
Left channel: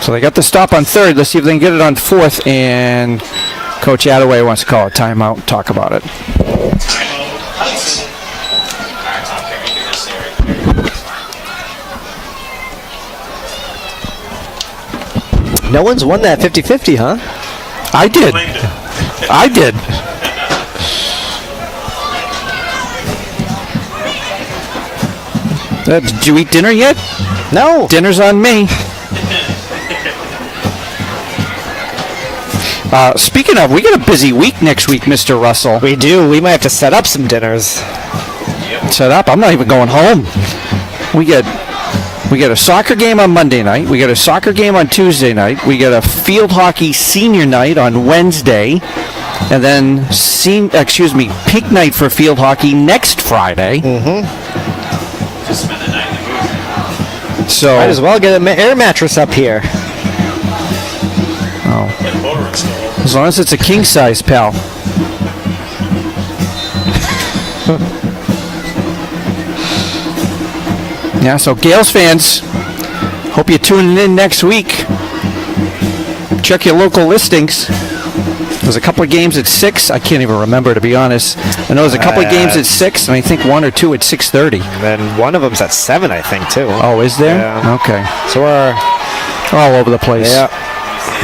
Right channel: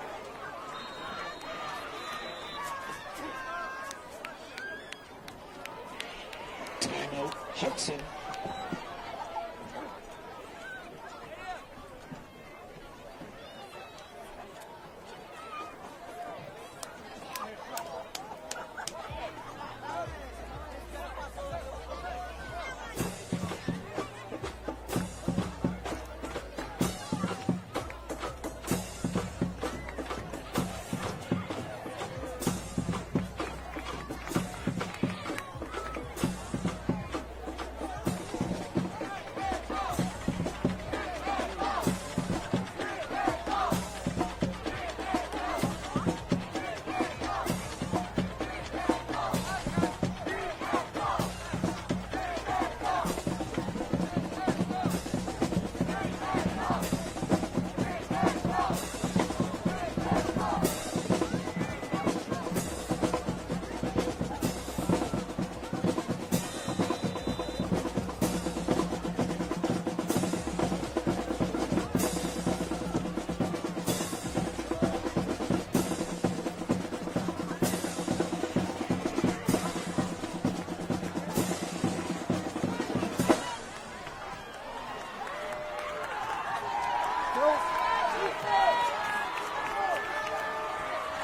So they got the stop on 3rd. Let's see if they can get it on 4th. And Coach Attaway wants to call a timeout and talk about it. No one's won that 50-50, huh? I did. I did. Did you eat dinner yet? No. Dinner's on me. Speaking of, we got a busy week next week, Mr. Russell. We do. We might have to set up some dinners. Set up? I'm not even going home. We get a soccer game on Monday night. We got a soccer game on Tuesday night. We got a field hockey senior night on Wednesday. And then, pink night for field hockey next Friday. Just spend the night in the movie. So might as well get an air mattress up here. Oh. As long as it's a king size, pal. Yeah, so Gales fans, hope you're tuning in next week. Check your local listings. There's a couple of games at 6. I can't even remember, to be honest. I know there's a couple of games at 6, and I think 1 or 2 at 6:30. And then one of them's at 7, I think, too. Oh, is there? Yeah. Okay. So we're all over the place. Yeah.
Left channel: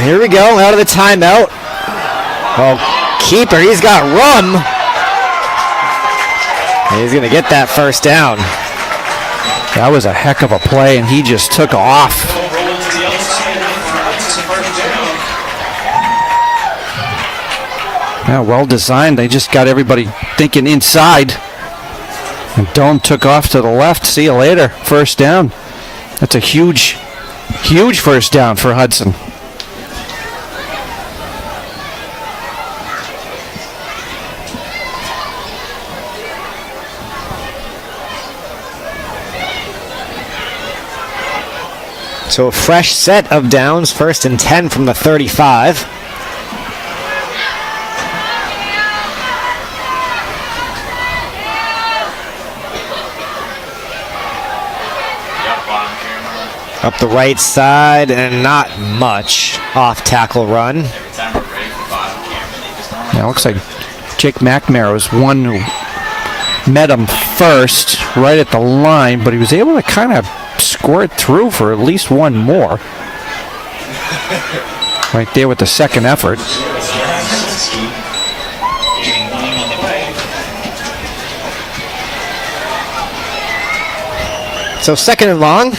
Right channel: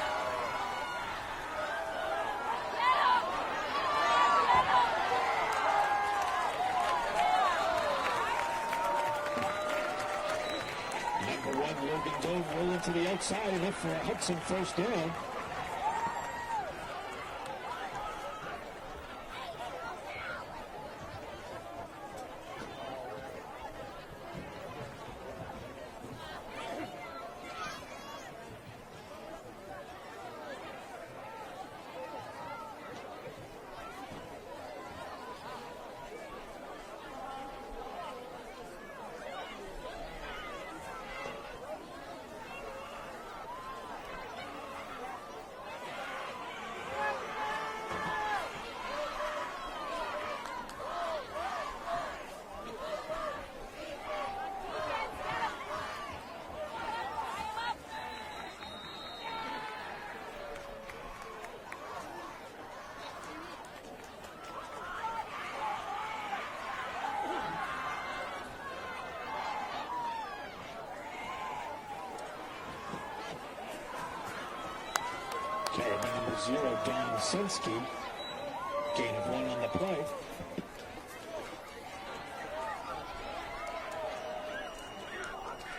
Here we go, out of the timeout. Oh, keeper, he's got room. And he's going to get that first down. That was a heck of a play, and he just took off. Yeah, well designed. They just got everybody thinking inside. And Doan took off to the left. See you later. First down. That's a huge first down for Hudson. So a fresh set of downs, 1st and 10 from the 35. Up the right side, and not much off tackle run. Yeah, it looks like Jake McNamara was one who met him first right at the line, but he was able to kind of score it through for at least one more. Right there with the second effort. So 2nd and long.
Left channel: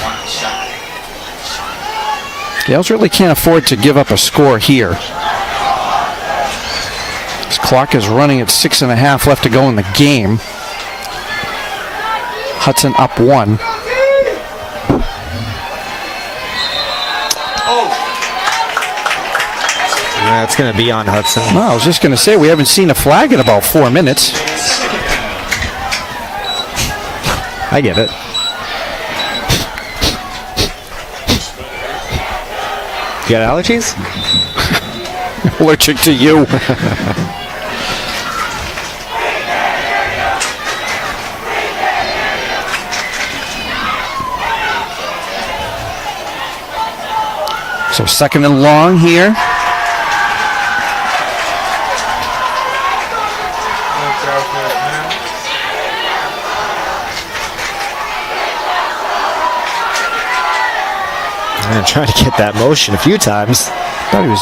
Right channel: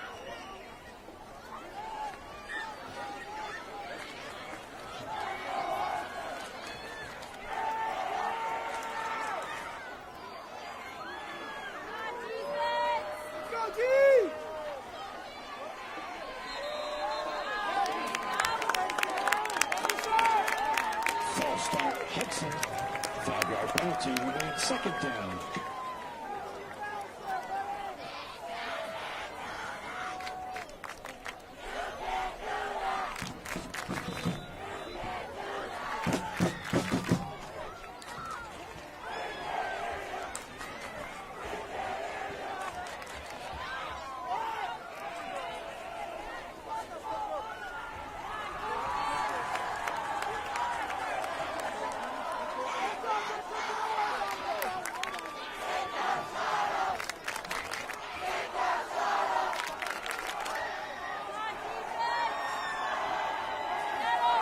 Gales really can't afford to give up a score here. This clock is running at 6.5 left to go in the game. Hudson up 1. That's going to be on Hudson. Well, I was just going to say, we haven't seen a flag in about 4 minutes. I get it. You got allergies? Allergic to you. So 2nd and long here. I'm trying to get that motion a few times. Thought he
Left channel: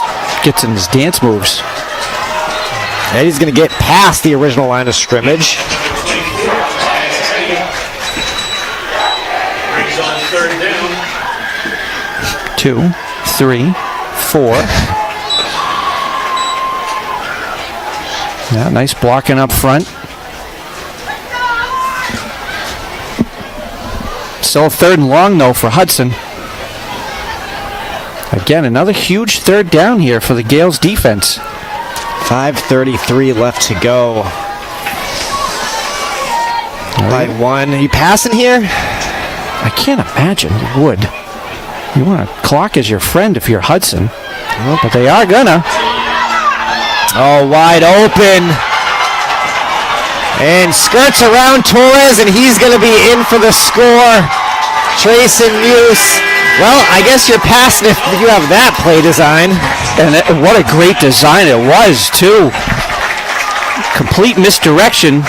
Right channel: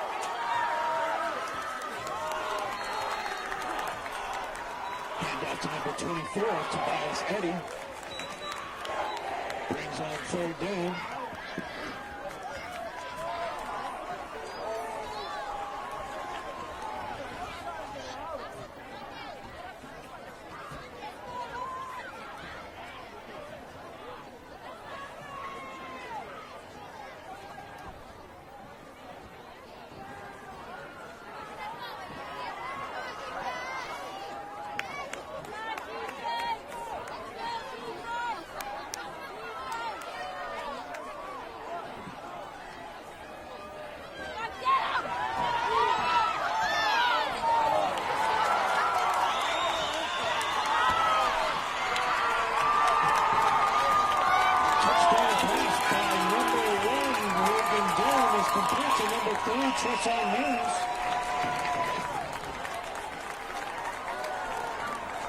gets in his dance moves. And he's going to get past the original line of scrimmage. Brings on 3rd down. 2, 3, 4. Yeah, nice blocking up front. Still 3rd and long, though, for Hudson. Again, another huge 3rd down here for the Gales defense. 5:33 left to go. By 1. Are you passing here? I can't imagine you would. You want to clock as your friend if you're Hudson. But they are gonna. Oh, wide open. And skirts around Torres, and he's going to be in for the score. Trayson Muse. Well, I guess you're passing if you have that play design. And what a great design it was, too. Complete misdirection.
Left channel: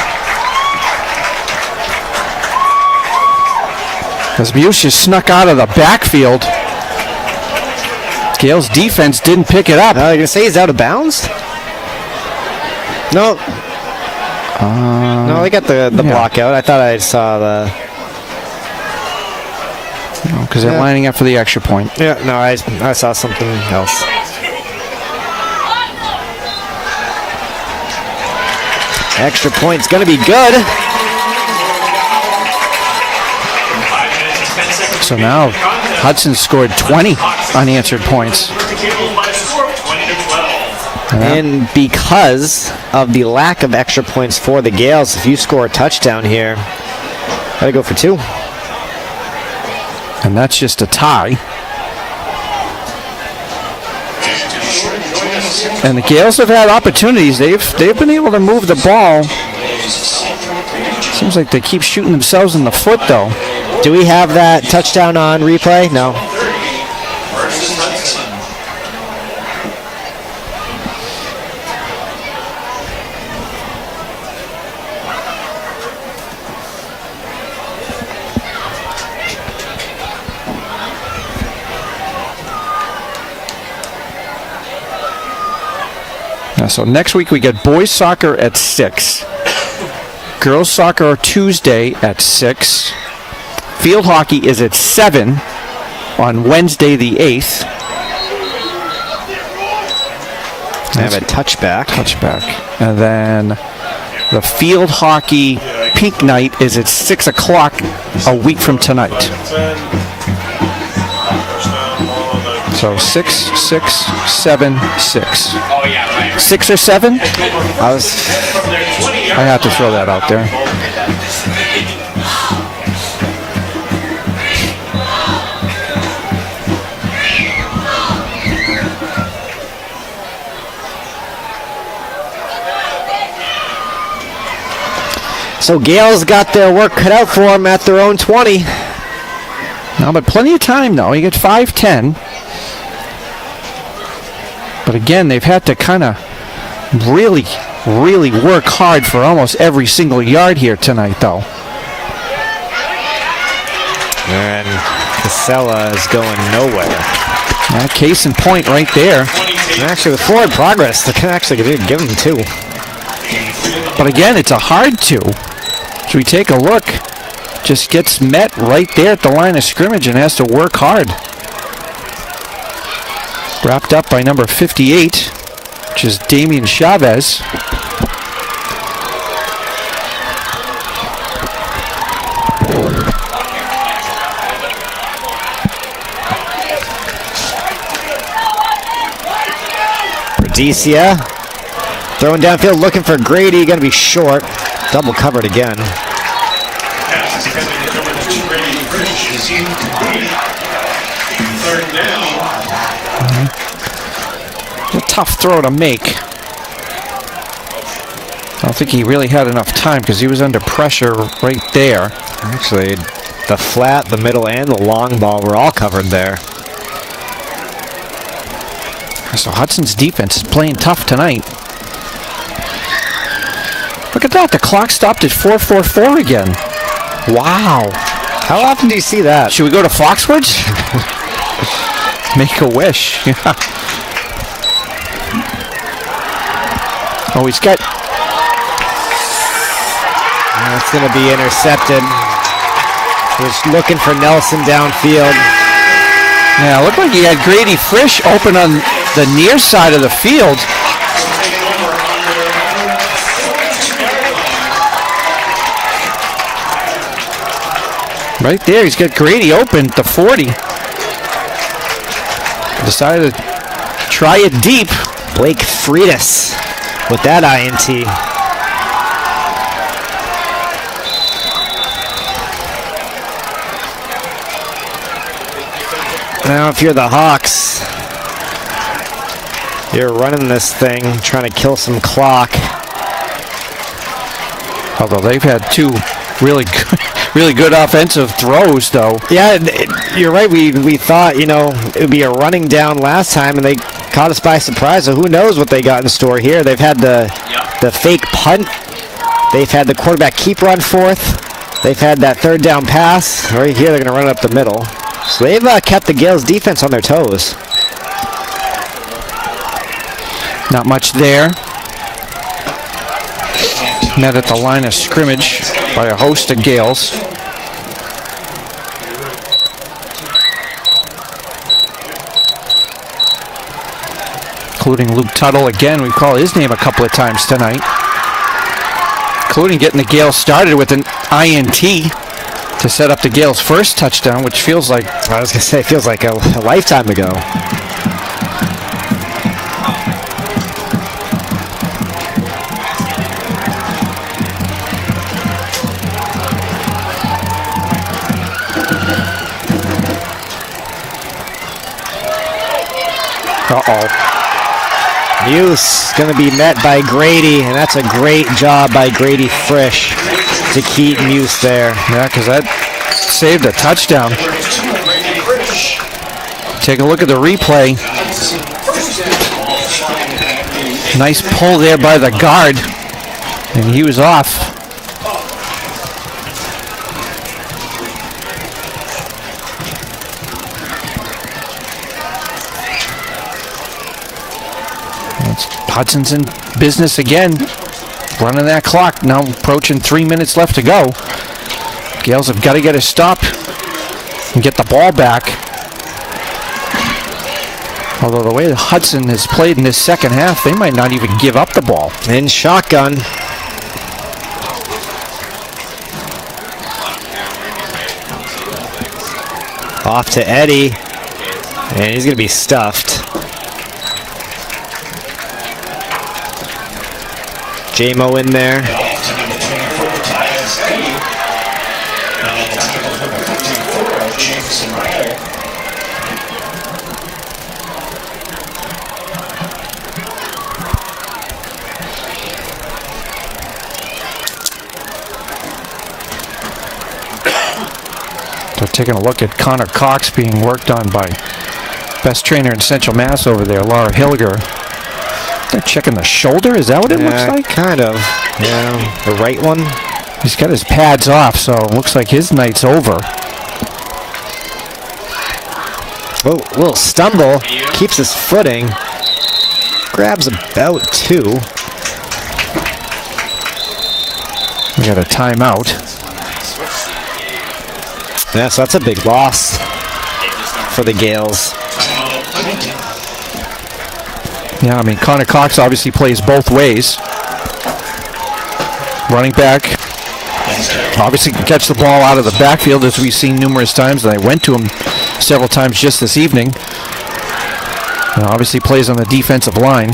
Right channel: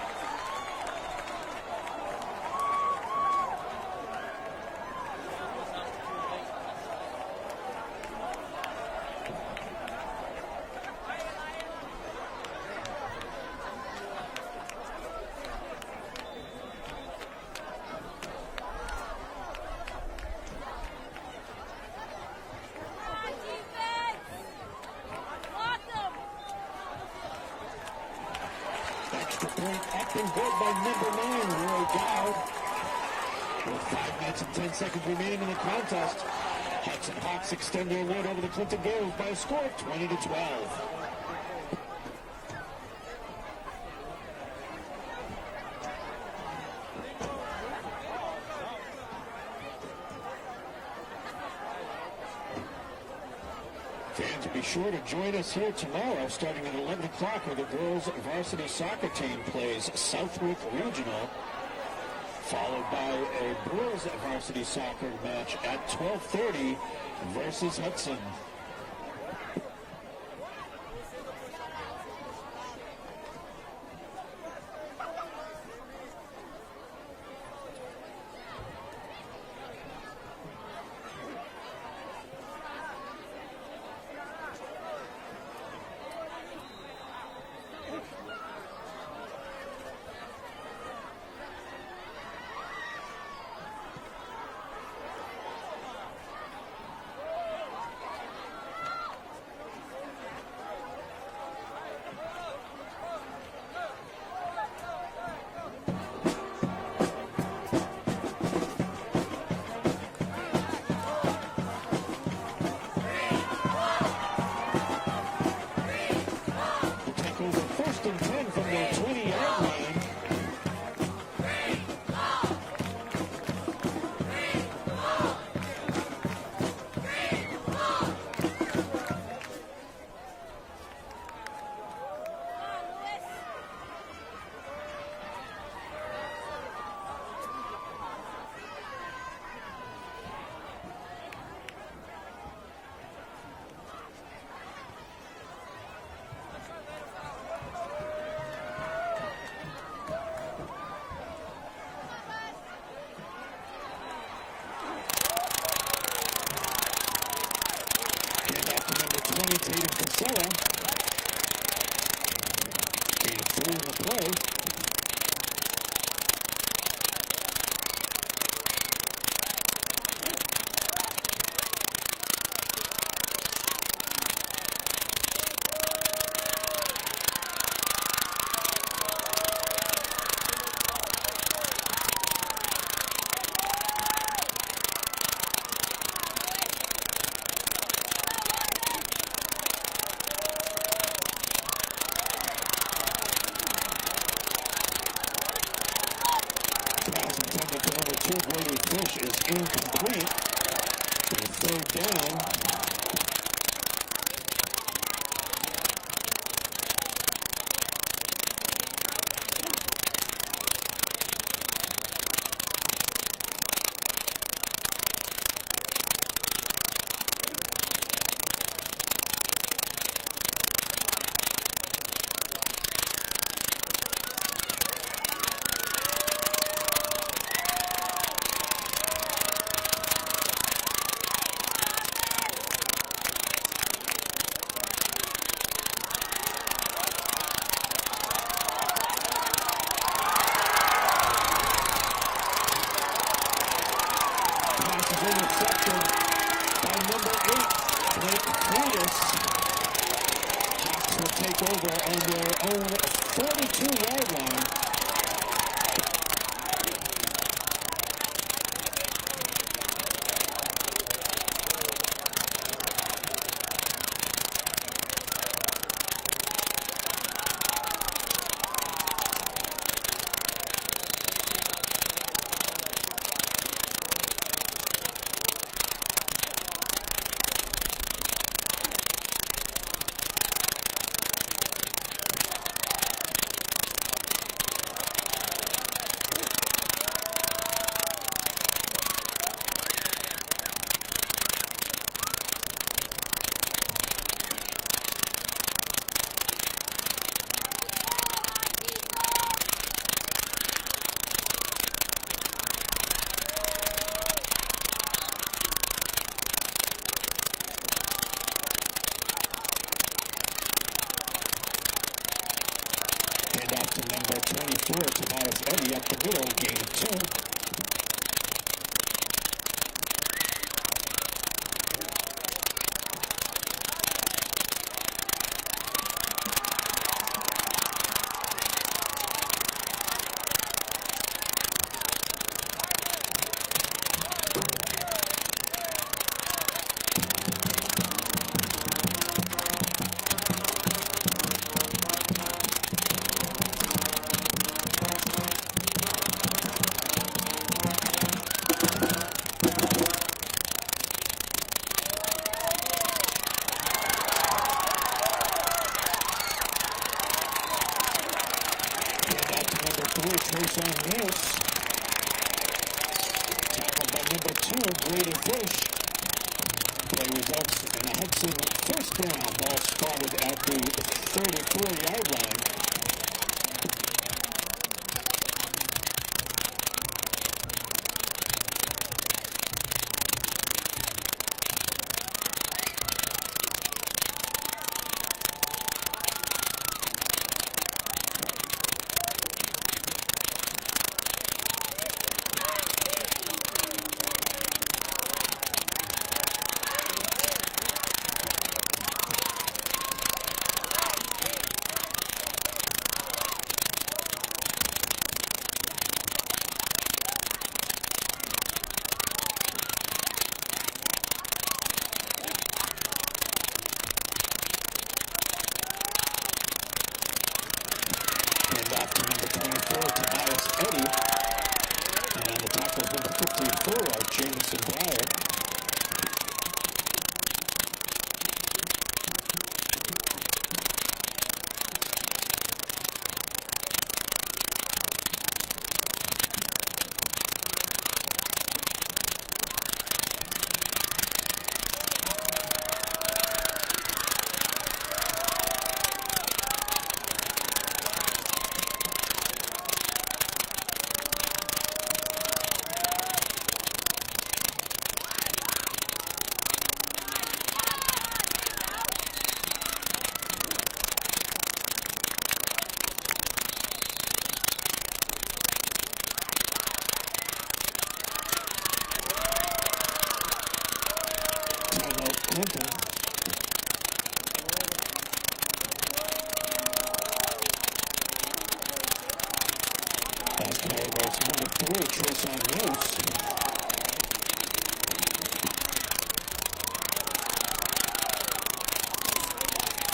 As Muse just snuck out of the backfield. Gales' defense didn't pick it up. You're going to say he's out of bounds? No. No, they got the block out. I thought I saw the... Because they're lining up for the extra point. Yeah, no, I saw something else. Extra point's going to be good. So now Hudson scored 20 unanswered points. And because of the lack of extra points for the Gales, if you score a touchdown here, gotta go for 2. And that's just a tie. And the Gales have had opportunities. They've been able to move the ball. Seems like they keep shooting themselves in the foot, though. Do we have that touchdown on replay? No. So next week we get boys soccer at 6. Girls soccer Tuesday at 6. Field hockey is at 7 on Wednesday the 8th. I have a touchback. And then the field hockey pink night is at 6 o'clock a week from tonight. So 6, 6, 7, 6. 6 or 7? I have to throw that out there. So Gales got their work cut out for them at their own 20. No, but plenty of time, though. You get 5-10. But again, they've had to kind of really, really work hard for almost every single yard here tonight, though. And Casella is going nowhere. Case in point right there. And actually, with forward progress, they can actually give them 2. But again, it's a hard 2. So we take a look. Just gets met right there at the line of scrimmage and has to work hard. Wrapped up by number 58, which is Damian Chavez. Rhodesia throwing downfield, looking for Grady, going to be short. Double covered again. Third down. A tough throw to make. I don't think he really had enough time because he was under pressure right there. Actually, the flat, the middle, and the long ball were all covered there. So Hudson's defense is playing tough tonight. Look at that. The clock stopped at 4:44 again. Wow. How often do you see that? Should we go to Foxwoods? Make a wish. Oh, he's got... That's going to be intercepted. He's looking for Nelson downfield. Yeah, it looked like he had Grady Frisch open on the near side of the field. Right there, he's got Grady open at the 40. Decided to try it deep. Blake Freitas with that INT. Now if you're the Hawks, you're running this thing, trying to kill some clock. Although they've had 2 really good offensive throws, though. Yeah, you're right. We thought, it would be a running down last time, and they caught us by surprise. So who knows what they got in store here? They've had the fake punt. They've had the quarterback keep run fourth. They've had that third down pass. Right here, they're going to run it up the middle. So they've kept the Gales defense on their toes. Not much there. Met at the line of scrimmage by a host of Gales. Including Luke Tuttle. Again, we call his name a couple of times tonight. Including getting the Gales started with an INT to set up the Gales' first touchdown, which feels like... I was going to say, it feels like a lifetime ago. Uh-oh. Muse going to be met by Grady, and that's a great job by Grady Frisch to keep Muse there. Yeah, because that saved a touchdown. Take a look at the replay. Nice pull there by the guard, and he was off. Hudson's in business again, running that clock. Now approaching 3 minutes left to go. Gales have got to get a stop and get the ball back. Although the way Hudson has played in this second half, they might not even give up the ball. In shotgun. Off to Eddie, and he's going to be stuffed. J-Mo in there. Taking a look at Connor Cox being worked on by best trainer in Central Mass over there, Laura Hilger. They're checking the shoulder. Is that what it looks like? Kind of. Yeah, the right one. He's got his pads off, so it looks like his night's over. Oh, little stumble. Keeps his footing. Grabs about 2. We got a timeout. Yeah, so that's a big loss for the Gales. Yeah, I mean, Connor Cox obviously plays both ways. Running back. Obviously can catch the ball out of the backfield, as we've seen numerous times, and I went to him several times just this evening. Obviously plays on the defensive line.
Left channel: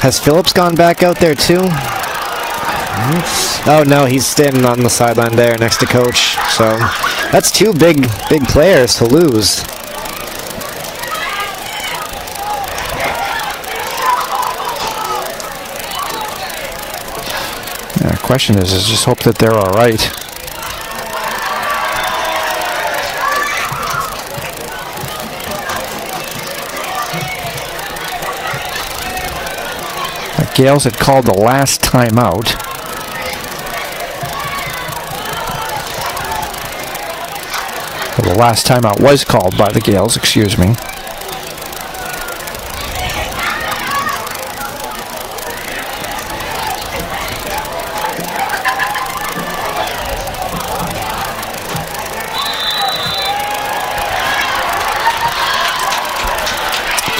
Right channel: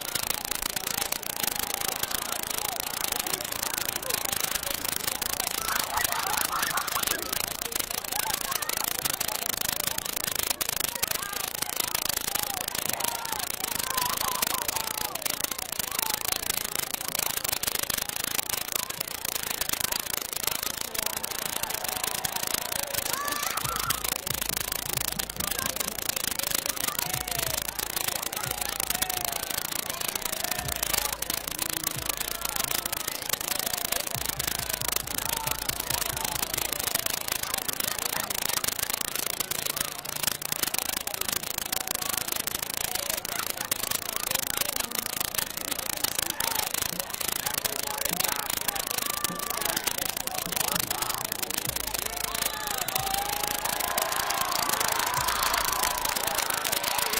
Has Phillips gone back out there too? Oh no, he's standing on the sideline there next to Coach. So that's 2 big players to lose. The question is just hope that they're all right. The Gales had called the last timeout. Well, the last timeout was called by the Gales, excuse me.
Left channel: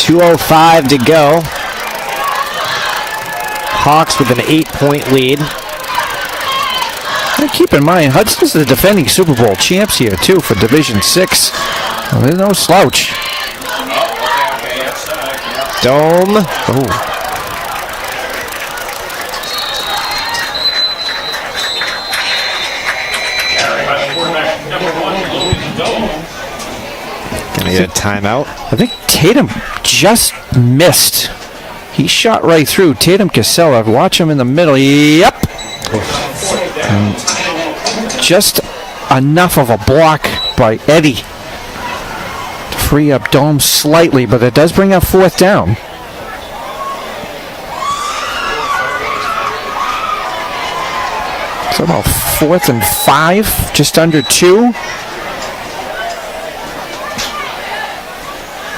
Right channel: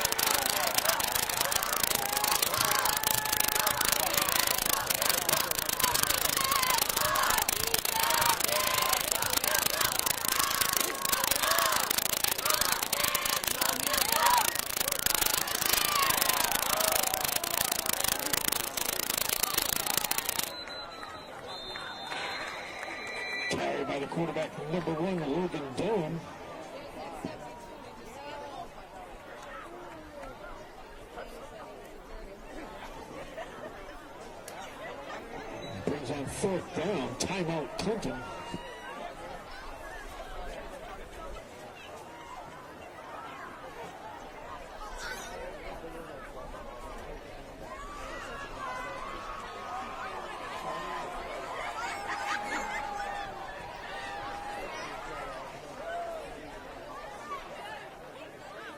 .205 to go. Hawks with an 8-point lead. And keep in mind, Hudson's the defending Super Bowl champs here, too, for Division 6. Well, there's no slouch. Dome. Oh. Gonna get a timeout. I think Tatum just missed. He shot right through. Tatum Casella. Watch him in the middle. Yep. And just enough of a block by Eddie to free up Dome slightly, but it does bring up 4th down. So about 4th and 5, just under 2.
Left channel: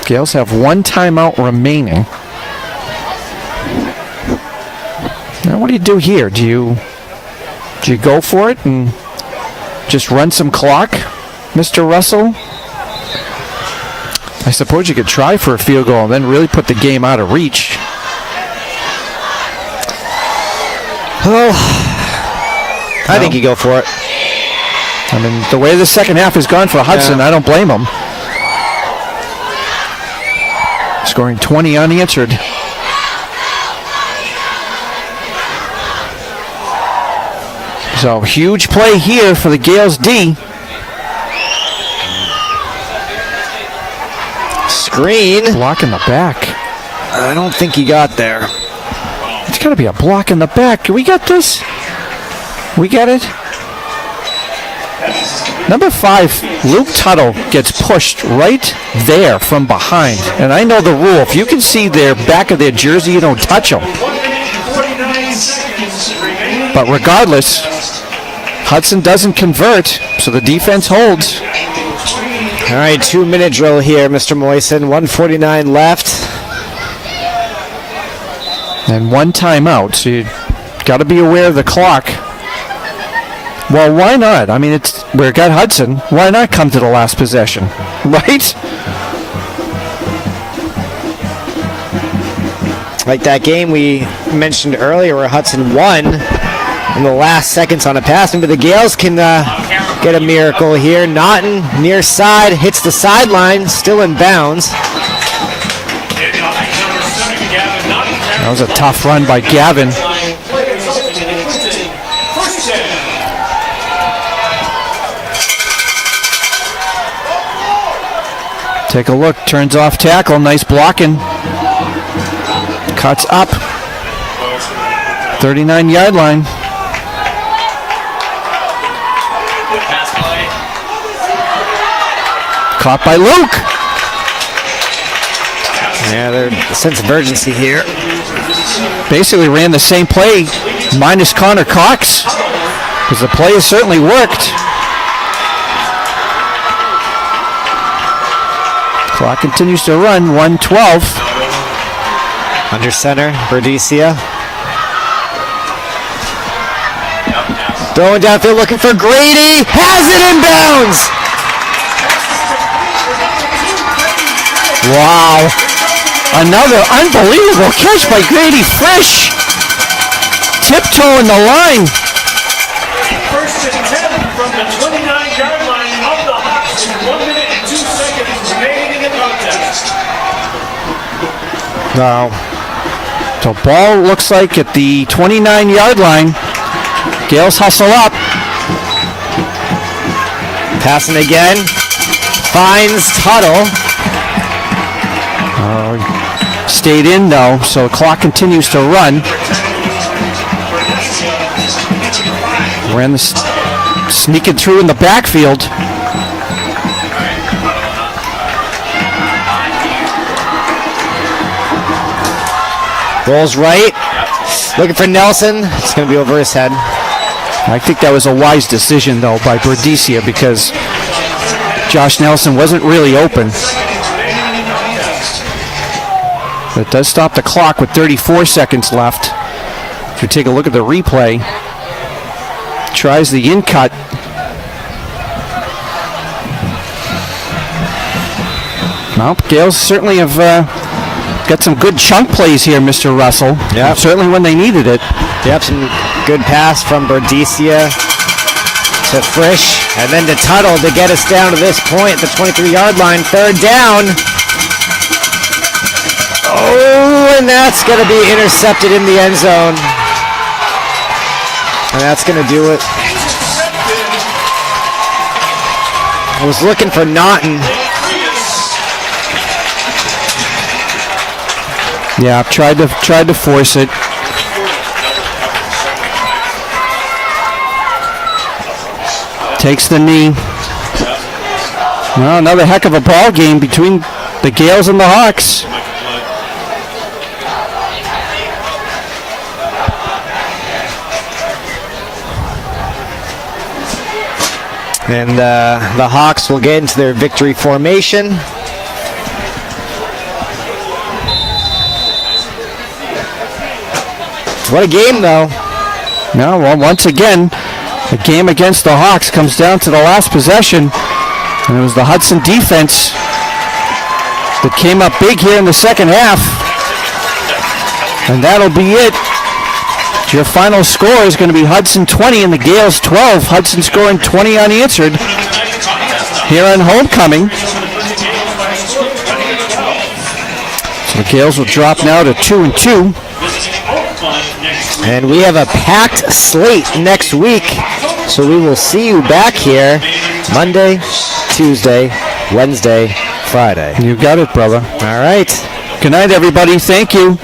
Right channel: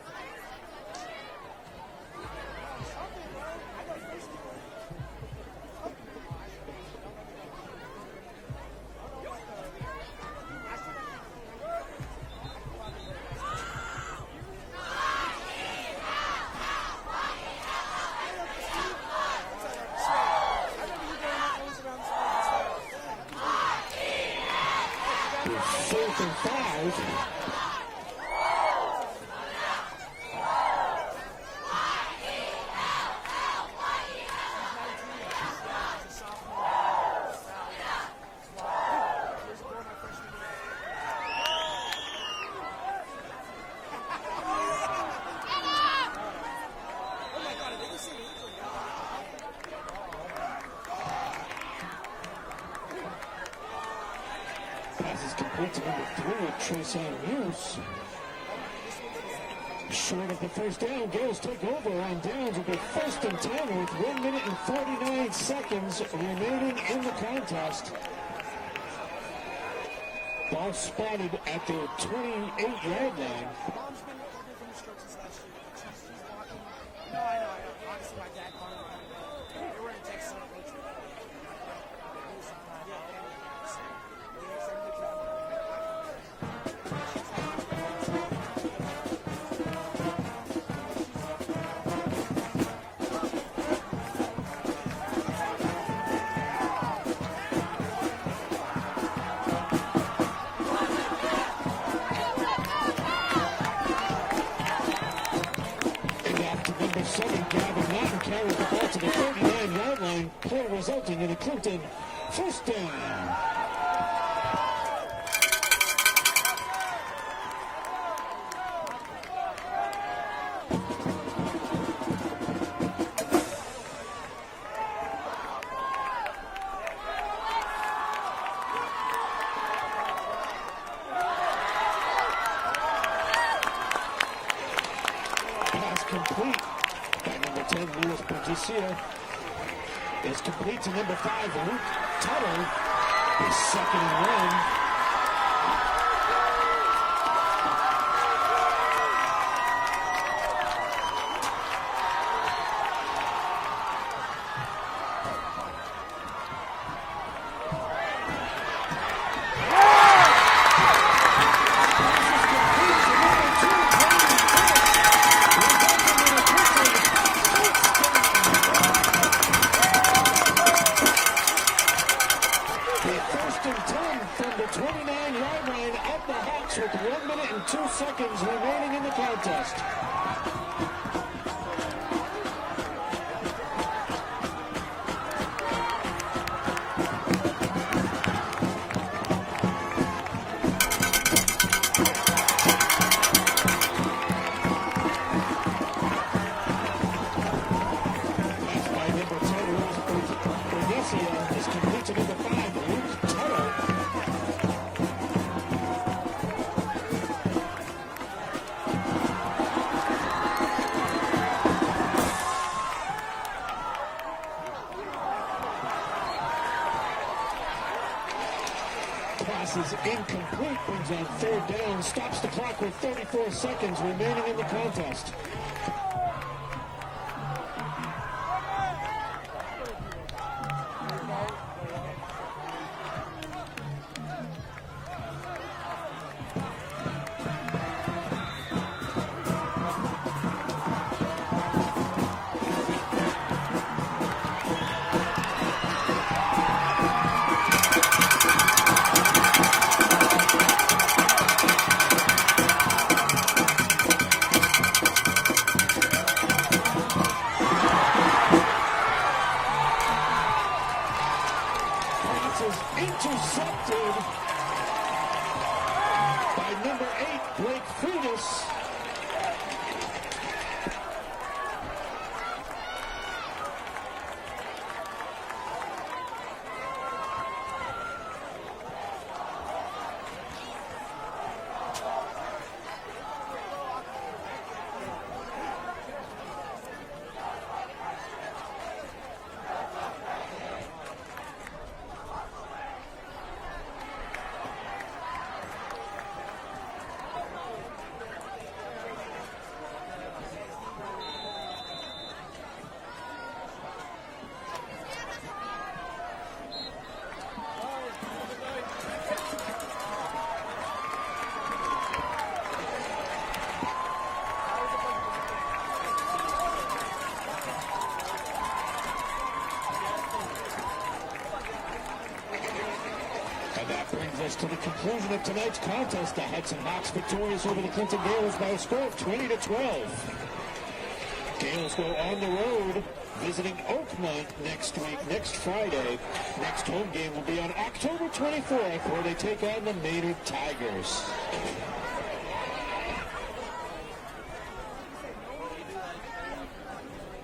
Gales have 1 timeout remaining. Now, what do you do here? Do you go for it and just run some clock, Mr. Russell? I suppose you could try for a field goal and then really put the game out of reach. Well, I think you go for it. I mean, the way the second half has gone for Hudson, I don't blame him. Scoring 20 unanswered. So, huge play here for the Gales D. Screen. Block in the back. I don't think he got there. It's got to be a block in the back. We got this? We get it? Number 5, Luke Tuttle gets pushed right there from behind. And I know the rule. If you can see their back of their jersey, you don't touch them. But regardless, Hudson doesn't convert, so the defense holds. All right, 2-minute drill here, Mr. Moisen. 1:49 left. And 1 timeout, so you got to be aware of the clock. Well, why not? I mean, we've got Hudson. Why not come to the last possession, right? Like that game we mentioned earlier where Hudson won in the last seconds on a pass. Maybe the Gales can get a miracle here. Naughton, near side, hits the sideline, still in bounds. That was a tough run by Gavin. Take a look, turns off tackle, nice blocking. Cuts up. 39-yard line. Caught by Luke. Yeah, there's a sense of urgency here. Basically ran the same play minus Connor Cox, because the play has certainly worked. Clock continues to run, 1:12. Under center, Berdicia. Throwing downfield, looking for Grady. Has it in bounds. Wow. Another unbelievable catch by Grady Fresh. Tiptoeing the line. First and 10 from the 29-yard line of the Hawks in 1 minute and 2 seconds remaining in the contest. Now, the ball looks like at the 29-yard line. Gales hustle up. Passing again. Finds Tuttle. Stayed in though, so the clock continues to run. Ran the sneaking through in the backfield. Rolls right. Looking for Nelson. It's going to be over his head. I think that was a wise decision though by Berdicia, because Josh Nelson wasn't really open. That does stop the clock with 34 seconds left. If you take a look at the replay, tries the in cut. Well, Gales certainly have got some good chunk plays here, Mr. Russell. Yeah, certainly when they needed it. Yep, some good pass from Berdicia to Frisch, and then to Tuttle to get us down to this point, the 23-yard line, third down. Oh, and that's going to be intercepted in the end zone. And that's going to do it. I was looking for Naughton. Yeah, tried to force it. Takes the knee. Well, another heck of a ball game between the Gales and the Hawks. And the Hawks will get into their victory formation. What a game, though. No, well, once again, the game against the Hawks comes down to the last possession. And it was the Hudson defense that came up big here in the second half. And that'll be it. Your final score is going to be Hudson 20 and the Gales 12. Hudson scoring 20 unanswered here on homecoming. So the Gales will drop now to 2-2. And we have a packed slate next week. So we will see you back here Monday, Tuesday, Wednesday, Friday. You got it, brother. All right. Good night, everybody. Thank you.